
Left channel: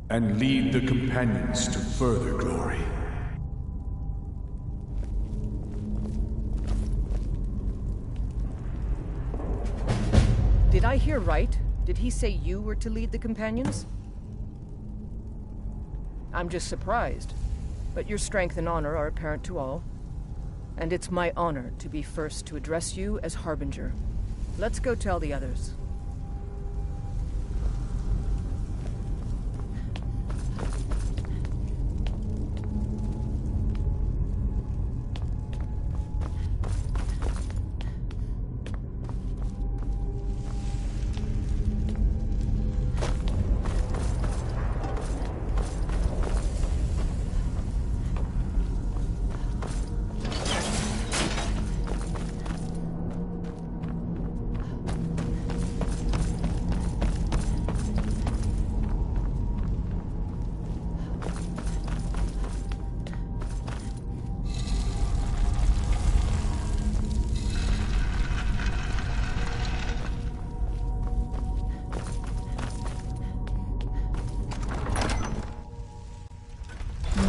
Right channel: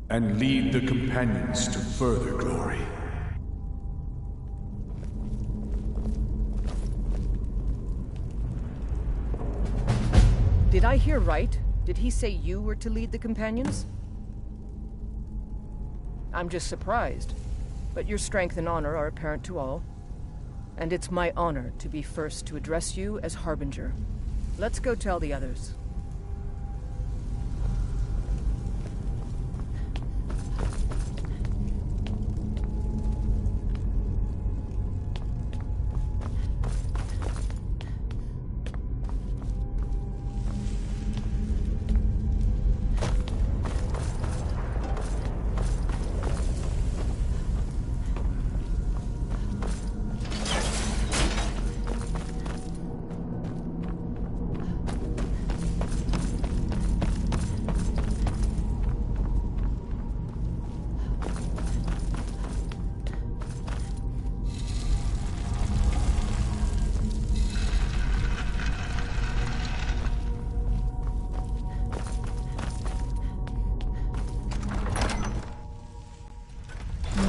and lead the companions to further glory. Did I hear right? Did he say you were to lead the companions? I'm just surprised, but your strength and honor are apparent to all. And it's my honor to be first to address you as Harbinger. Let's go tell the others.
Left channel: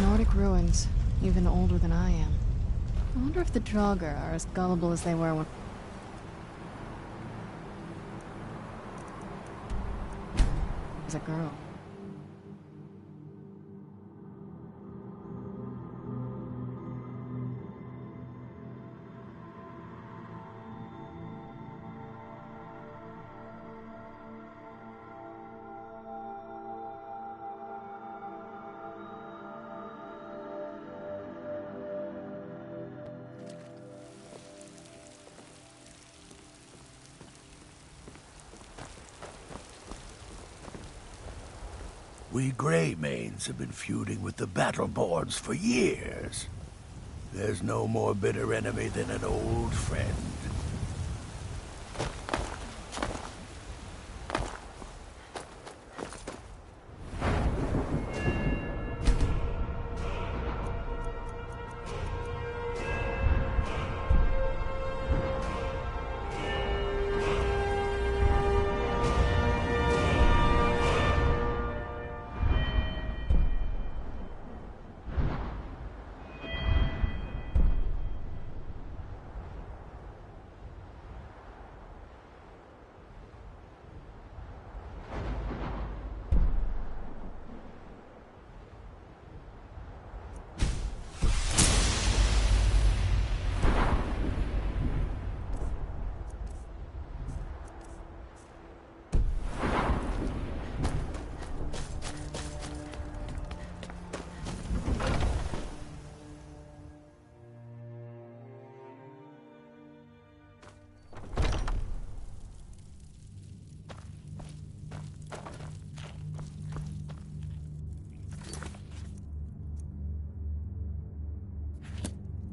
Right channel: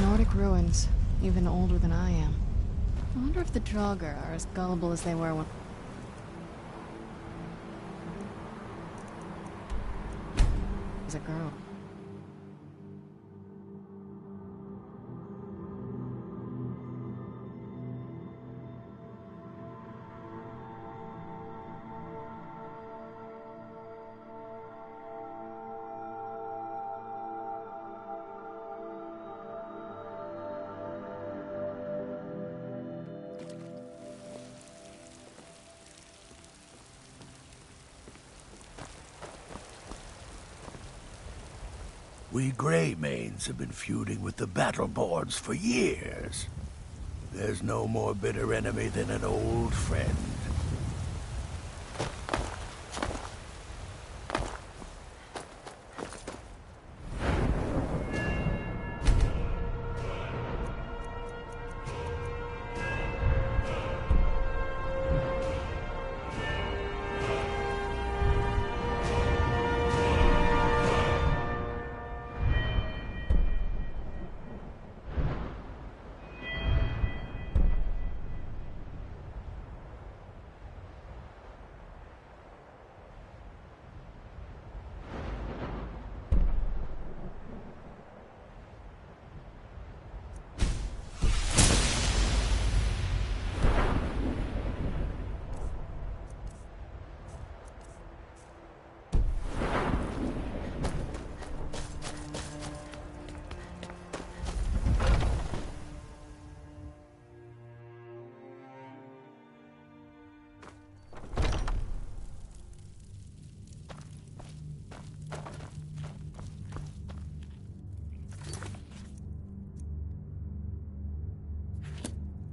Nordic ruins, even older than I am. I wonder if the Draugr are as gullible as they were when... as a girl. We Greymanes have been feuding with the Battleborns for years. There's no more bitter enemy than an old friend.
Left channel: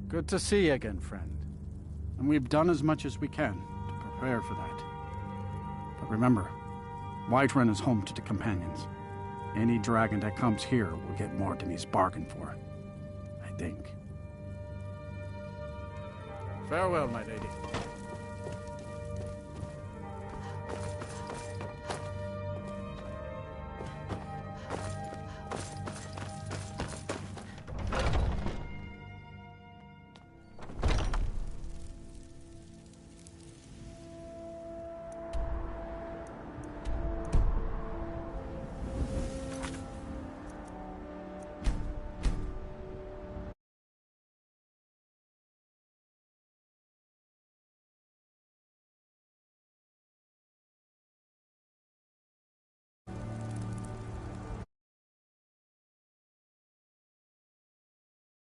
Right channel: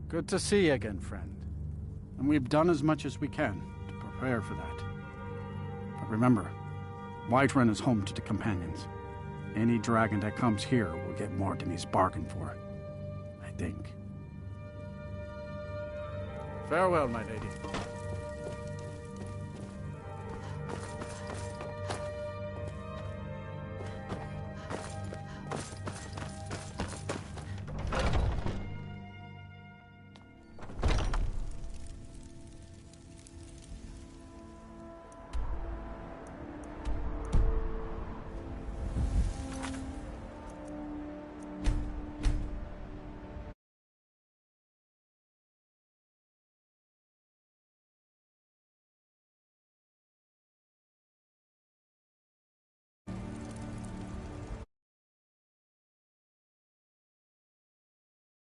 Good to see you again, friend. And we've done as much as we can to prepare for that. But remember, Whiterun is home to the companions. Any dragon that comes here will get more than he's bargained for. I think. Farewell, my lady.